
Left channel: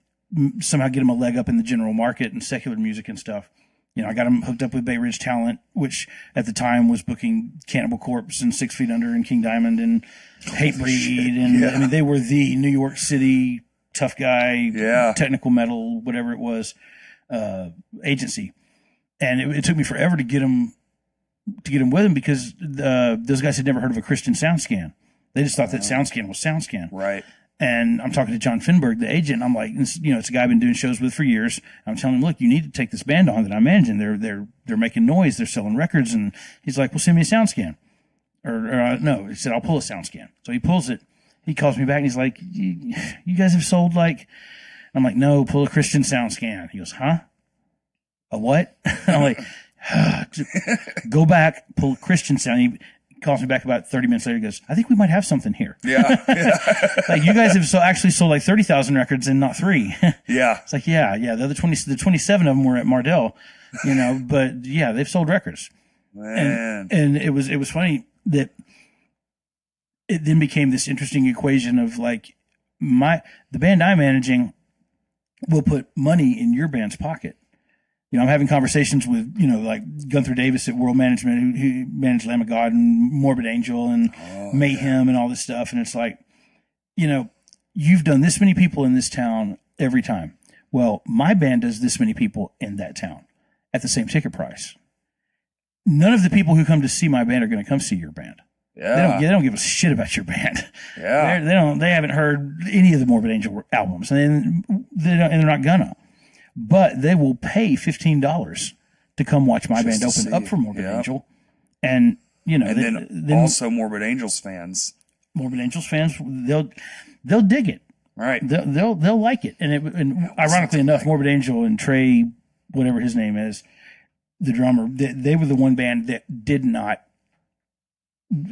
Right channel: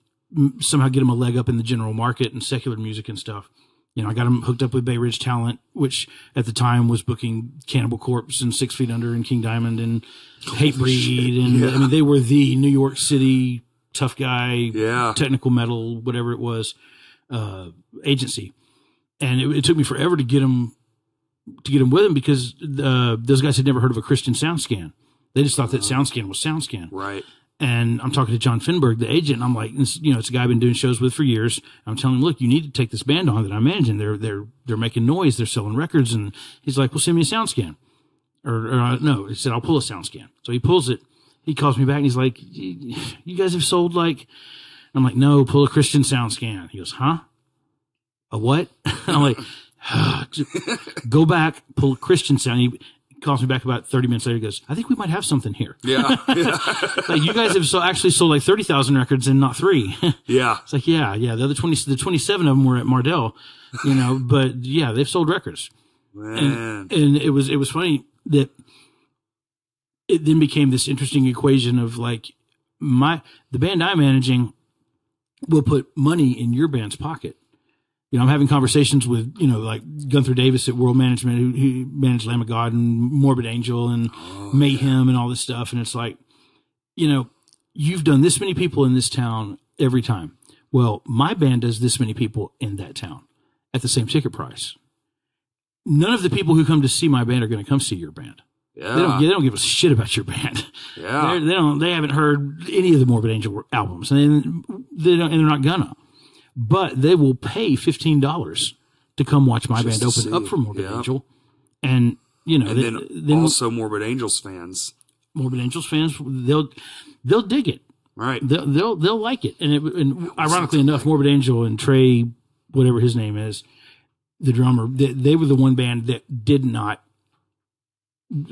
somehow get them a leg up in the general market and secular music and stuff. You know, I got them hooked up with Bay Ridge Talent, which at the time was booking Cannibal Corpse and 6 Feet Under and King Diamond and Hatebreed. And I mean, they were the New York City tough guy, technical metal, whatever it was, agency. And it took me forever to get them with them because those guys had never heard of a Christian SoundScan. They just thought that SoundScan was SoundScan. Right. And I'm talking to John Finberg, the agent, and I'm like, you know, it's a guy I've been doing shows with for years. I'm telling him, look, you need to take this band on that I'm managing. They're making noise. They're selling records. And he's like, well, send me a SoundScan. Or no, he said, I'll pull a SoundScan. So he pulls it. He calls me back and he's like, you guys have sold like, I'm like, no, pull a Christian SoundScan. He goes, huh? A what? And I'm like, go back, pull a Christian sound. He calls me back about 30 minutes later. He goes, I think we might have something here. Yeah. Like, you guys have actually sold like 30,000 records and not 3. Yeah. It's like, yeah. The other 27 of them were at Mardell, you know, but yeah, they've sold records. Man. And it was funny that it then became this interesting equation of like the band I'm managing will put money in your band's pocket. You know, I'm having conversations with, you know, like Gunther Davis at World Management, who managed Lamb of God and Morbid Angel and Mayhem and all this stuff. And it's like, you know, you've done this many people in this town every time. Well, my band does this many people in that town at the same ticket price. None of the people who come to see my band are going to come see your band. Yeah. They don't give a shit about your band. Yeah. They haven't heard any of the Morbid Angel albums, and they're not gonna. But they will pay $15 to come watch my band open up for Morbid Angel. And, you know, and then also Morbid Angels fans. Morbid Angels fans, they'll dig it. Right. They'll like it. And ironically enough, Morbid Angel and Trey, whatever his name is, the drummer, they were the one band that did not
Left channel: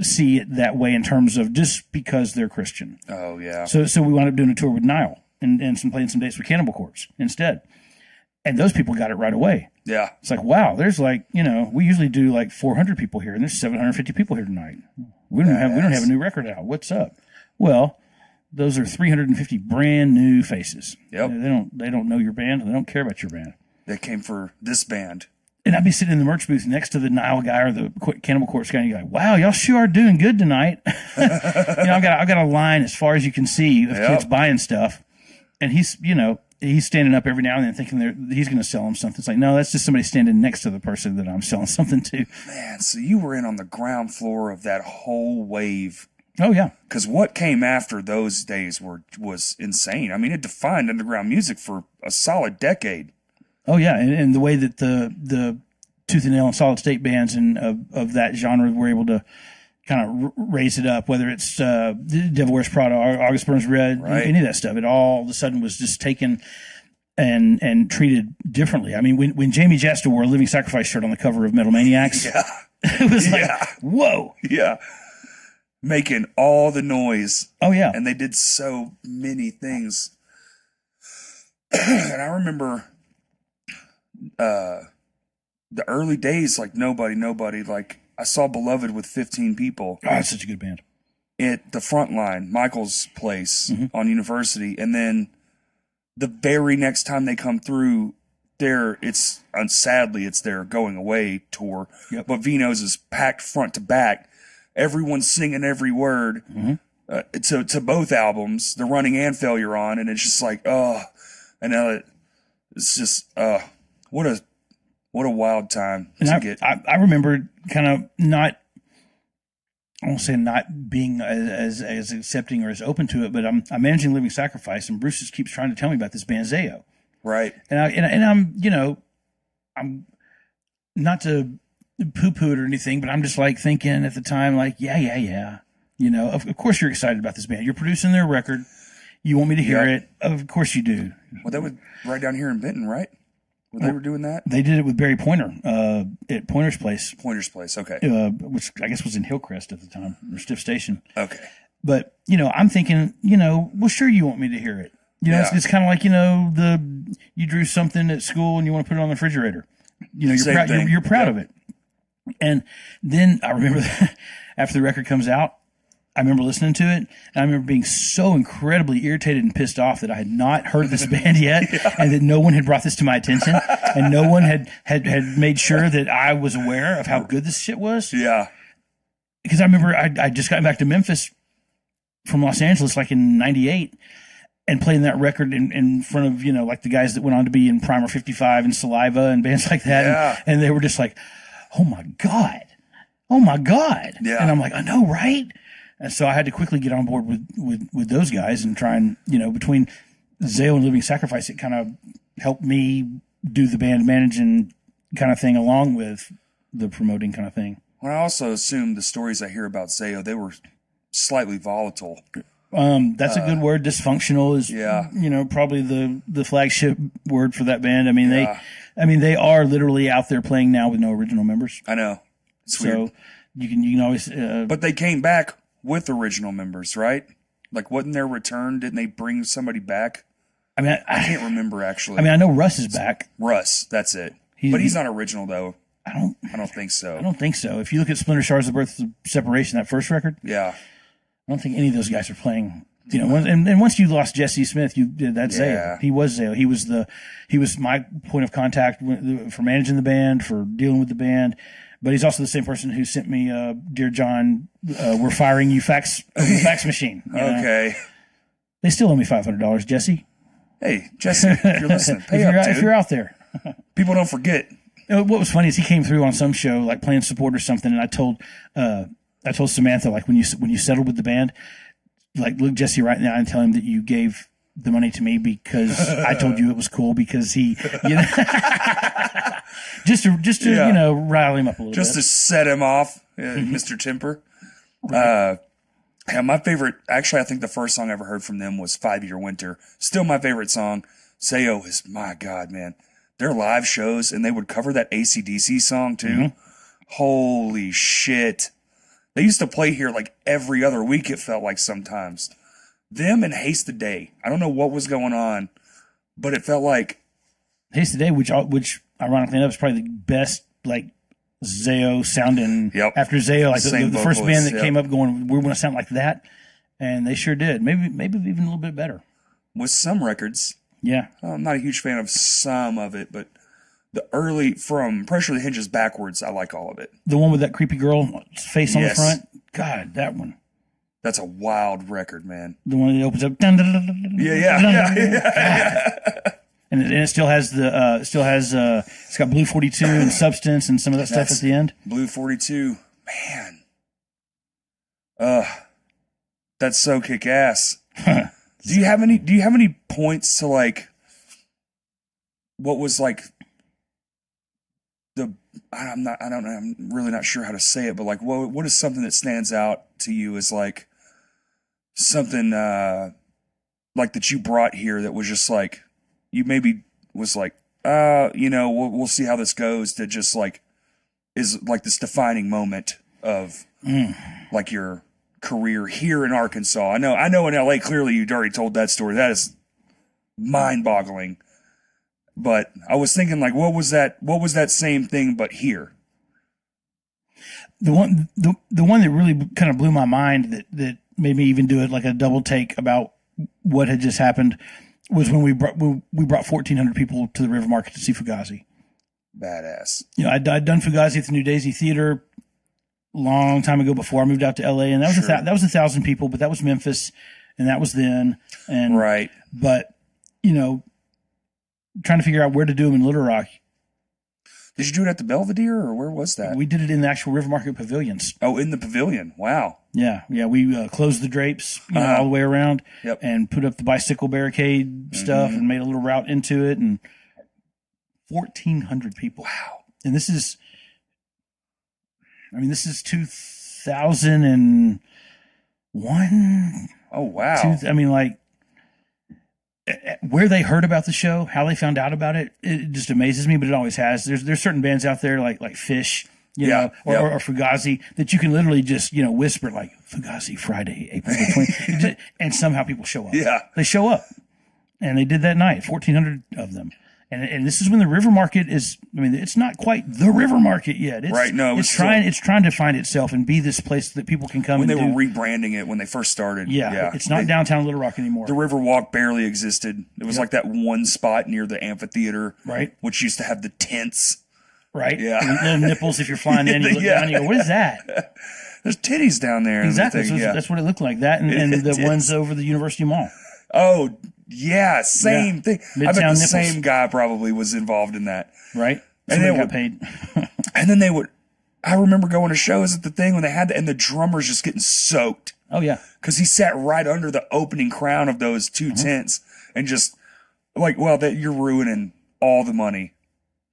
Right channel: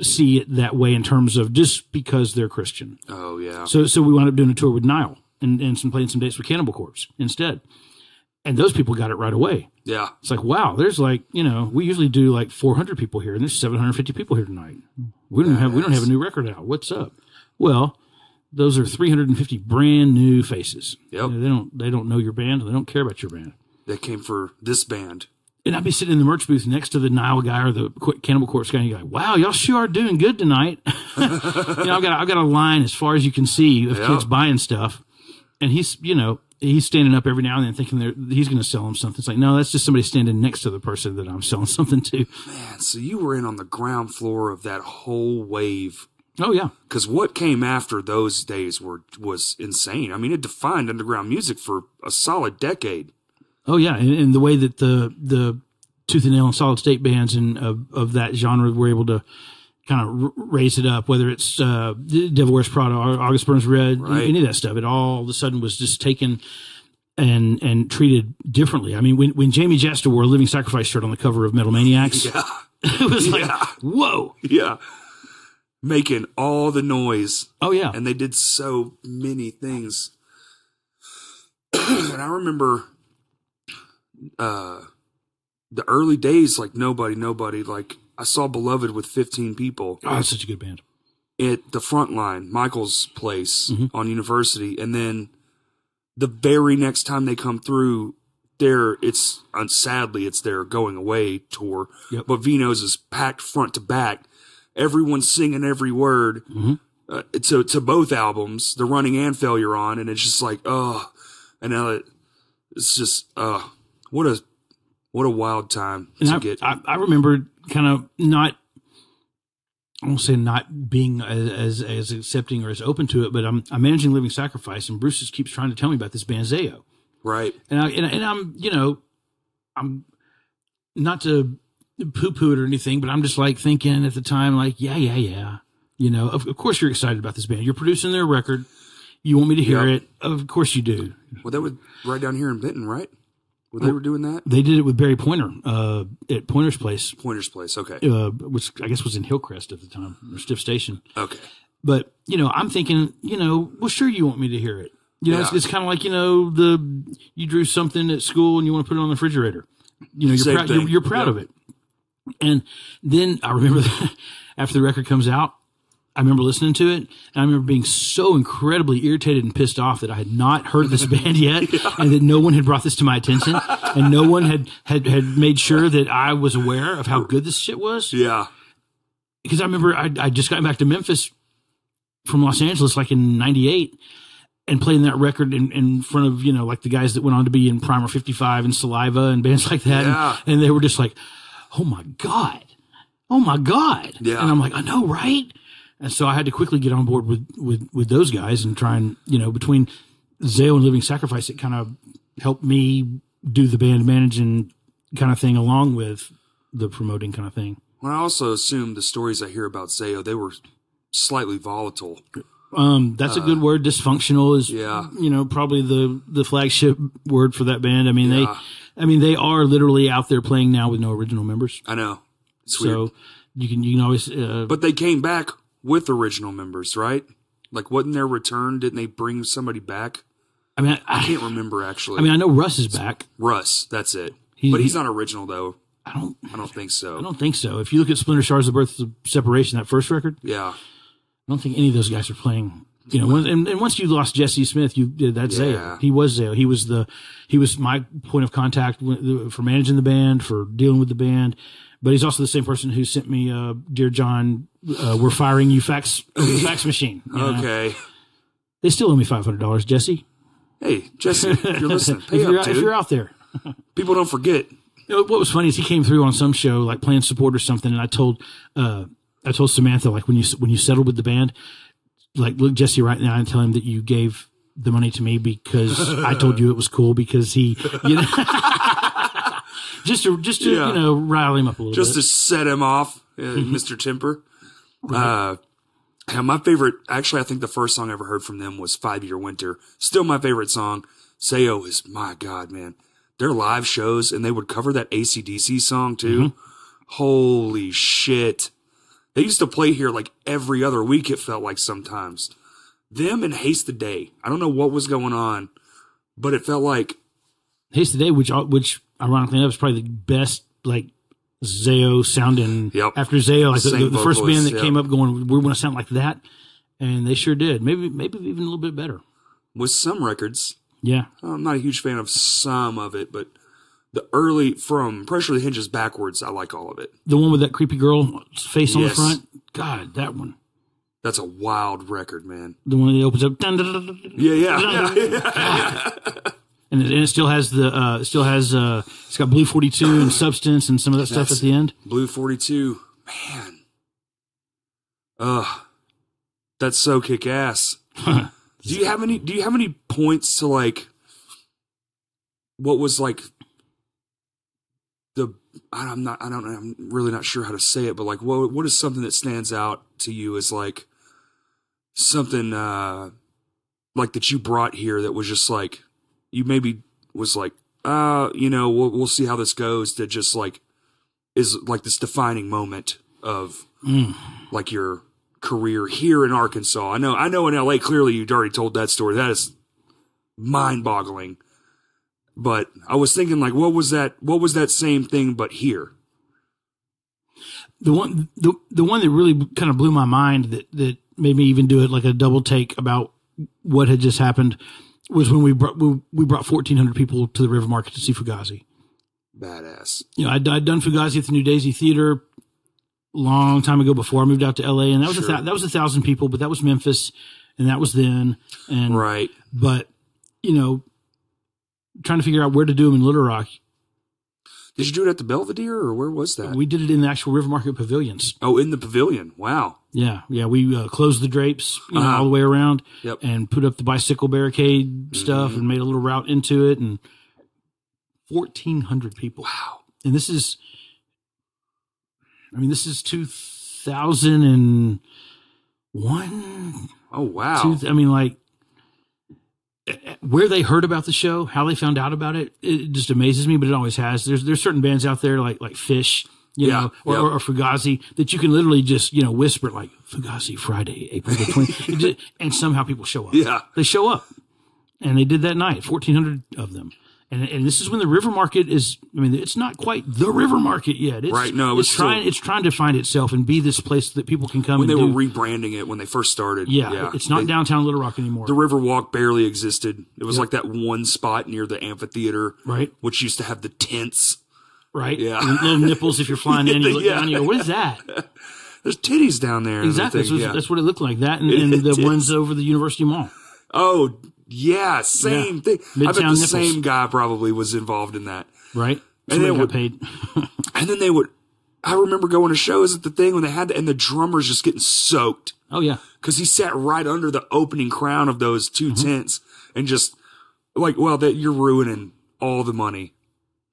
see it that way in terms of just because they're Christian. Oh, yeah. So we wound up doing a tour with Nile and playing some dates with Cannibal Corpse instead. And those people got it right away. Yeah. It's like, wow, there's like, you know, we usually do like 400 people here and there's 750 people here tonight. We don't have a new record out. What's up? Well, those are 350 brand new faces. Yep. They don't know your band. They don't care about your band. They came for this band. And I'd be sitting in the merch booth next to the Nile guy or the Cannibal Corpse guy, and you're like, wow, y'all sure are doing good tonight. You know, I've got a line as far as you can see of kids buying stuff. And he's standing up every now and then thinking he's going to sell them something. It's like, no, that's just somebody standing next to the person that I'm selling something to. Man, so you were in on the ground floor of that whole wave. Oh, yeah. Because what came after those days was insane. I mean, it defined underground music for a solid decade. Oh, yeah. And the way that the Tooth and Nail and Solid State bands and of that genre were able to kind of raise it up, whether it's Devil Wears Prada, August Burns Red, any of that stuff. It all of a sudden was just taken and treated differently. I mean, when Jamie Jasta wore a Living Sacrifice shirt on the cover of Metal Maniacs, it was like, whoa. Yeah. Making all the noise. Oh, yeah. And they did so many things. And I remember the early days, like nobody, like I saw Beloved with 15 people. Oh, that's such a good band. At the front line, Michael's place on University. And then the very next time they come through, sadly, it's their going away tour. Yep. But Vino's is packed front to back. Everyone's singing every word to both albums, The Running and Failure On. And it's just like, and it's just, what a wild time to get. I remember kind of not, I won't say not being as accepting or as open to it, but I'm managing Living Sacrifice, and Bruce just keeps trying to tell me about this band Zayo. Right. And I'm, you know, I'm not to poo-poo it or anything, but I'm just like thinking at the time, like, yeah. You know, of course you're excited about this band. You're producing their record. You want me to hear it. Of course you do. Well, that was right down here in Benton, right? They were doing that? They did it with Barry Pointer at Pointer's Place. Pointer's Place, okay. Which I guess was in Hillcrest at the time, or Stiff Station. Okay. But, you know, I'm thinking, you know, well, sure you want me to hear it. You know, it's kind of like, you know, you drew something at school and you want to put it on the refrigerator. You know, you're proud of it. And then I remember that after the record comes out, I remember listening to it, and I remember being so incredibly irritated and pissed off that I had not heard this band yet, and that no one had brought this to my attention, and no one had made sure that I was aware of how good this shit was. Yeah. Because I remember I just got back to Memphis from Los Angeles like in '98 and playing that record in front of, you know, like the guys that went on to be in Primer 55 and Saliva and bands like that. Yeah. And they were just like, oh my God. Yeah. And I'm like, I know, right? And so I had to quickly get on board with those guys and try and, you know, between Zao and Living Sacrifice, it kind of helped me do the band managing kind of thing along with the promoting kind of thing. Well, I also assume the stories I hear about Zao, they were slightly volatile. That's a good word. Dysfunctional is, you know, probably the flagship word for that band. I mean, they are literally out there playing now with no original members. I know. It's weird. So you can always, but they came back with original members, right? Like, wasn't their return? Didn't they bring somebody back? I mean, I can't remember actually. I mean, I know Russ is back. Russ, that's it. But he's not original though. I don't think so. I don't think so. If you look at Splinter Stars, The Birth of Separation, that first record, yeah, I don't think any of those guys are playing. You know, and once you lost Jesse Smith, that's Zao. He was Zao. He was my point of contact for managing the band, for dealing with the band. But he's also the same person who sent me, Dear John, we're firing you fax over the fax machine. Okay. Know? They still owe me $500, Jesse. Hey, Jesse, if you're listening, if you're out there. People don't forget. You know, what was funny is he came through on some show, like playing support or something, and I told Samantha, like, when you settled with the band, like, look Jesse right now and tell him that you gave the money to me because I told you it was cool because he, you know, just to you know, rile him up a little bit. Just to set him off, Mr. Temper. Right. Yeah, my favorite, actually, I think the first song I ever heard from them was 5 Year Winter. Still my favorite song. Zao is, my God, man. Their live shows, and they would cover that AC/DC song too. Mm-hmm. Holy shit. They used to play here like every other week, it felt like sometimes. Them and Haste the Day. I don't know what was going on, but it felt like Haste the Day, which ironically enough is probably the best, like, Zao sounding. Yep. After Zao, like the first band that yep. came up going, we want to sound like that, and they sure did. Maybe even a little bit better with some records. Yeah, I'm not a huge fan of some of it, but the early, from Pressure of the Hinges backwards, I like all of it. The one with that creepy girl face on the front, God, that one. That's a wild record, man. The one that opens up. Yeah. And it still has it's got Blue 42 and Substance and some of that stuff at the end. Blue 42, man. That's so kick ass. Do you have any points to, like, what was like I'm really not sure how to say it, but like what is something that stands out to you as like something like that you brought here that was just like you maybe was like you know, we'll see how this goes, to just like is like this defining moment of like your career here in Arkansas. I know in LA, clearly you'd already told that story. That is mind-boggling. But I was thinking, like, what was that same thing but here? The one that really kind of blew my mind that made me even do it like a double take about what had just happened was when we brought 1,400 people to the River Market to see Fugazi. Badass. You know, I'd done Fugazi at the New Daisy Theater long time ago before I moved out to LA, and that was that was 1,000 people, but that was Memphis, and that was then, and right. But you know, trying to figure out where to do them in Little Rock. Did you do it at the Belvedere, or where was that? We did it in the actual River Market pavilions. Oh, in the pavilion! Wow. Yeah. We closed the drapes, you know, all the way around, yep. And put up the bicycle barricade stuff, and made a little route into it, and 1,400 people. Wow. And this is 2001. Oh, wow. Like, where they heard about the show, how they found out about it, it just amazes me, but it always has. There's certain bands out there like Fish, you know, or Fugazi, that you can literally just, you know, whisper like Fugazi Friday, April the 20th, and somehow people show up. Yeah. They show up. And they did that night, 1,400 of them. And this is when the River Market is, I mean, it's not quite the River Market yet. It's, right. No, it's trying to find itself and be this place that people can come when and they were rebranding it when they first started. Yeah. It's not downtown Little Rock anymore. The Riverwalk barely existed. It was like that one spot near the amphitheater, right? Which used to have the tents. Right. Yeah. Little nipples if you're flying in, you look down and you go, what is that? There's titties down there. Exactly. That's what it looked like. That and the ones over the University Mall. Oh, yeah. Same thing. Midtown I bet the nipples. same guy probably was involved in that. Right. And they got paid. And then I remember going to shows at the thing when they had and the drummer's just getting soaked. Oh, yeah. Because he sat right under the opening crown of those two tents and just like, well, you're ruining all the money.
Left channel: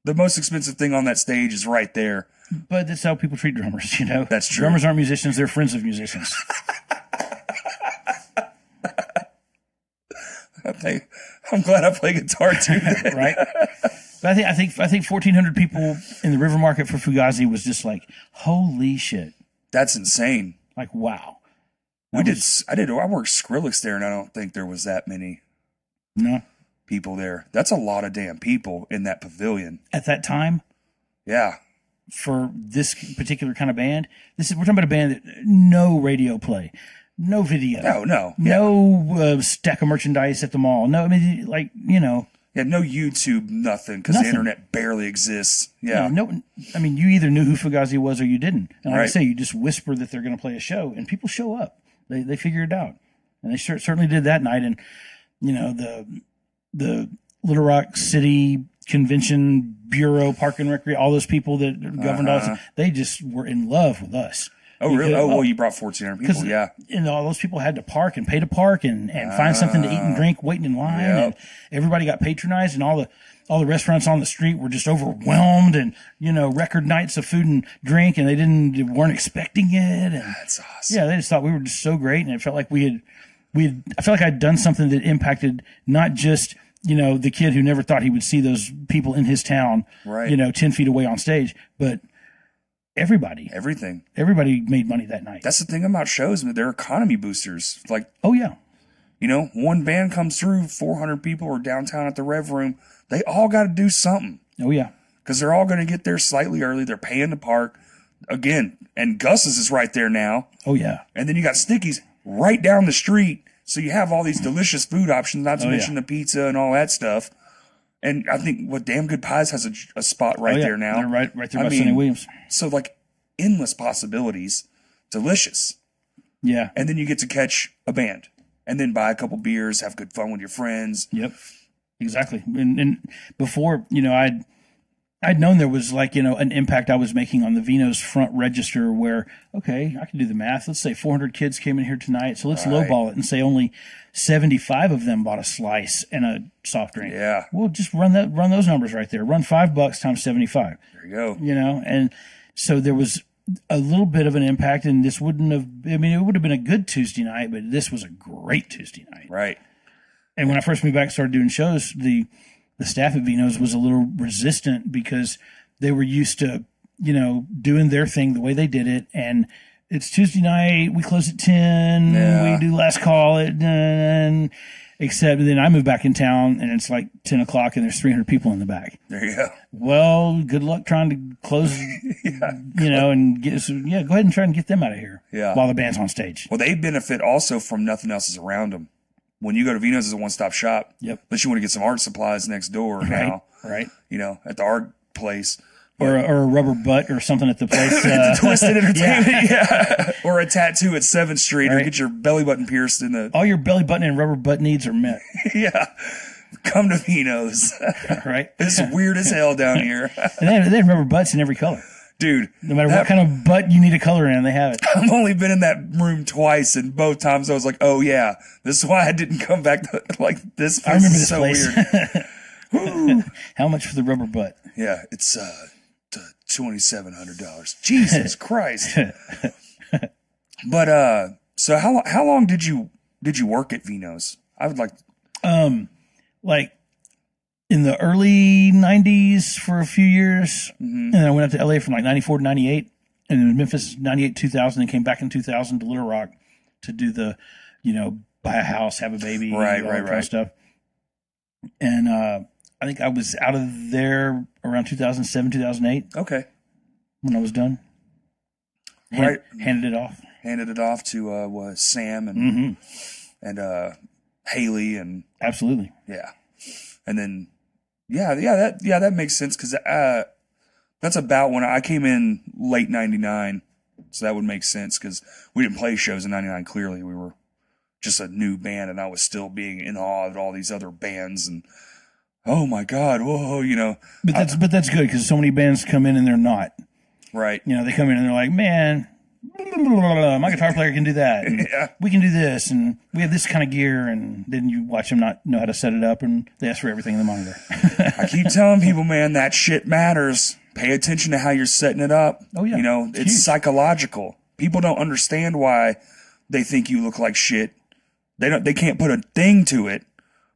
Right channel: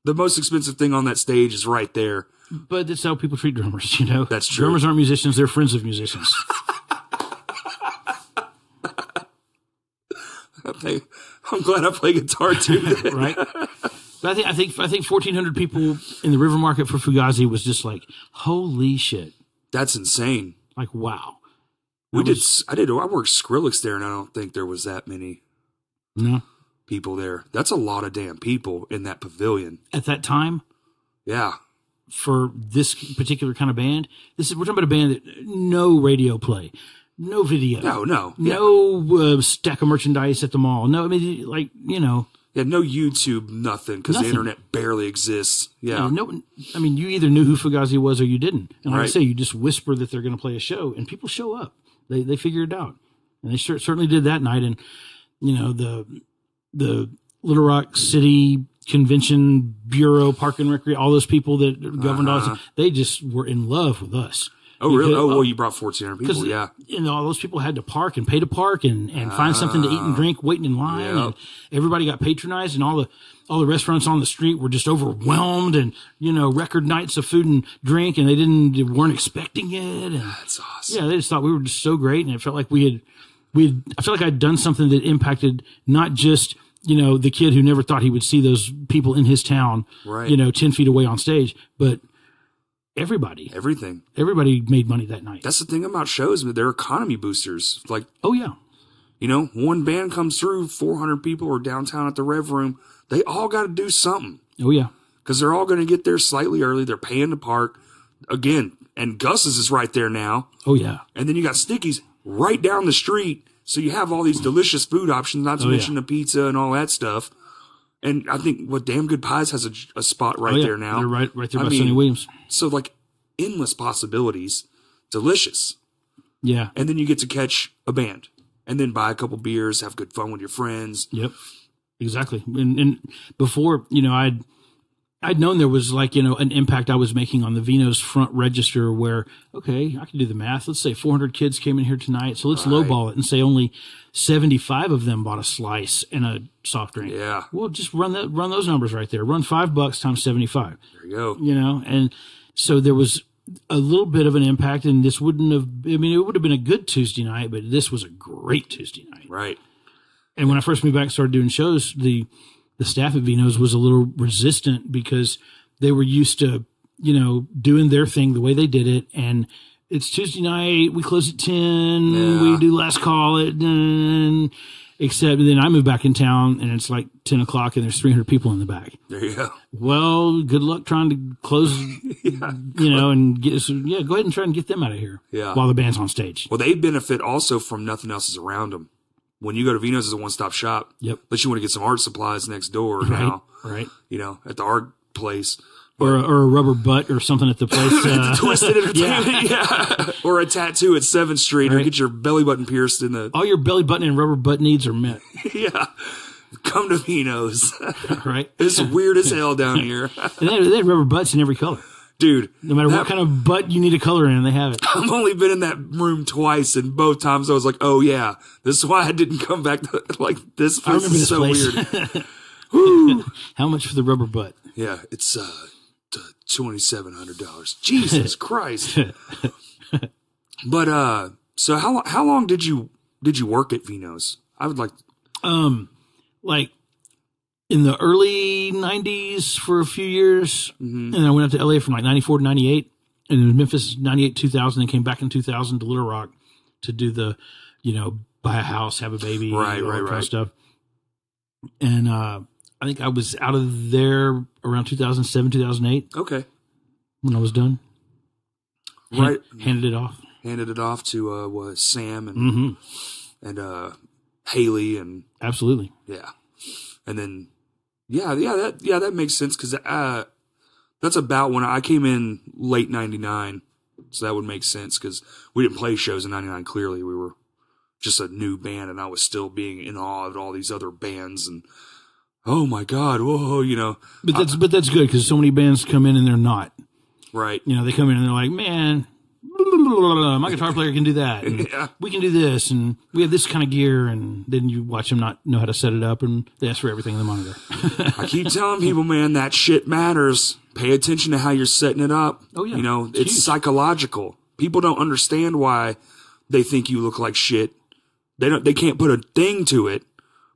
The most expensive thing on that stage is right there. But that's how people treat drummers, you know? That's true. Drummers aren't musicians. They're friends of musicians. I'm glad I play guitar too. Right? But I think 1,400 people in the River Market for Fugazi was just like, holy shit. That's insane. Like, wow. I worked Skrillex there, and I don't think there was that many people there. That's a lot of damn people in that pavilion. At that time? Yeah. For this particular kind of band, we're talking about a band that no radio play, no video, no stack of merchandise at the mall. No, I mean, like, you know, no YouTube, nothing, because the internet barely exists. Yeah, no, I mean, you either knew who Fugazi was or you didn't. And like I say, you just whisper that they're going to play a show, and people show up. They figure it out, and they certainly did that night. And you know, the Little Rock City Convention Bureau, Park and Recreation, all those people that governed us, they just were in love with us. Oh, really? Oh, well, you brought 1,400 people, yeah. And all those people had to park and pay to park and find something to eat and drink, waiting in line. Yep. And everybody got patronized, and all the restaurants on the street were just overwhelmed, and, you know, record nights of food and drink, and they weren't expecting it. And that's awesome. Yeah, they just thought we were just so great, and it felt like I felt like I'd done something that impacted not just, you know, the kid who never thought he would see those people in his town, you know, 10 feet away on stage, but everybody. Everybody made money that night. That's the thing about shows. They're economy boosters. Like, oh, yeah. You know, one band comes through, 400 people are downtown at the Rev Room. They all got to do something. Oh, yeah. Because they're all going to get there slightly early. They're paying to park. Again, and Gus's is right there now. Oh, yeah. And then you got Sticky's right down the street. So you have all these delicious food options, not to mention the pizza and all that stuff. And I think Damn Good Pies has a spot right there now. They're right there by Sonny Williams. So like endless possibilities, delicious. Yeah. And then you get to catch a band and then buy a couple beers, have good fun with your friends. Yep. Exactly. And before, you know, I'd known there was like, you know, an impact I was making on the Vino's front register where, okay, I can do the math. Let's say 400 kids came in here tonight. So let's lowball it and say only 75 of them bought a slice and a soft drink. Yeah. Well, just run those numbers right there. Run $5 times 75. There you go. You know, and so there was a little bit of an impact, and this wouldn't have, I mean, it would have been a good Tuesday night, but this was a great Tuesday night. Right. And when I first moved back and started doing shows, the staff at Vino's was a little resistant because they were used to, you know, doing their thing the way they did it. And it's Tuesday night. We close at 10. Yeah. We do last call at 10. Except then I moved back in town and it's like 10 o'clock and there's 300 people in the back. There you go. Well, good luck trying to close, you know, and go ahead and try and get them out of here. Yeah. While the band's on stage. Well, they benefit also from nothing else is around them. When you go to Vino's, it's a one-stop shop. Yep. Unless you want to get some art supplies next door now. Right. You know, at the art place. Or a rubber butt or something at the place. At the Twisted Entertainment, yeah. Or a tattoo at 7th Street, or get your belly button pierced in the... All your belly button and rubber butt needs are met. Yeah. Come to Vino's. Right. It's weird as hell down here. And they had rubber butts in every color. Dude. No matter what kind of butt you need a color in, they have it. I've only been in that room twice, and both times I was like, oh, yeah. This is why I didn't come back to, like, this place. I remember this so place. Weird. Woo. How much for the rubber butt? Yeah, it's $2,700. Jesus Christ. But so how long did you work at Vino's? I would like like in the early 90s for a few years, and then I went up to LA from like 94 to 98, and then Memphis 98 2000, and came back in 2000 to Little Rock to do the, you know, buy a house, have a baby, all that kind of stuff. And I think I was out of there around 2007, 2008. Okay. When I was done. Right. Handed it off. Handed it off to Sam and Haley and absolutely. Yeah. And then that makes sense because that's about when I came in late 99. So that would make sense because we didn't play shows in 99. Clearly, we were just a new band, and I was still being in awe of all these other bands. And oh my God, whoa, you know. But that's good because so many bands come in and they're not. Right. You know, they come in and they're like, man, my guitar player can do that. And we can do this, and we have this kind of gear. And then you watch them not know how to set it up, and they ask for everything in the monitor. I keep telling people, man, that shit matters. Pay attention to how you're setting it up. Oh, yeah. You know, it's psychological. People don't understand why they think you look like shit. They can't put a thing to it,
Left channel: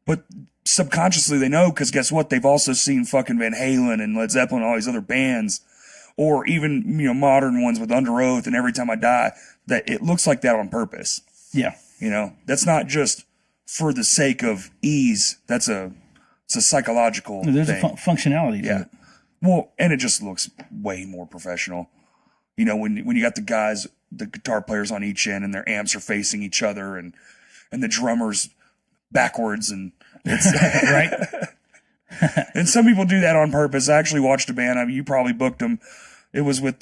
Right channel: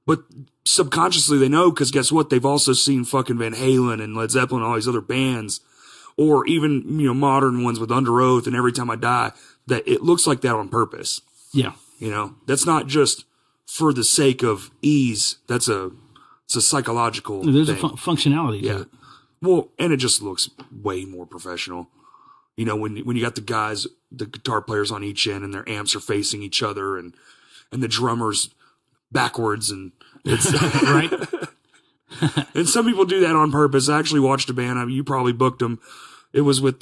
but subconsciously they know because guess what? They've also seen fucking Van Halen and Led Zeppelin and all these other bands, or even, you know, modern ones with Under Oath and Every Time I Die, that it looks like that on purpose. Yeah. You know, that's not just for the sake of ease. It's a psychological There's thing. a functionality to it. Well, and it just looks way more professional. You know, when you got the guys, the guitar players on each end and their amps are facing each other and the drummers backwards and it's right. And some people do that on purpose. I actually watched a band. I mean, you probably booked them. It was with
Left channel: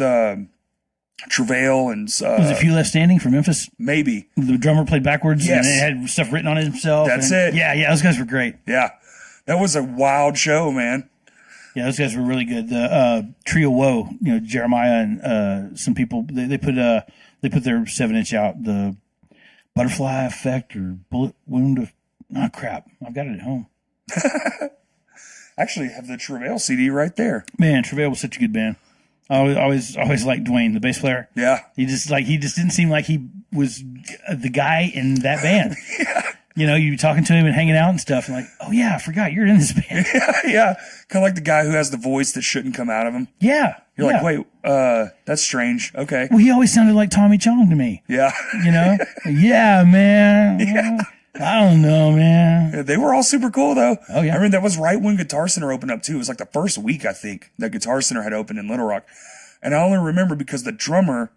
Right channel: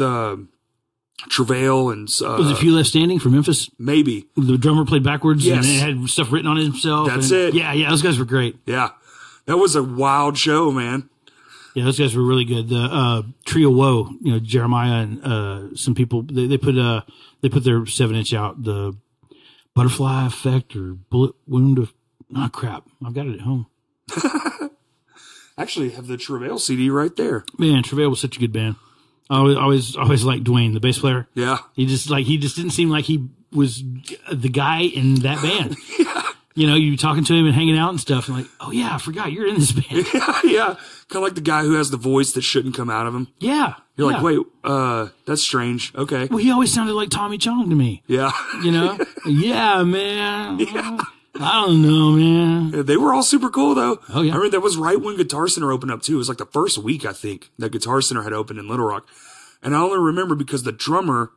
Travail and was it Few Left Standing from Memphis? Maybe the drummer played backwards. Yes. And it had stuff written on himself. That's it. Yeah. Those guys were great. Yeah, that was a wild show, man. Yeah, those guys were really good. The Trio Woe, you know, Jeremiah and some people they put their 7-inch out, the Butterfly Effect or Bullet Wound of crap. I've got it at home. Actually, have the Travail CD right there. Man, Travail was such a good band. I always liked Dwayne, the bass player. Yeah, he just didn't seem like he was the guy in that band. Yeah. You know, you talking to him and hanging out and stuff, and like, oh yeah, I forgot you're in this band. Yeah. Kind of like the guy who has the voice that shouldn't come out of him. Yeah. You're like, wait, that's strange. Okay. Well, he always sounded like Tommy Chong to me. Yeah. You know? Yeah, man. Yeah. I don't know, man. Yeah, they were all super cool, though. Oh, yeah. I mean, that was right when Guitar Center opened up, too. It was like the first week, I think, that Guitar Center had opened in Little Rock. And I only remember because the drummer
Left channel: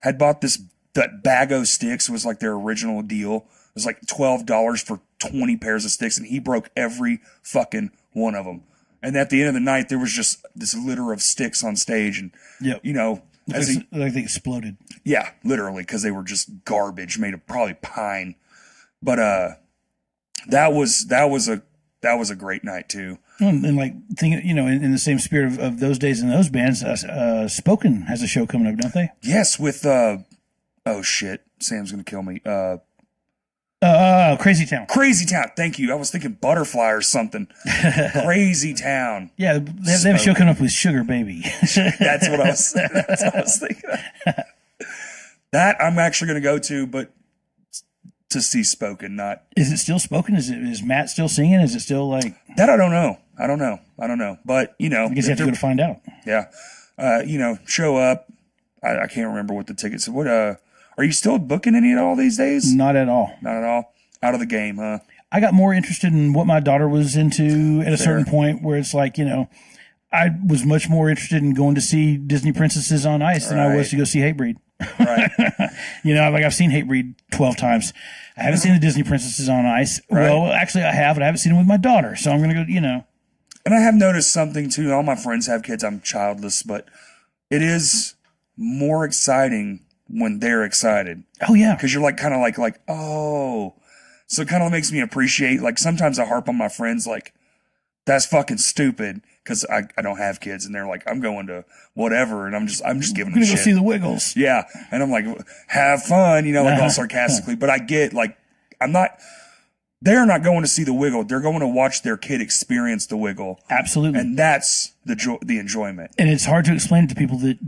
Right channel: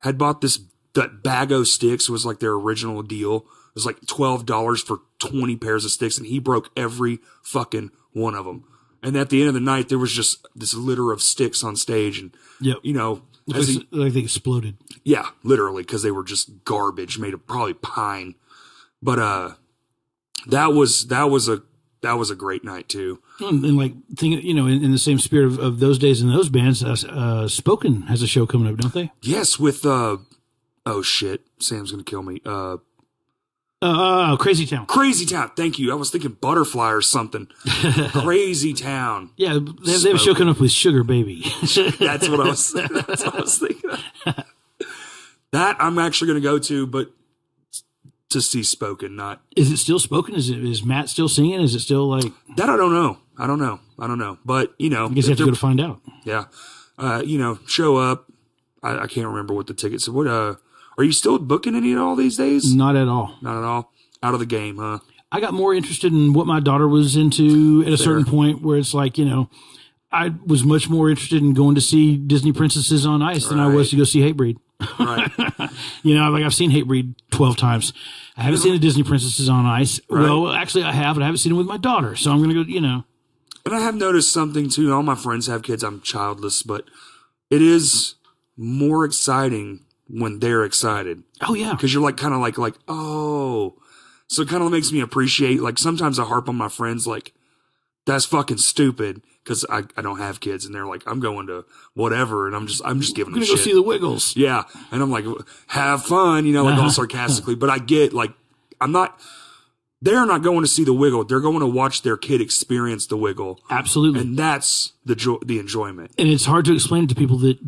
had bought that bag of sticks. It was like their original deal. It was like $12 for 20 pairs of sticks, and he broke every fucking one of them. And at the end of the night, there was just this litter of sticks on stage, and you know, like they exploded. Yeah, literally, because they were just garbage made of probably pine. But that was a great night too. And like you know, in the same spirit of those days and those bands, Spoken has a show coming up, don't they? Yes, with oh shit, Sam's gonna kill me. Crazy Town. Crazy Town. Thank you. I was thinking Butterfly or something. Crazy Town. Yeah, they have a show coming up with Sugar Baby. That's what I was thinking. That I'm actually going to go to, but to see Spoken, not. Is it still Spoken? Is Matt still singing? Is it still like that? I don't know. But you know, I guess you have to go to find out. Yeah. You know, show up. I can't remember what the tickets. What are you still booking any at all these days? Not at all. Not at all. Out of the game, huh? I got more interested in what my daughter was into at a certain point where it's like, you know, I was much more interested in going to see Disney Princesses on Ice than I was to go see Hatebreed. Right. You know, like I've seen Hatebreed 12 times. I haven't seen the Disney Princesses on Ice. Right. Well, actually I have, but I haven't seen them with my daughter. So I'm going to go, you know. And I have noticed something too. All my friends have kids. I'm childless, but it is more exciting when they're excited. Oh yeah. Cause you're like, kind of like, oh, so it kind of makes me appreciate, like sometimes I harp on my friends, like that's fucking stupid. Cause I don't have kids and they're like, I'm going to whatever. And I'm just giving them shit. Go see the Wiggles. Yeah. And I'm like, have fun, you know, like all sarcastically, but I get like, they're not going to see the Wiggle. They're going to watch their kid experience the Wiggle. Absolutely. And that's the enjoyment. And it's hard to explain it to people that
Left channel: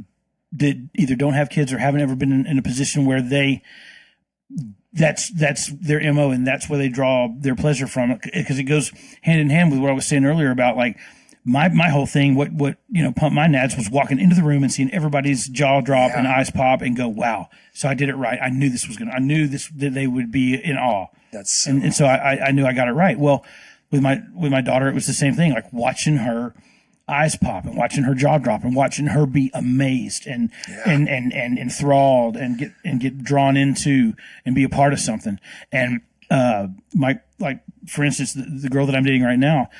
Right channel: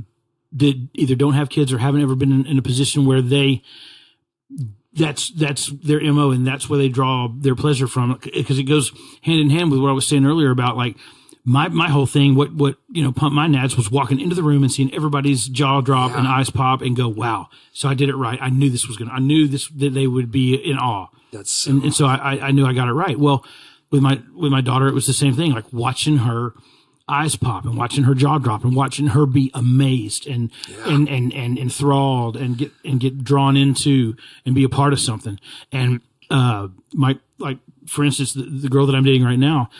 either don't have kids or haven't ever been in a position where that's their MO and that's where they draw their pleasure from, because it goes hand in hand with what I was saying earlier about like my whole thing. What you know, pumped my nads was walking into the room and seeing everybody's jaw drop and eyes pop and go, wow. So I did it right. I knew that they would be in awe. That's and so I knew I got it right. Well, with my daughter, it was the same thing. Like watching her eyes pop and watching her jaw drop and watching her be amazed and enthralled and get drawn into and be a part of something. And for instance, the girl that I'm dating right now,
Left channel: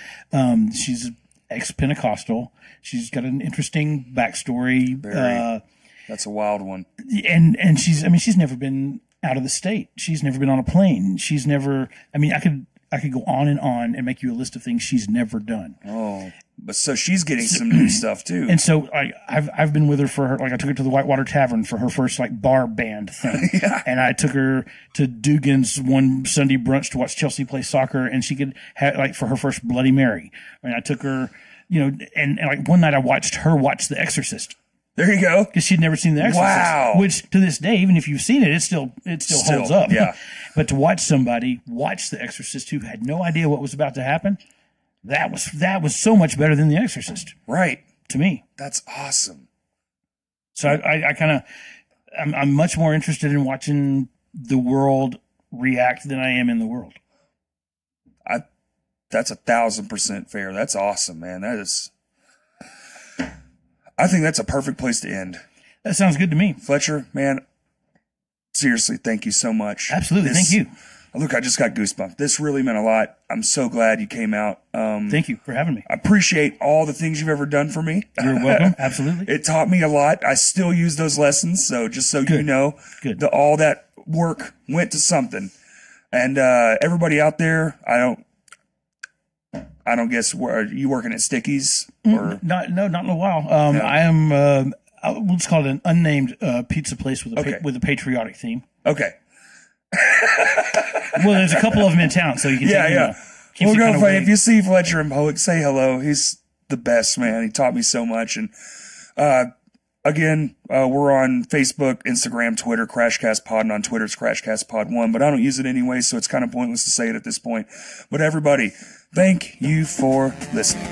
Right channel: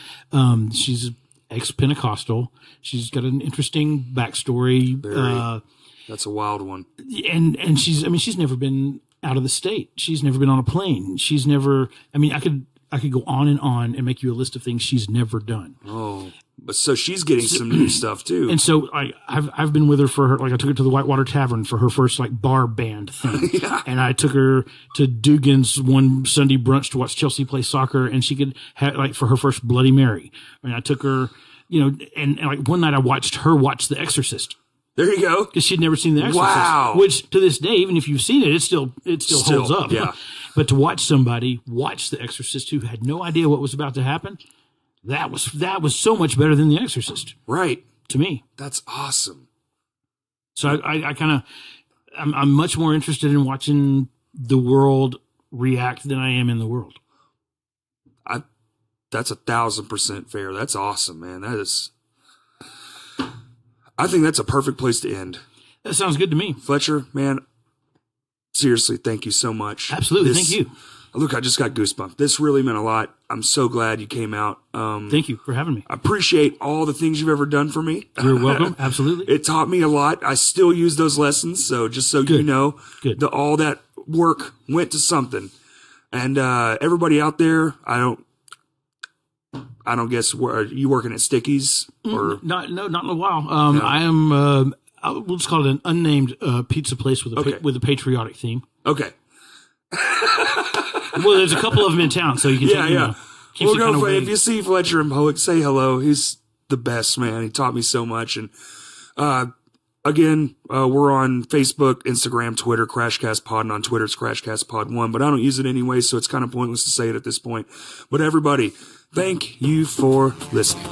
she's ex-Pentecostal. She's got an interesting backstory. That's a wild one. And she's never been out of the state. She's never been on a plane. She's never, I could go on and make you a list of things she's never done. Oh, but so she's getting some new stuff too. And so I've been with her for her, like I took her to the Whitewater Tavern for her first like bar band thing. Yeah. And I took her to Dugan's one Sunday brunch to watch Chelsea play soccer, and she could have like for her first Bloody Mary. And I took her, and like one night I watched her watch The Exorcist. There you go. Because she'd never seen The Exorcist. Wow. Which to this day, even if you've seen it, it still holds up. Yeah. But to watch somebody watch The Exorcist who had no idea what was about to happen, that was so much better than The Exorcist. Right. To me. That's awesome. So I'm much more interested in watching the world react than I am in the world. That's 1,000% fair. That's awesome, man. I think that's a perfect place to end. That sounds good to me. Fletcher, man, seriously, thank you so much. Absolutely. Thank you. Look, I just got goosebumps. This really meant a lot. I'm so glad you came out. Thank you for having me. I appreciate all the things you've ever done for me. You're welcome. Absolutely. It taught me a lot. I still use those lessons. So just so you know, all that work went to something. And everybody out there, I don't guess, are you working at Stickies? Or not in a while. No. I am, we'll just call it an unnamed pizza place with a patriotic theme. Okay. Well, there's a couple of them in town, so you can We'll go play. If you see Fletcher in public, say hello. He's the best, man. He taught me so much. And again, we're on Facebook, Instagram, Twitter, Crashcast Pod, and on Twitter it's Crashcast Pod 1, but I don't use it anyway, so it's kind of pointless to say it at this point. But everybody, thank you for listening.